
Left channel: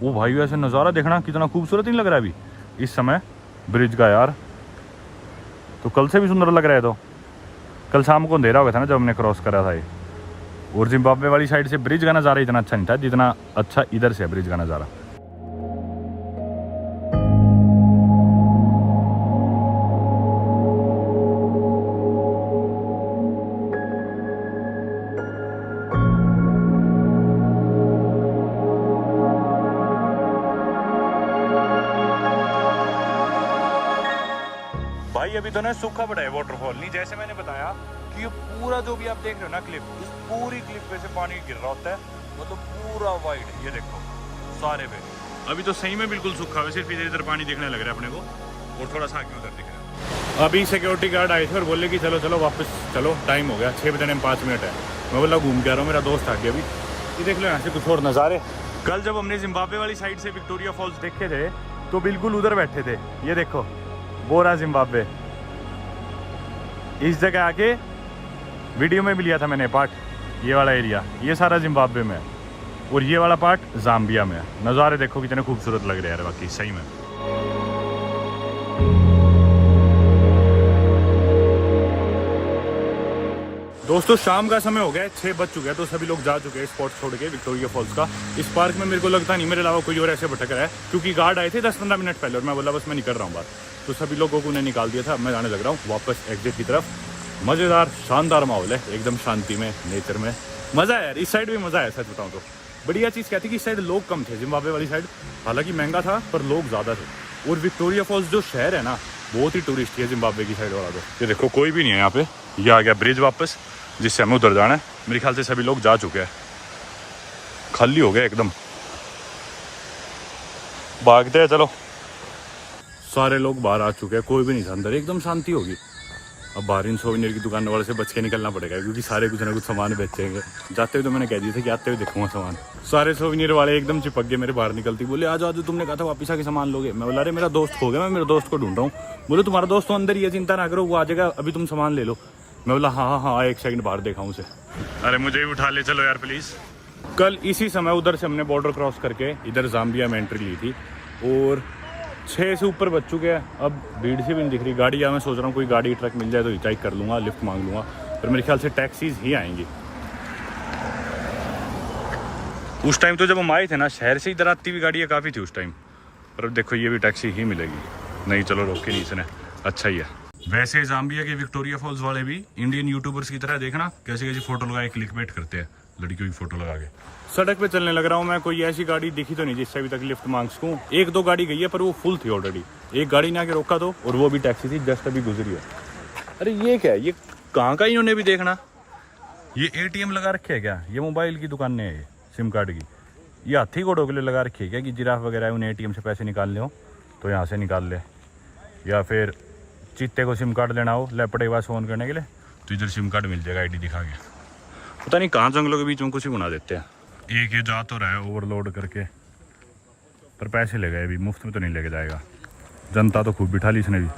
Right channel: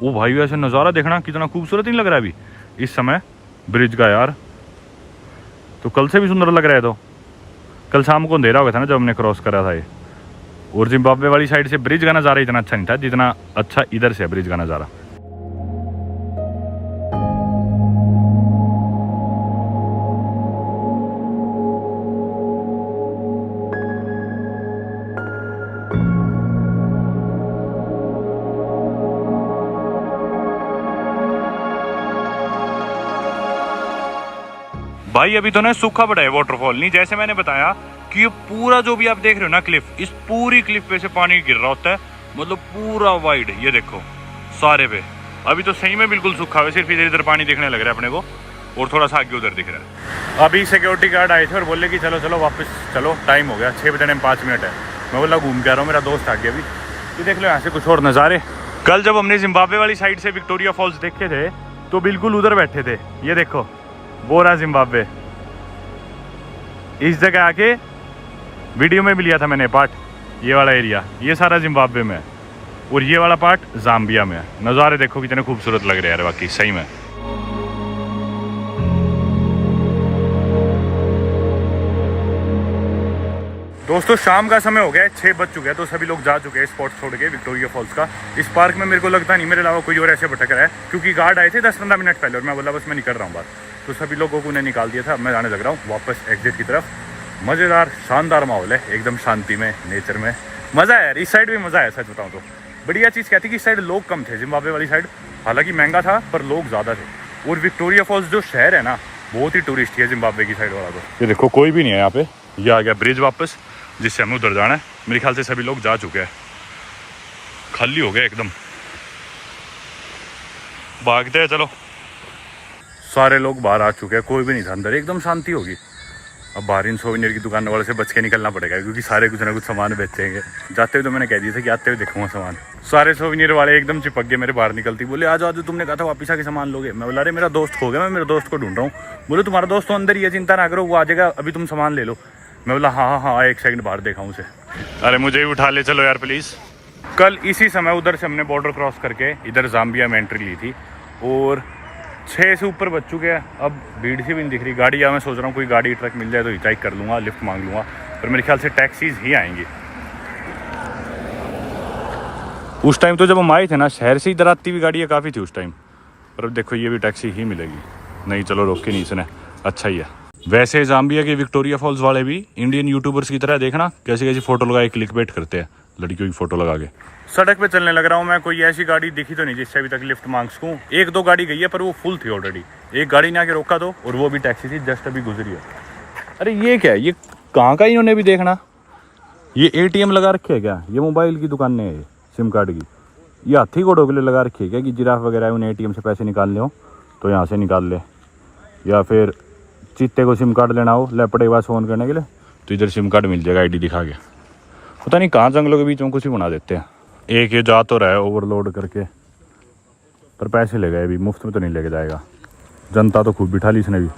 वो भाई ऐसे नज़ारा देखना कितना खूबसूरत नहीं लग रहा है अभी इस समय ब्रिज का यार। तो कल से भी सुंदर लग रहा है। तो कल शाम को अंधेरा हो गया था ना जब हमने क्रॉस करा था ये। और जिम्बाब्वे वाली साइड से ब्रिज का नज़ारा इतना अच्छा नहीं था जितना अच्छा इधर से है ब्रिज का नज़ारा। भाई अभी तो ना सूखा पड़ा है वाटरफॉल, नहीं जैसे मैंने बताया कि ये पूरा जो भी आप देख रहे हो ना क्लिफ, इस पूरी क्लिफ पे से पानी गिर रहा होता है, मतलब पूरा वाइड। ये देखो सारे पे अभी तो सही में बिल्कुल सूखा है, सिर्फ इधर इधर पानी दिखने लग रहा है अपने को और थोड़ा सा आगे उधर दिख रहा है। अभी सिक्योरिटी गार्ड आए थे और बोले कि चलो चलो वापस चलो, टाइम हो गया 6 बजने में 5 मिनट है। मैं बोला घूम के आ रहा हूँ, मेरा दोस्त आ गया अभी। ये देख लो यहाँ से कुछ और नज़ारे। कल जब हमने जिम्बाब्वे वाली साइड से विक्टोरिया फॉल्स देखे थे तो बिल्कुल उधर बैठे थे। ये देखो वो रहा जिम्बाब्वे। इस जगह आके वीडियो में भी लिया था मैंने पार्ट, ये वाला एरिया ये सारा जिम्बाब्वे में है और ये वाला पार्ट जाम्बिया में है। नज़ारे देखो कितने खूबसूरत लग रहे हैं यार बाकी सही में। दोस्तों शाम का समय हो गया है, 6 बज चुके हैं तो सभी लोग जा चुके हैं स्पॉट छोड़ के विक्टोरिया फॉल्स का। इस पार्क में मेरे को लगता नहीं मेरे अलावा कोई और ऐसे भटक रहा है क्योंकि गार्ड आए थे 10-15 मिनट पहले और मैं बोला बस मैं निकल रहा हूँ बाहर। तो सभी लोगों को उन्हें निकाल दिया था। मैं जाने लग रहा हूँ वापस एग्जिट की तरफ। मज़ेदार शानदार माहौल है एकदम, शांति में, नेचर में मज़ा है यार। इस साइड भी मज़ा है सच बताऊँ तो। बढ़िया चीज़ क्या थी कि इस साइड लोग कम थे, जिम्बाब्वे वाली साइड हालांकि महंगा था पर लोग ज़्यादा थे। और विक्टोरिया फॉल्स जो शहर है ना बहुत ही टूरिस्ट है जिम्बाब्वे की साइड वाला। तो ये देखो कोई भी नहीं है यहाँ पे। ये आ गया ब्रिज वापस जिससे हमें उधर जाना है। मेरे ख्याल से सभी लोग जा चुके हैं, खाली हो गया एकदम। भागते हैं चलो। सारे लोग बाहर आ चुके हैं, कोई भी नहीं था अंदर, एकदम शांति होगी। अब बाहर इन सोवेनियर की दुकान वाले से बच के निकलना पड़ेगा क्योंकि सारे कुछ ना कुछ सामान बेचेंगे। जाते हुए तो मैंने कह दिया था कि आते हुए देखूंगा सामान। सारे सोवेनियर वाले एकदम चिपक गए मेरे बाहर निकलती, बोले आज आज तुमने कहा था वापस आके सामान लोगे। मैं बोला अरे मेरा दोस्त खो गया, मैं मेरे दोस्त को ढूंढ रहा हूँ। बोले तुम्हारा दोस्त तो अंदर ही है, चिंता ना करो वो आ जाएगा, अभी तुम सामान ले लो। मैं बोला हाँ हाँ एक सेकंड बाहर देखा उसे। अरे मुझे ही उठा ले चलो यार प्लीज़। कल इसी समय उधर से हमने बॉर्डर क्रॉस करके इधर जाम्बिया में एंट्री ली थी और 6 से ऊपर बज चुके हैं। अब भीड़ सी भी नहीं दिख रही। गाड़ी या मैं सोच रहा हूँ कोई गाड़ी ट्रक मिल जाए तो हिचाइक कर लूँगा, लिफ्ट मांग लूँगा, पर मेरे ख्याल से टैक्सीज ही आएंगी। उस टाइम तो जब हम आए थे ना शहर से इधर आती हुई गाड़ियाँ काफ़ी थी उस टाइम, पर अब देखो ये भी टैक्सी ही मिलेगी। नहीं चलो रोक के नहीं सुने, अच्छा ही है। वैसे जाम्बिया के विक्टोरिया फॉल्स वाले भी इंडियन यूट्यूबर्स की तरह देखना कैसी कैसी फोटो लगाए क्लिकबेट करते हैं लड़कियों की फोटो लगा के। सड़क पे चलने लग रहा हूँ मैं, कोई ऐसी गाड़ी दिखी तो नहीं जिससे अभी तक लिफ्ट मांग सकूँ। 1-2 गाड़ी गई है पर वो फुल थी ऑलरेडी। एक गाड़ी ने आके रोका तो, और वो भी टैक्सी थी, जस्ट अभी गुजरी है। अरे ये क्या है, ये कहाँ का इन्होंने भी देखना। ये ATM लगा रखे है क्या? ये मोबाइल की दुकान है सिम कार्ड की। ये हाथी घोड़ों के लिए लगा रखी है क्या कि जिराफ वगैरह है उन्हें ATM से पैसे निकालने हो तो यहाँ से निकाल ले, या फिर चीते को सिम कार्ड लेना हो लेपड़े के पास फ़ोन करने के लिए तो इधर सिम कार्ड मिल जाएगा ID दिखा के। पता नहीं कहाँ जंगलों के बीच में कुछ ही बना देते हैं। एक ये जा तो रहा है ओवरलोड करके, पर पैसे ले गए अभी, मुफ्त में तो नहीं लेके जाएगा। जनता तो खूब बिठा ली इसने भी।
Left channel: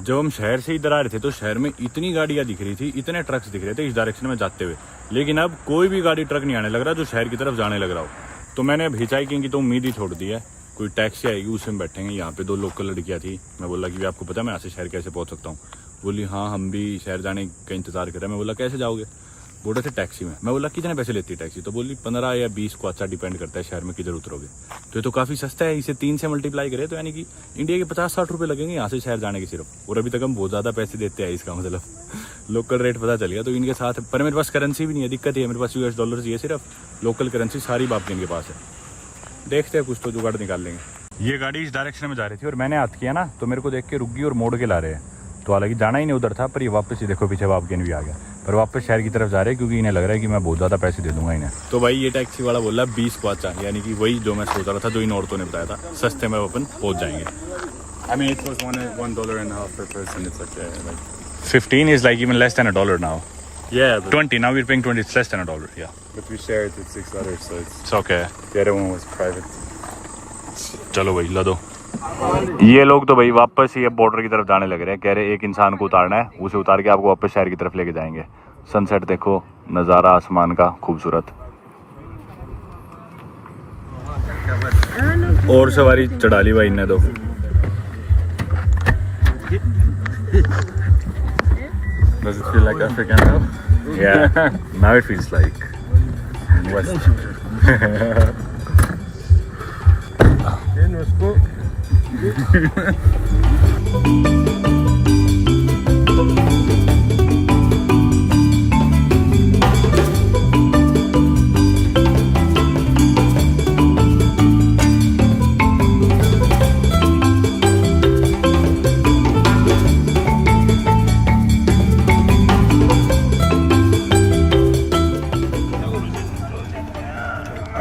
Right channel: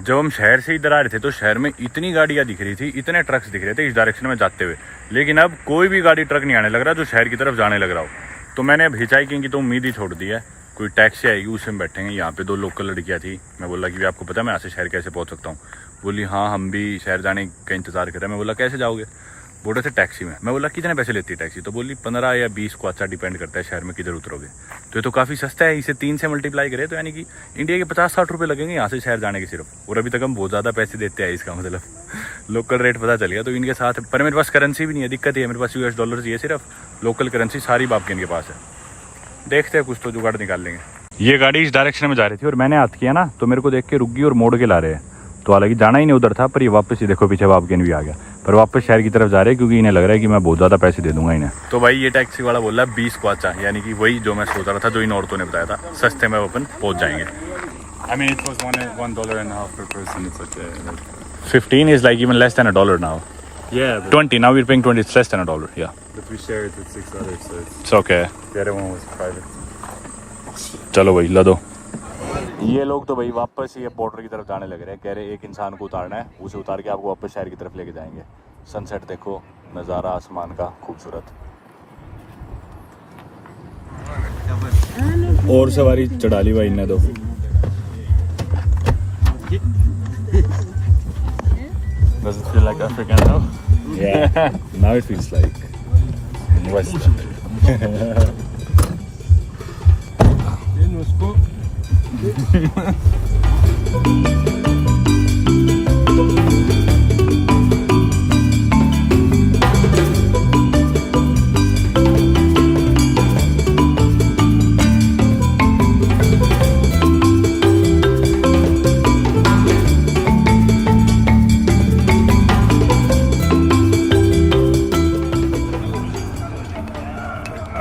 जब हम शहर से इधर आ रहे थे तो शहर में इतनी गाड़ियाँ दिख रही थी, इतने ट्रक्स दिख रहे थे इस डायरेक्शन में जाते हुए, लेकिन अब कोई भी गाड़ी ट्रक नहीं आने लग रहा जो शहर की तरफ जाने लग रहा हो। तो मैंने अब हिचाइकिंग की तो उम्मीद ही छोड़ दी है। कोई टैक्सी आएगी उसमें बैठेंगे। यहाँ पे 2 लोकल लड़कियाँ थी। मैं बोला कि आपको पता है मैं यहाँ से शहर कैसे पहुँच सकता हूँ? बोली हाँ हम भी शहर जाने का इंतज़ार कर रहे हैं। मैं बोला कैसे जाओगे? बोल रहे थे टैक्सी में। मैं बोला कितने पैसे लेती है टैक्सी? तो बोली 15 या 20 को, अच्छा डिपेंड करता है शहर में किधर उतरोगे। तो ये तो काफ़ी सस्ता है, इसे 3 से मल्टीप्लाई करें तो यानी कि इंडिया के 50-60 रुपये लगेंगे यहाँ से शहर जाने के सिर्फ। और अभी तक हम बहुत ज़्यादा पैसे देते हैं इसका मतलब लोकल रेट पता चल गया। तो इनके साथ, पर मेरे पास करेंसी भी नहीं है, दिक्कत ही है। मेरे पास US डॉलर चाहिए सिर्फ, लोकल करेंसी सारी बाप के इनके पास है। देखते हैं कुछ तो जुगाड़ निकाल लेंगे। ये गाड़ी इस डायरेक्शन में जा रही थी और मैंने हाथ किया ना तो मेरे को देख के रुक गई और मोड़ के ला रहे हैं। तो हालांकि जाना ही नहीं उधर था, पर ये वापस ही देखो पीछे बापगेन भी आ गया, पर वापस शहर की तरफ जा रहे हैं क्योंकि इन्हें लग रहा है कि मैं बहुत ज़्यादा पैसे दे दूंगा इन्हें। तो भाई ये टैक्सी वाला बोल रहा है 20 को, अच्छा यानी कि वही जो मैं सोच रहा था, जो इन औरतों ने बताया था, सस्ते में अपन पहुँच जाएंगे। I mean, it was $1.50 per person. It's okay. Like, 15 is like even less than $1 now. yeah, but 20, now we're paying 20, it's less than $1. Yeah. we shared with 6 others, so It's okay. the other one was private. चलो भाई ला दो। ये लोग तो भाई वापस ही अब border की तरफ जाने लग रहे हैं। कह रहे एक इंसान को उतारना है, उसे उतार के आपको वापस शहर की तरफ लेके जाएंगे। सनसेट देखो, नज़ारा आसमान का खूबसूरत। और सवारी चढ़ा ली भाई ने तो। Does it feel like African now? Yeah, now it feels like West.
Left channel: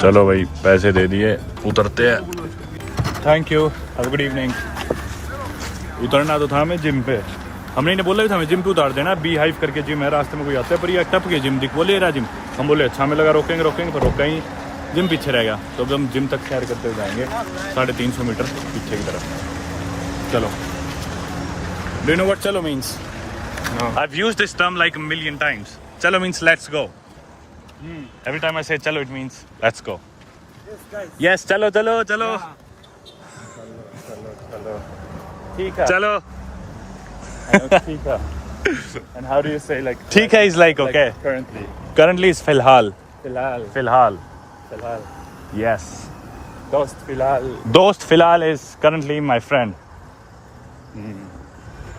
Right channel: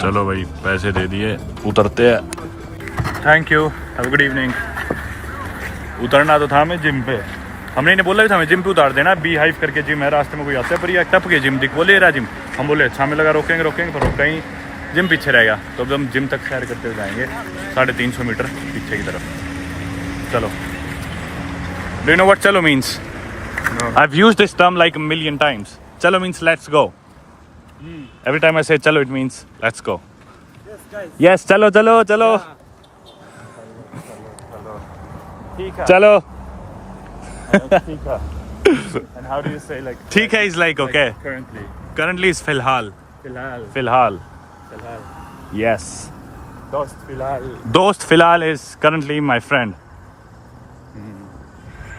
चलो भाई पैसे दे दिए, उतरते हैं। Thank you, have a good evening. उतरना तो था हमें जिम पे, हमने इन्हें बोला भी था हमें जिम पे उतार देना। बी हाइव करके जिम है, रास्ते में कोई आता है पर ये टप के जिम दिख बोले रहा जिम। हम बोले अच्छा, हमें लगा रोकेंगे पर रोका ही, जिम पीछे रहेगा। तो अब हम जिम तक सैर करते हुए जाएंगे 350 मीटर पीछे की तरफ। चलो, डू यू नो व्हाट चलो means? I have used this term like a million times. चलो means let's go. Every time I say chalo, it means let's go. Yes, guys. Yes, chalo, chalo, chalo. Chalo. And how do you say like ठीक है is like okay. currently? Currently is फिलहाल. Filal. फिलहाल. Filal. Yes. Dost filal. दोस्त फिलहाल is currently my friend.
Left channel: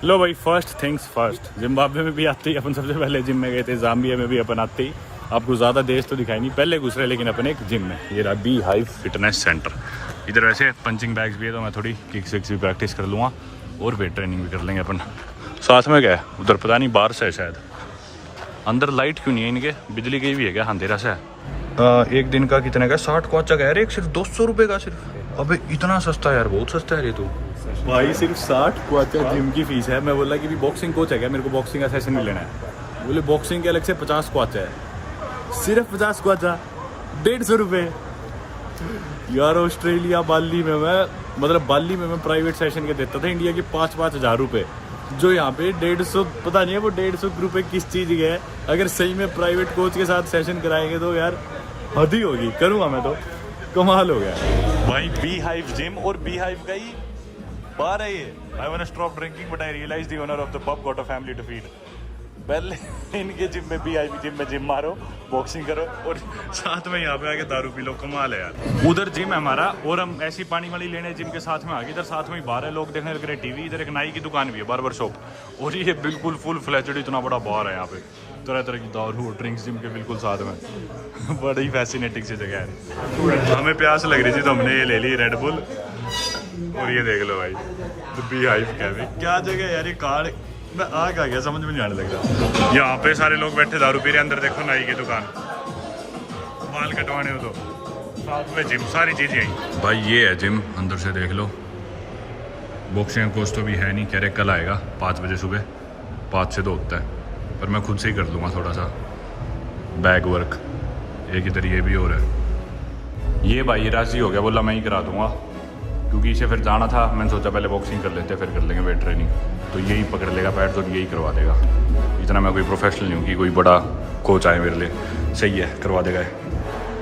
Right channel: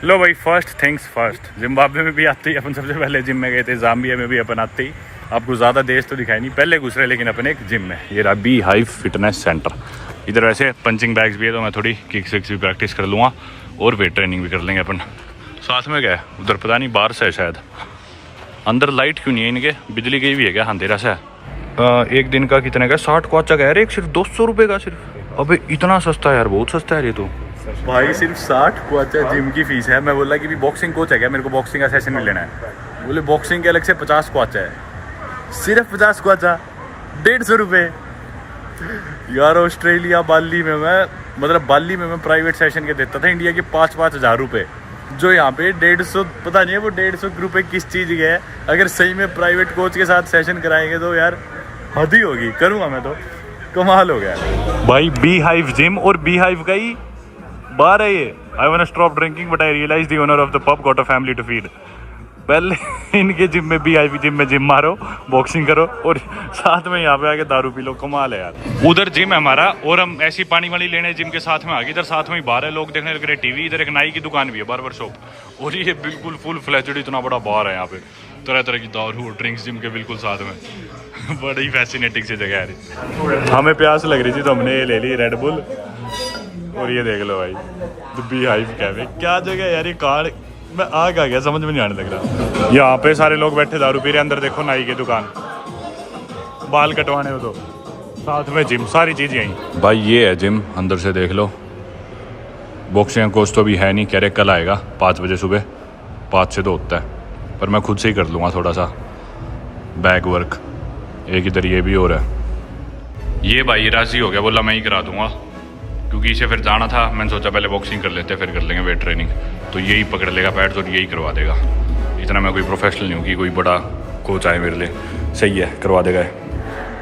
लो भाई, first things first. Zimbabwe में भी आते ही अपन सबसे पहले जिम में गए थे, जाम्बिया में भी अपन आते ही। आपको ज़्यादा देश तो दिखाई नहीं, पहले घुस रहे लेकिन अपन एक जिम में। ये रहा बी हाइव फिटनेस सेंटर। इधर वैसे पंचिंग बैग्स भी है, तो मैं थोड़ी किक्स विक्स भी प्रैक्टिस कर लूँगा और वेट ट्रेनिंग भी कर लेंगे अपन। साथ में क्या है उधर, पता नहीं बाहर से है शायद। अंदर लाइट क्यों नहीं है इनके, बिजली गई भी है क्या? अंधेरा सा है। एक दिन का कितने का? 60 क्वाचा का यार, एक सिर्फ 200 रुपये का सिर्फ। अबे इतना सस्ता है यार, बहुत सस्ता है ये तो भाई। सिर्फ 60 क्वाचा जिम की फीस है। मैं बोला कि भी बॉक्सिंग कोच है क्या, मेरे को बॉक्सिंग का सेशन में लेना है। बोले बॉक्सिंग के अलग से 50 क्वाचा है। सिर्फ 50 क्वाचा, 150 रुपये यार। ऑस्ट्रेलिया बाली में बाली में मैं प्राइवेट सेशन के देता था इंडिया के 5-5 हज़ार रुपये, जो यहाँ पे 150, पता नहीं है वो 150 रुपये किस चीज़ के है। अगर सही में प्राइवेट कोच के साथ सेशन कराएंगे तो यार हद ही होगी, करूँगा मैं तो, कमाल हो गया भाई। बी हाइव जिम और बी हाइव का ही बार है ये। I want to stop drinking but I realize the owner of the pub got a family to feed. पहले इनके जिम में बी हाइव जिम में जिम मारो, बॉक्सिंग करो और साथ में यहाँ पे आके दारू पी लो, कमाल है यार। उधर जिम है हमारा और हम ऐसी पानी वाली लेने जिम के साथ में आ गए। इधर साथ में ही बार है, लोग देखने लग रहे टीवी। इधर एक नाई की दुकान भी है, बार्बर शॉप। और ये बिल्कुल फुल फ्लैचड इतना बड़ा बार है यहाँ पे, तरह तरह की दारू और ड्रिंक्स जिम के बिल्कुल साथ में। बड़ी फैसिनेटिंग सी जगह है। हमें प्यास लग रही थी तो हमने ये ले ली रेड बुल। और ये देख लो भाई, द बी हाइव कैफे। क्या जगह है यार, ये कार्ड मैं आ गया, समझ में नहीं आने लग रहा। यहाँ पे सारे लोग बैठे दारू पी रहे। अंदर देखो नाई की दुकान, बाल कटवाने हो तो, साथ में जिम, सारी चीज़ यहीं भाई। ये है जिम, अंदर से देख लो। बॉक्सिंग कोच तो भी है नहीं, कह रहे कल आएगा 5 बजे सुबह, 5 से 2 होता है। पर मैं खुद से ही कर लूँगा थोड़ा सा बैक वर्क। एक इधर ये भी हो रहा है। ये भाई राजी हो गया, बोला मैं ही करा दूँगा, क्योंकि इसे फिर जाना था। मैंने सोचा पहले बॉक्सिंग कर लेते हैं, फिर कर लेंगे वेट ट्रेनिंग। तो यही पकड़ लेगा पैड, तो यही करवा देगा। इतना मैं कोई प्रोफेशनल नहीं हूँ कि कोई बड़ा कोच आए मेरे लिए। सही है, करवा देगा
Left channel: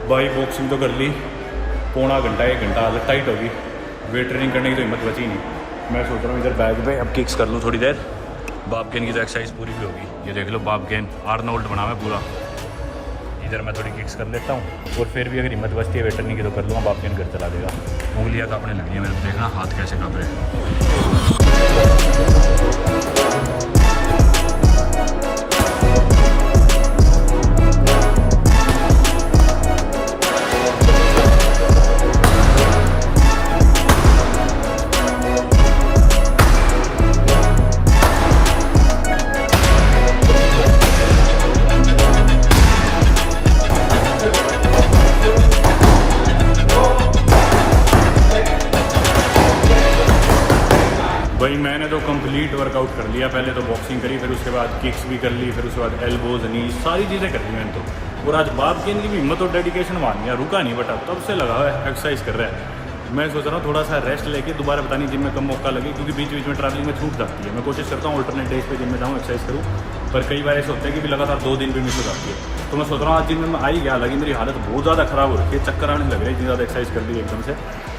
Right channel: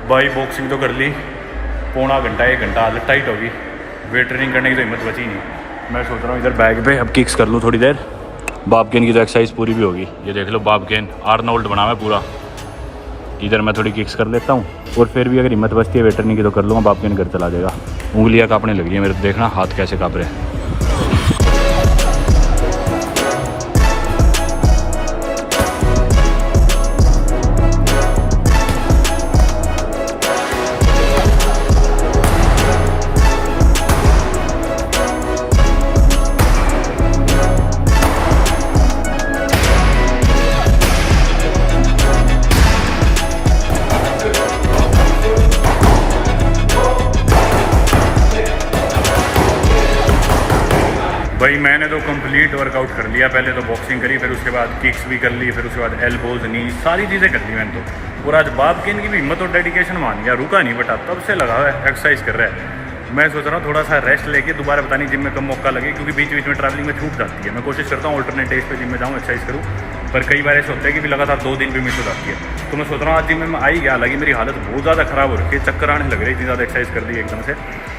भाई। बॉक्सिंग तो कर ली, पौना घंटा 1 घंटा आदत टाइट होगी। वेट ट्रेनिंग करने की तो हिम्मत बची नहीं। मैं सोच रहा हूँ इधर बैग पे अब किक्स कर लूँ थोड़ी देर। बाबकेन की तो एक्सरसाइज पूरी भी होगी। ये देख लो बाबकेन, आर्नोल्ड बना हुआ है पूरा। इधर मैं थोड़ी किक्स कर लेता हूँ और फिर भी अगर हिम्मत बचती है वेट ट्रेनिंग की तो कर लूँगा। बाबकेन घर चला जाएगा। उंगलियाँ काँपने लग रही है मेरे, देखना हाथ कैसे काँप रहे हैं। मैंने तो कंप्लीट वर्कआउट कर लिया। पहले तो बॉक्सिंग करी, फिर उसके बाद किक्स भी कर ली, फिर उसके बाद एल्बोज, नी, सारी चीज़ें कर ली मैंने तो। और आज बाप के इनकी भी हिम्मत और डेडिकेशन मान गया, रुका नहीं बटा, तब से लगा हुआ है, एक्सरसाइज कर रहा है। मैं सोच रहा हूँ थोड़ा सा रेस्ट लेके दोबारा पता नहीं जिम में कम मौका लगे, क्योंकि बीच बीच में ट्रैवलिंग में छूट जाती है। मैं कोशिश करता हूँ अल्टरनेट डेज पे जिम में जाऊँ, एक्सरसाइज करूँ, पर कई बार ऐसा होता है कि भी लगातार 2 दिन भी मिस हो जाती है। तो मैं सोच रहा हूँ आज जिम में मैं आई गया, हालांकि मेरी हालत बहुत ज़्यादा ख़राब हो रही है, चक्कर आने लग रही है, इतनी ज़्यादा एक्सरसाइज कर ली एकदम से।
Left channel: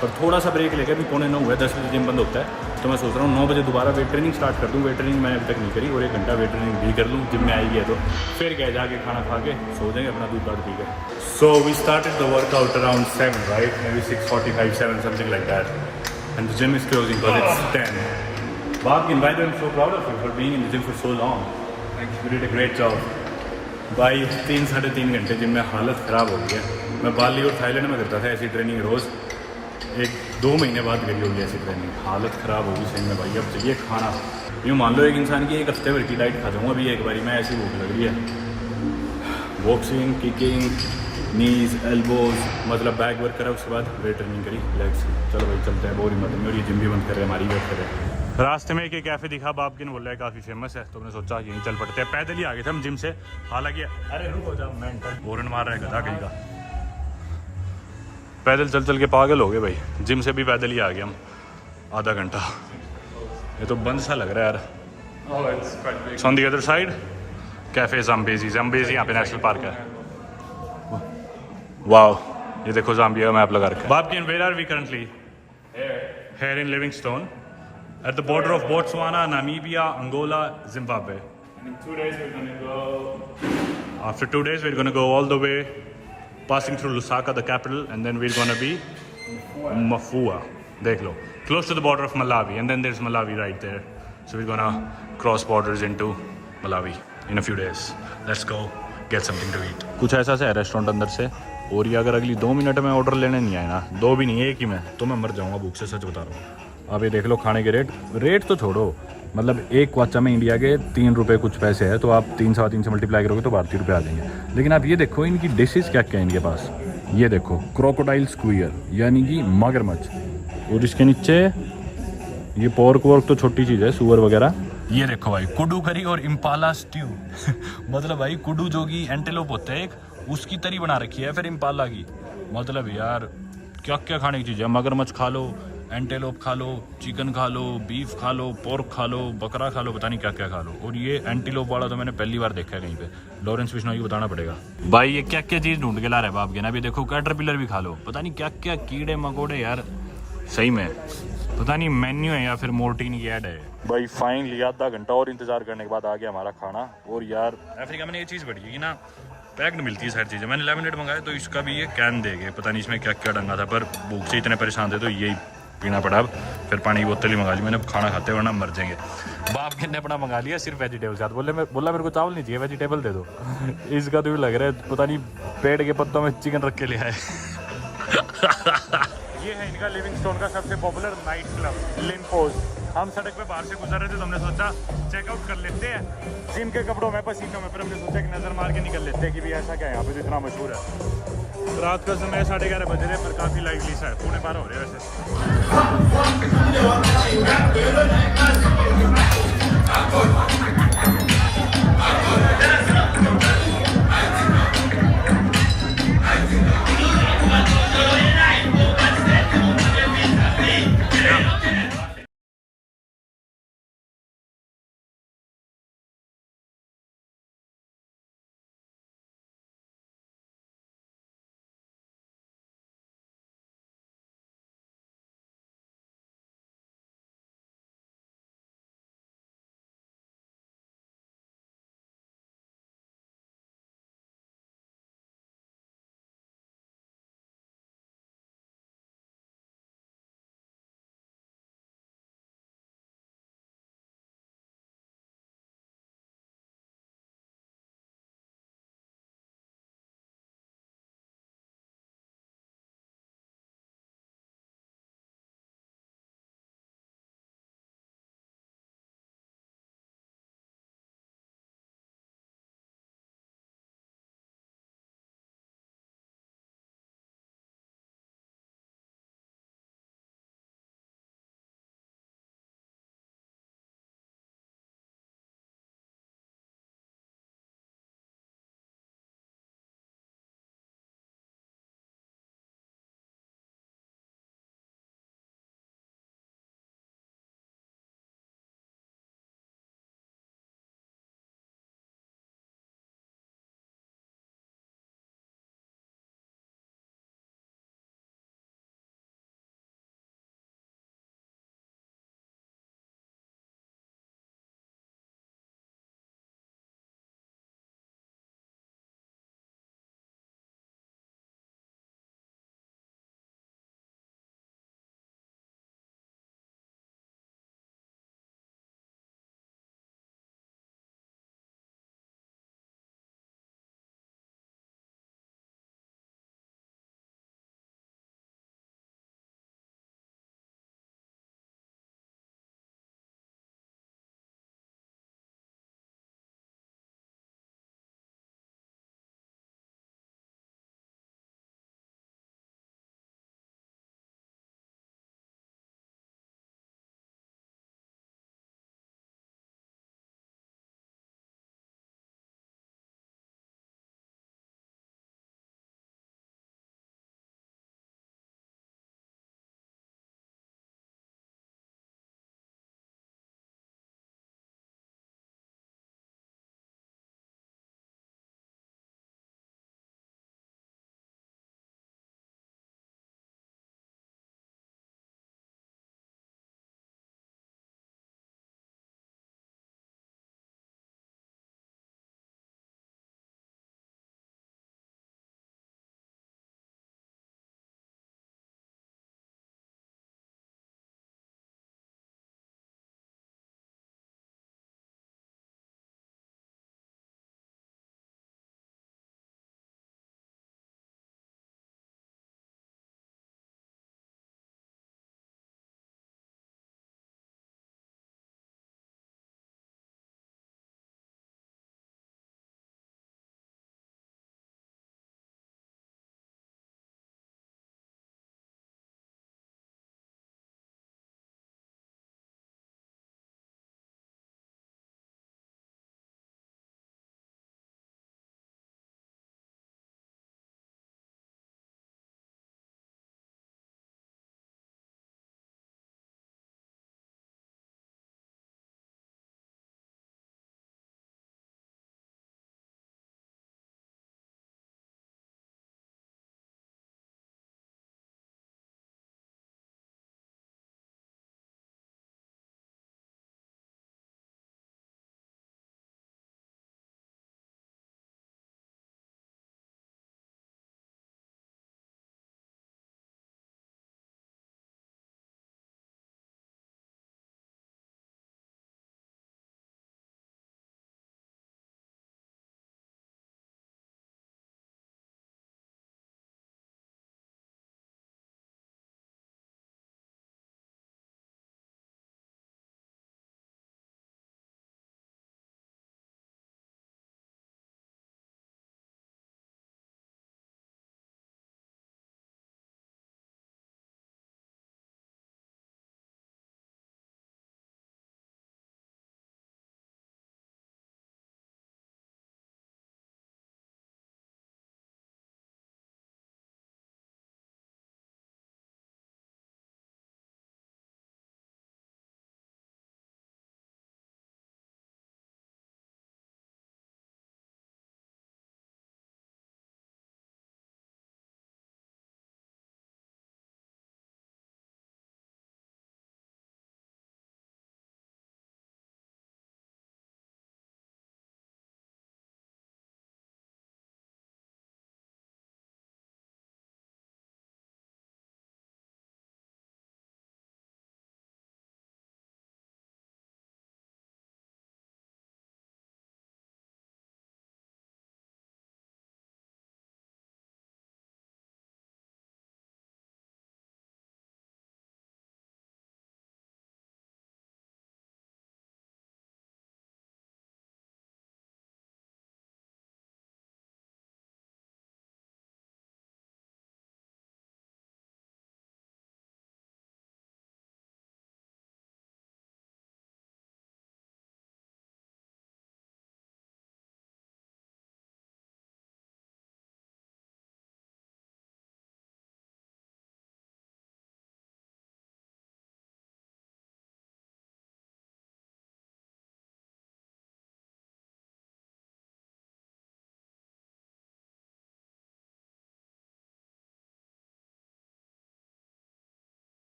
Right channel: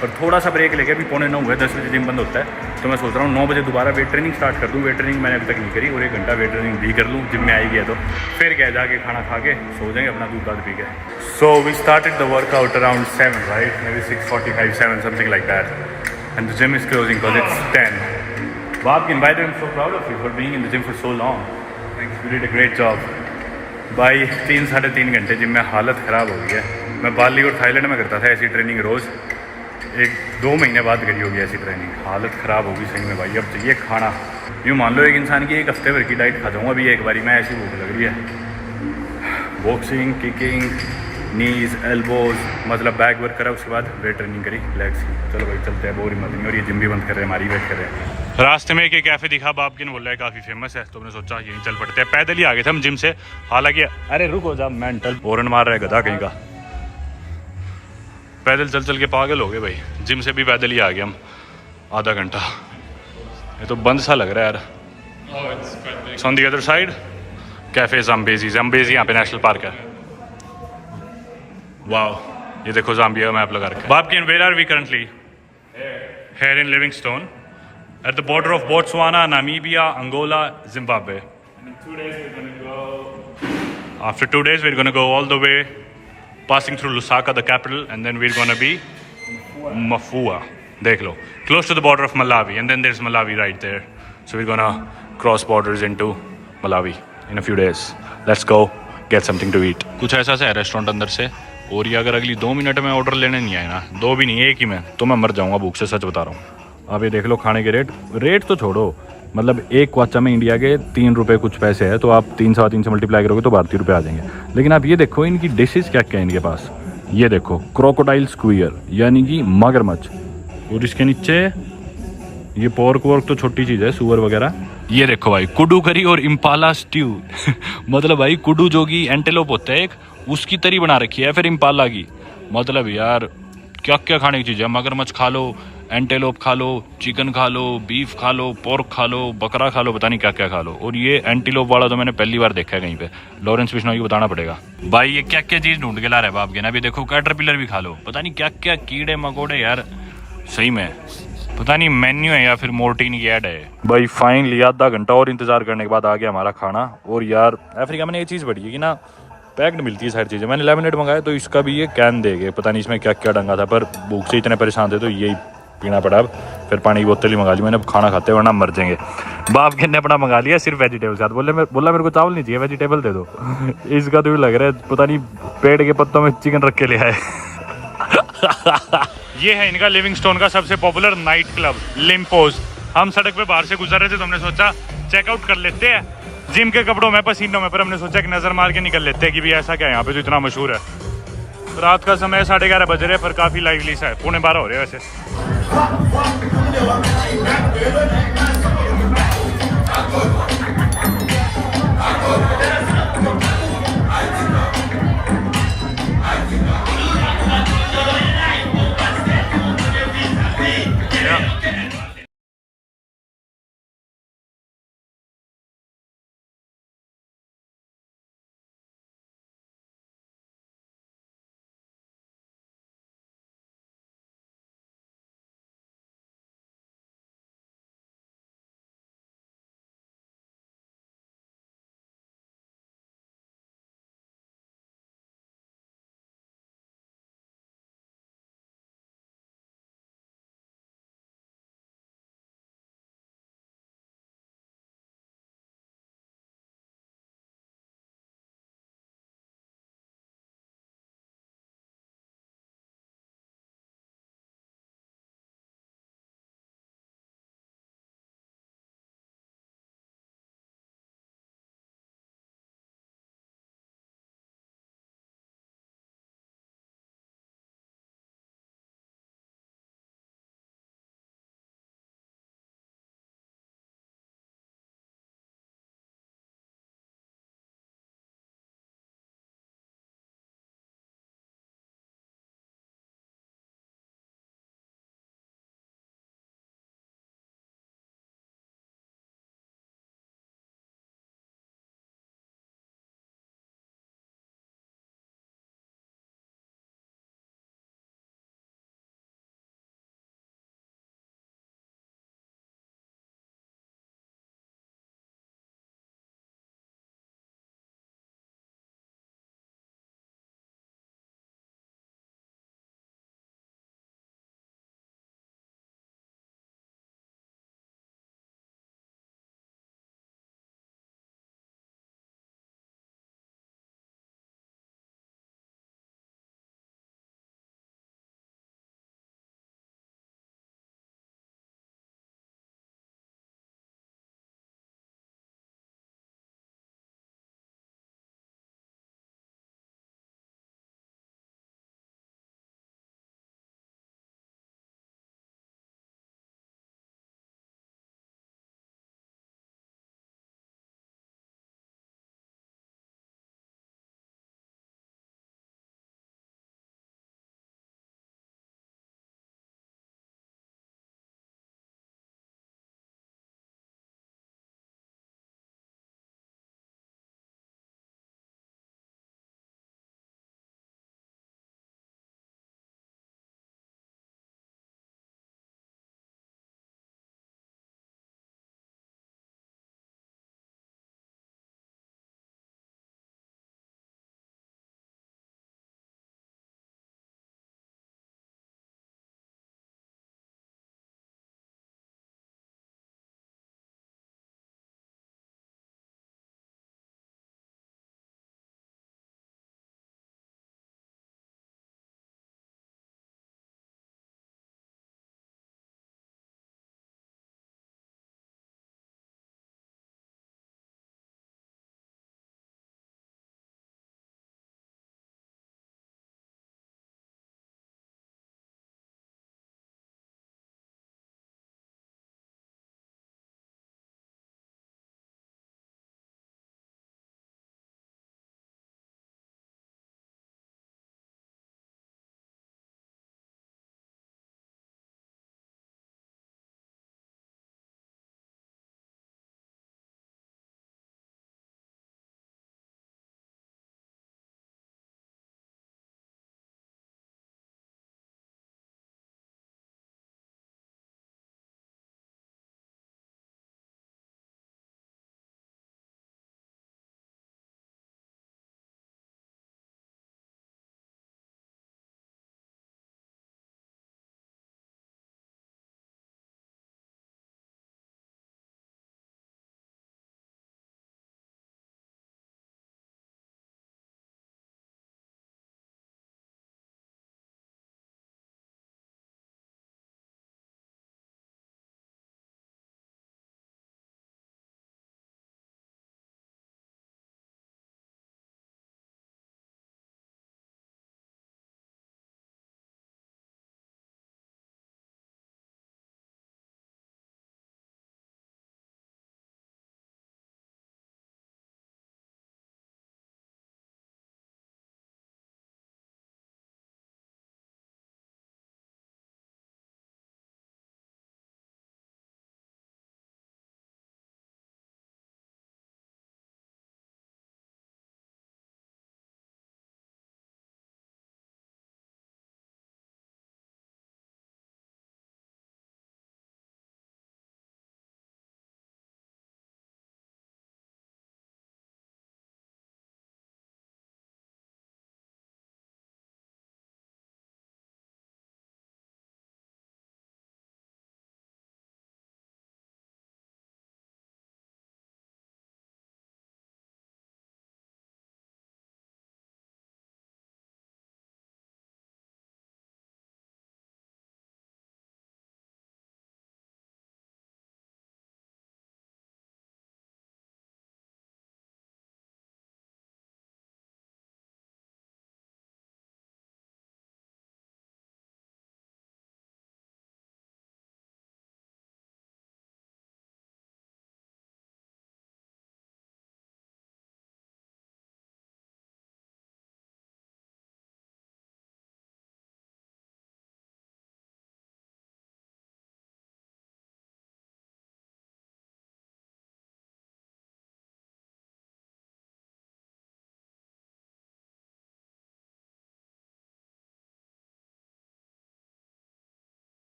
पर थोड़ा सा ब्रेक लेके, अभी 8:45 हुआ है, 10 बजे जिम बंद होता है, तो मैं सोच रहा हूँ 9 बजे दोबारा वेट ट्रेनिंग स्टार्ट कर दूँ। वेट ट्रेनिंग मैंने अभी तक नहीं करी, और 1 घंटा वेट ट्रेनिंग भी कर लूँ जिम में आई गया तो। फिर क्या, जाके खाना खा के सो जाएंगे, अपना दूध दाद पी के। So we started the workout around 7, right, maybe 6:45, 7, something like that, and the gym is closing because it's 10. Babkin, by the way, I'm so proud of you for being in the gym for so long. You did a great job. भाई 3-3.5 घंटे gym में हालत ख़राब हो गई है। मैं बाली और थाईलैंड में करता था ऐसी ट्रेनिंग रोज़, 1-2 महीने बाद करी होगी ऐसी ट्रेनिंग, हालत ख़राब होगी सही में भाई। अब चाहिए खाना, यूँ मान लो एक इंसान की 1 हफ्ते भर की डाइट खा जाऊँगा अभी एक बारी मैं, ऐसी भूख लग रही है। बॉक्सिंग, किकिंग, नीज, एल्बोज, मतलब बैक वर्क करा, उसके बाद वेट ट्रेनिंग करी, लेग्स की। चलो भाई चलते हैं, बोर हिम्मत नहीं, और ये जिम भी बंद कर रहे हैं, हमारी वेट कर रहे हैं। रास्ते में एक कैफ़े दिखा, बापकिन बोल रहा है काफ़ी फेमस है, तो हमने सोचा यहीं चल पड़ते हैं। पैदल ही आ गए थे हम जिम से, हालांकि अरे रुको जा, मेंटल हॉर्न मार रहा है गधा कहीं का। पैदल चल चल के पागल हो गए भाई, जिम से भी पैदल ही आ गए हम, आधा घंटा। ये तो बंद सा लग रहा है यार। On the other side cafe Zambezi, Zambezi यहाँ पे नेशनल पार्क है। वाओ, ये देखो ज़ाम्बिया मैप लगा रखा है। Babken, where are we currently? Here in Livingstone, at the border of Botswana, Namibia, Angola, Zimbabwe. And in 2 days we're going to go. After 2 days, we're going to go all the way, passing through Lusaka, the capital, and then we're going to be Mafua. Dekh lo, close to the border of Malawi, and then there's Malawi right there. So we're going to cross borders into Malawi in a few days. Let's go get something to eat. कुछ ऐसा सा है restaurant अंदर से, और ये अगर अगली 2 मिनट में ऑर्डर लेने नहीं आए ना, 2 भी नहीं 1 ही में, तो मैं मर जाऊंगा भूख से, सच बता रहा हूँ। आप ये देख लो खाने के रेट तो छोड़ो, मतलब एक क्वाचा में इंडिया के 3 रुपये कुछ पैसे है, तो आप 3-3.25 से मल्टीप्लाई करोगे तो 32 रुपये आ जाएंगे। लेकिन आप ये देखो इनकी डिशेस क्या क्या है इनके पास। ये देखो क्रोकोडाइल स्क्वियर, यानी कि मगरमच्छ, और इसके नीचे ये पोर्क वोर्क तो छोटी चीज़ है, सुअर वगैरह। ये देखो भाई कुडू करी और इम्पाला स्ट्यू मतलब भाई कुडू जो कि एंटेलोप होता है एक, उसकी तरी बना रखी है, फिर इम्पाला की। मतलब यार क्या क्या खाने की चीज़ है, मगरमच्छ खा लो, एंटेलोप खा लो, चिकन खा लो, बीफ खा लो, पोर्क खा लो, बकरा खा लो, पता नहीं क्या क्या खा लो। और ये एंटीलोप वाला तो मैंने पहली बार देखा है कहीं पे, लॉरेंस बिश्नोई को बताना पड़ेगा। भाई ये क्या क्या चीज़ ढूंढ के ला रहा है बाप के ना। अभी देखो कैटरपिलर भी खा लो, पता नहीं क्या क्या कीड़े मकोड़े यार, सही में पता नहीं मेन्यू है या फिर मोर्टीन की ऐड है। भाई फाइनली आधा घंटा और इंतजार करने के बाद आ गया हमारा खाना। और यार अफ्रीका में ये चीज़ बढ़ी है कि ना पैक्ड मिलती है सारी चीज़ें। मैंने लेमनेड मंगाया तो इसका भी ये कैन दे गए, पता नहीं इसमें क्या क्या डंगा था, पर भूख से इतने परेशान थे तो यही पीना पड़ा। अब फिर पानी की बोतल ही मंगा ली मैंने, अब खाना खाते वरना मर जाएंगे। बाप के ने अपना मंगा लिया सिर्फ वेजिटेबल साथ, बोला मेरे को चावल नहीं चाहिए, वेजिटेबल दे दो। इसका तो भी लग रहा है पता नहीं पेड़ के पत्तों में चिकन रख के ले आए। ये है इनका लिविंगस्टोन का सबसे पॉपुलर नाइट क्लब लिम्पोज। हम सड़क पे बाहर से गुजर रहे थे तो हमने सोचा चेकआउट कर लेते हैं, जिम के कपड़ों में पसीनों में, पर हमने सोचा कि नज़र मार के निकल लेते हैं कि भी ऐसा क्या है यहाँ पे जो इतना मशहूर है। रात का समय 11:30 बज रहे, पर काफ़ी लाइवली सा है, 11:15 हो रहे हैं वैसे।